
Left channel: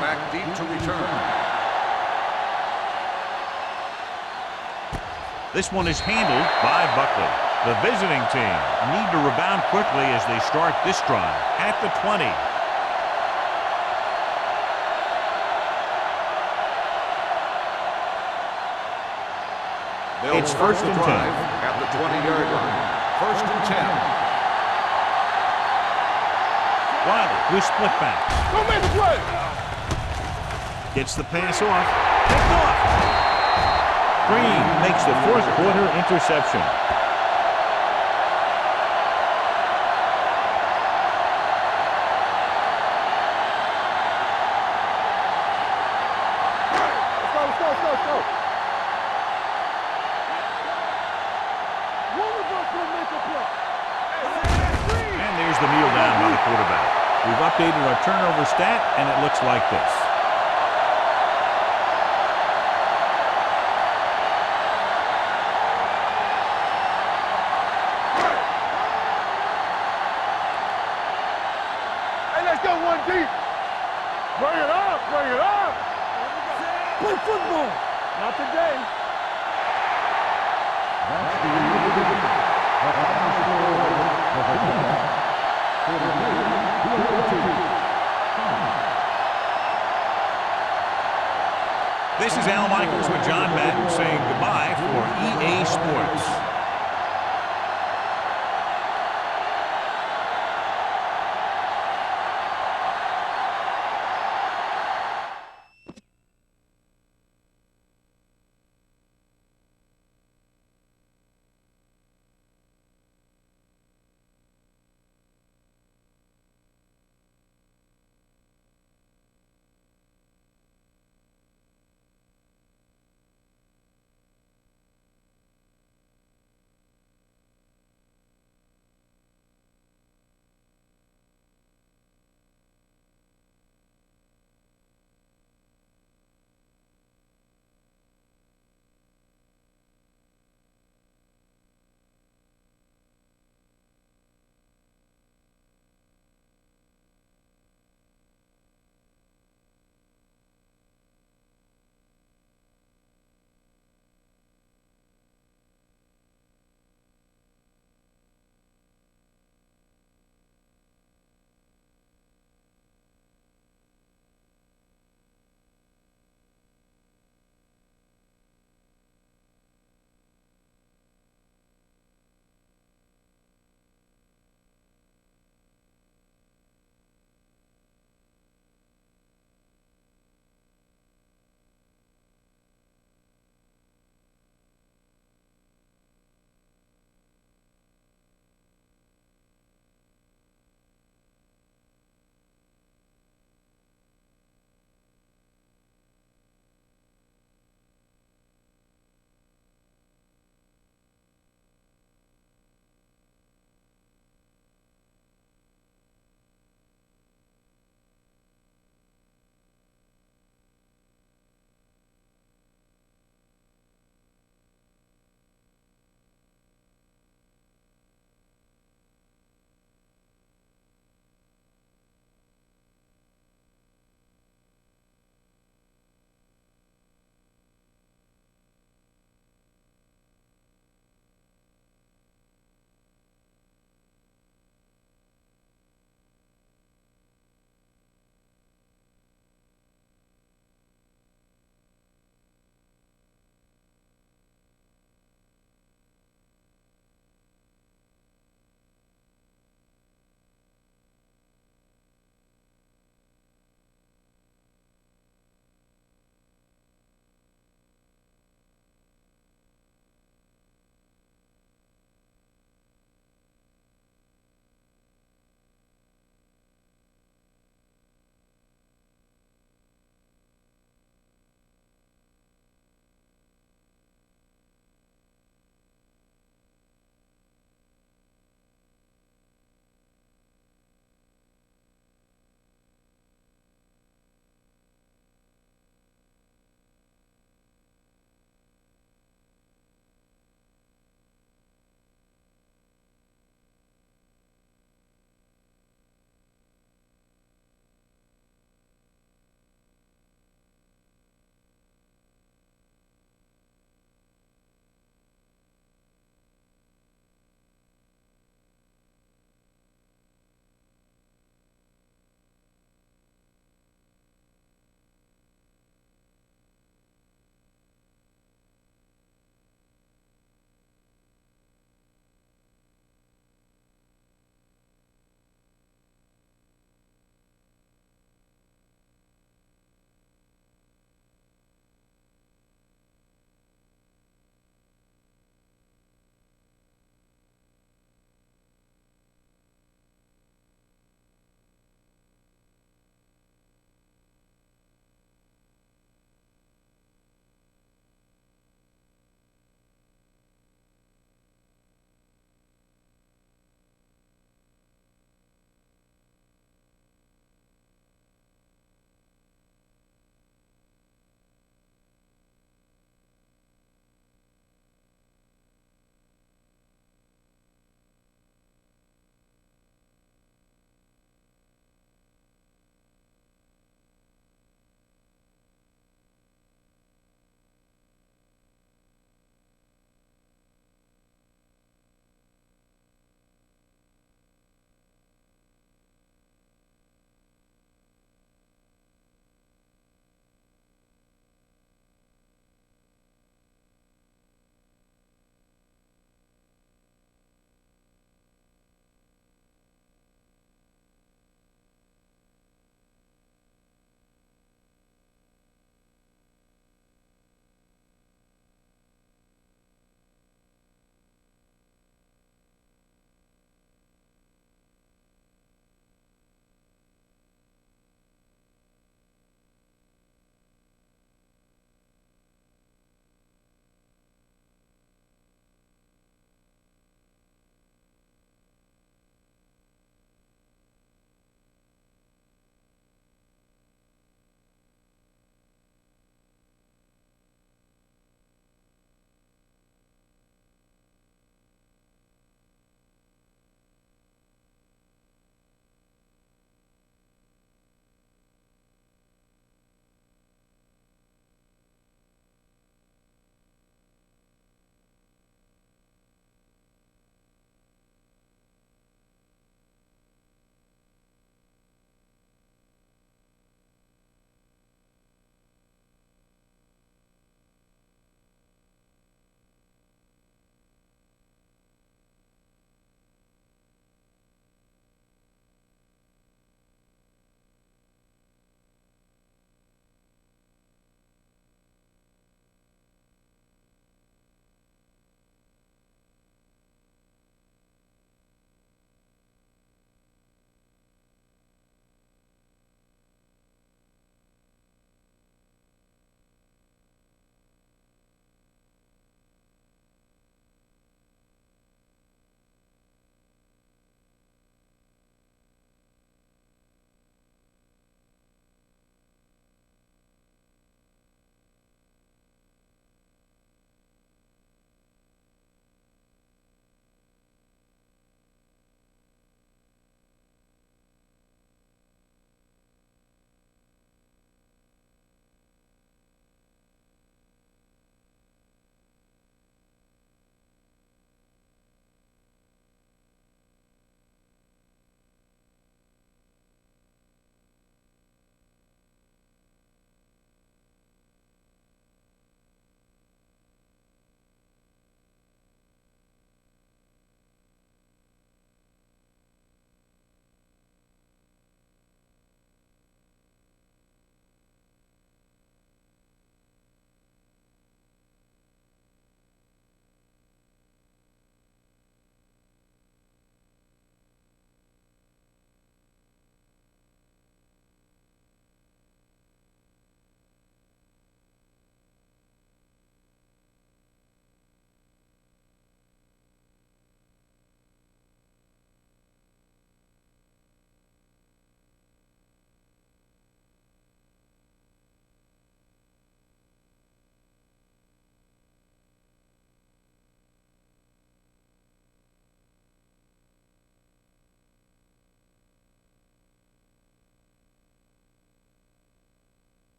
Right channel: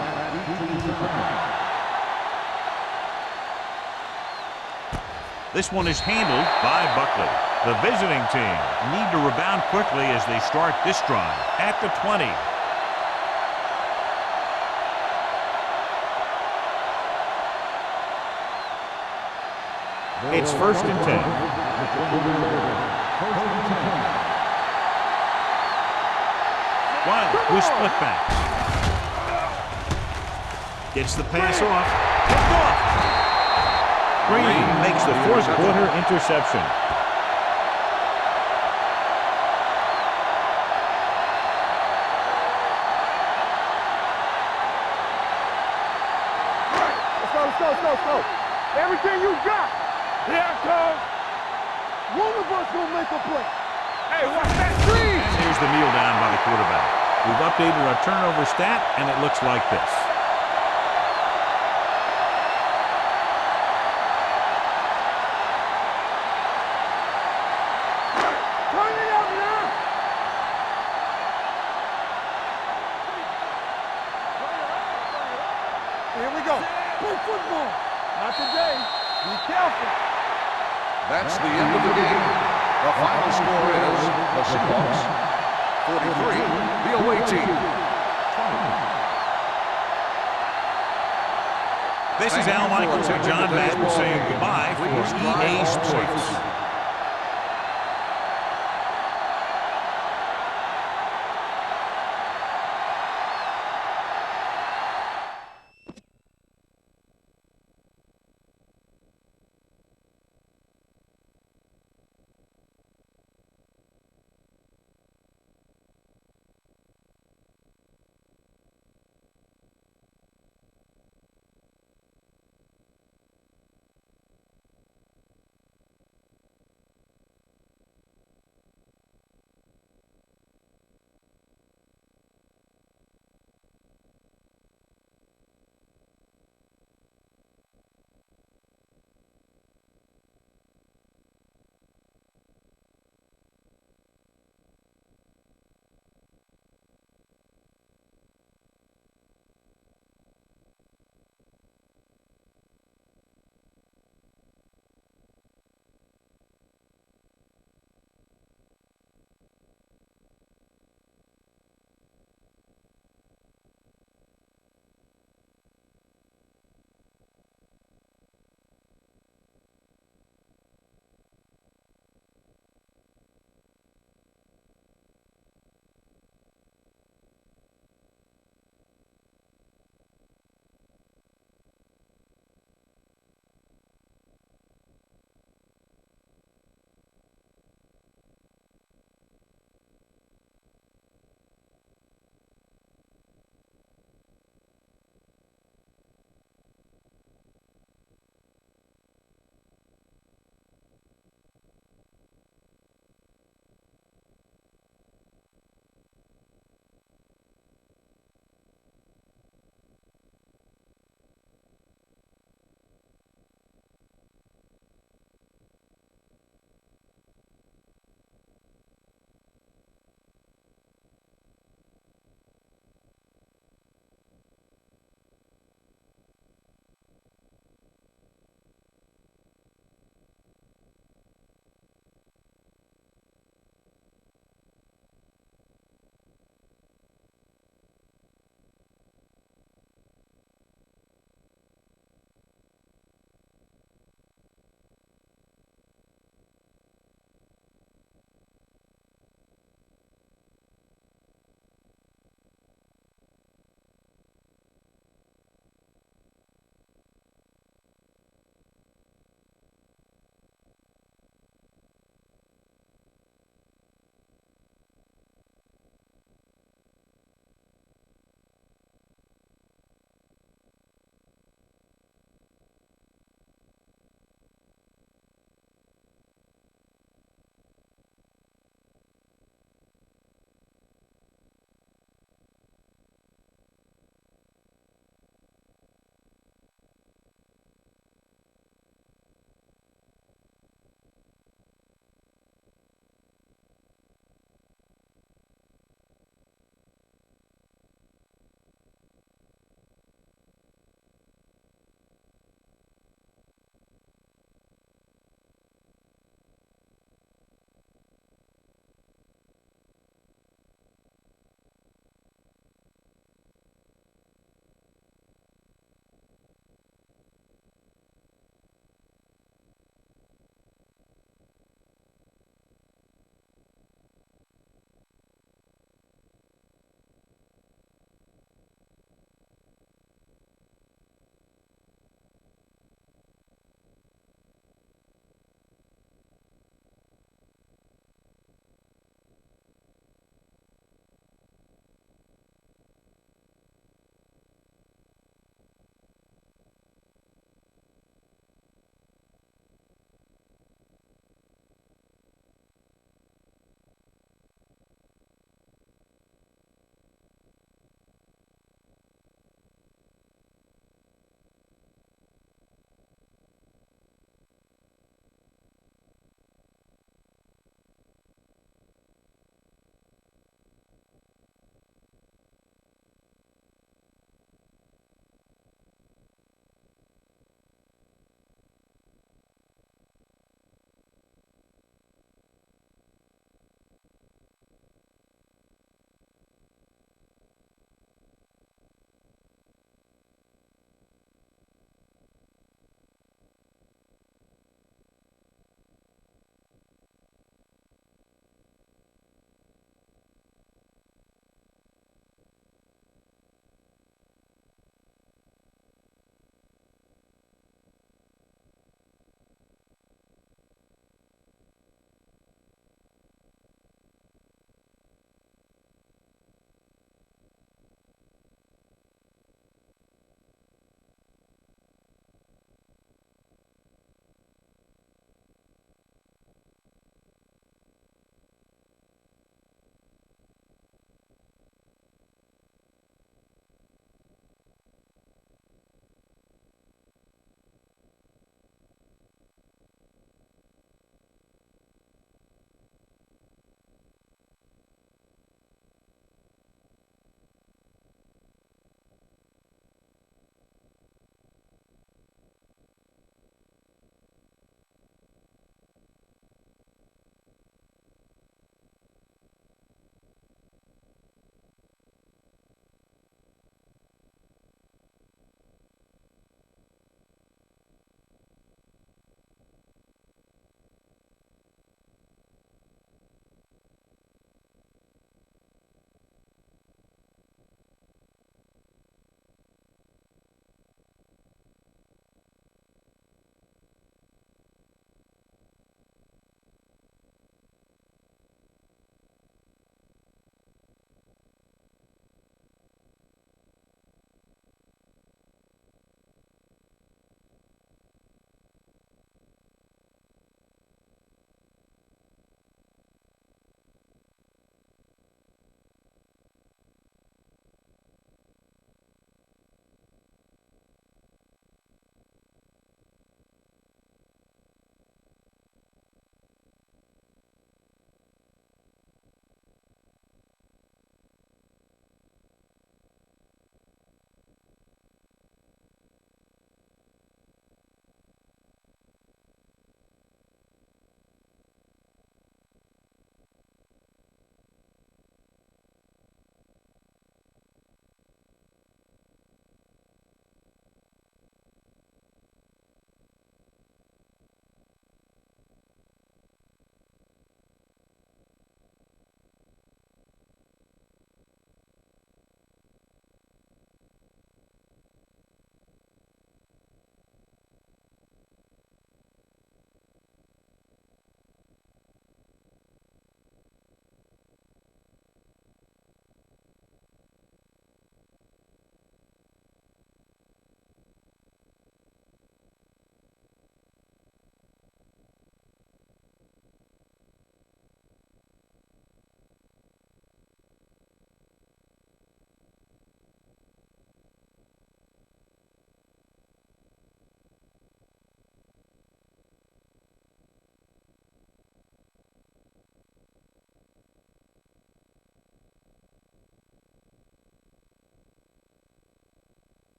Back deep to return. This one is handled by Buckley. The visiting team need to rebound quickly as they start this drive at the 20. It's 1st and 10. At the 20-yard line. 1st and 10. Wiley with split backs. Gets the pass off. Picked off. Green makes the 4th quarter interception. Let's go. Everything you got. Yeah, Coach. One of us gonna make a play. Hey, watch that screen! And there's the kneel down by the quarterback. We've updated our turnover stat, and it looks like this. Hey, let's go one deep. Bring it up. Here we go. Play football. Not today. Be careful. That's the end of the game. The final score is the Seahawks 43, the away team 20. This is Al Michaels with John Madden saying goodbye for EA Sports.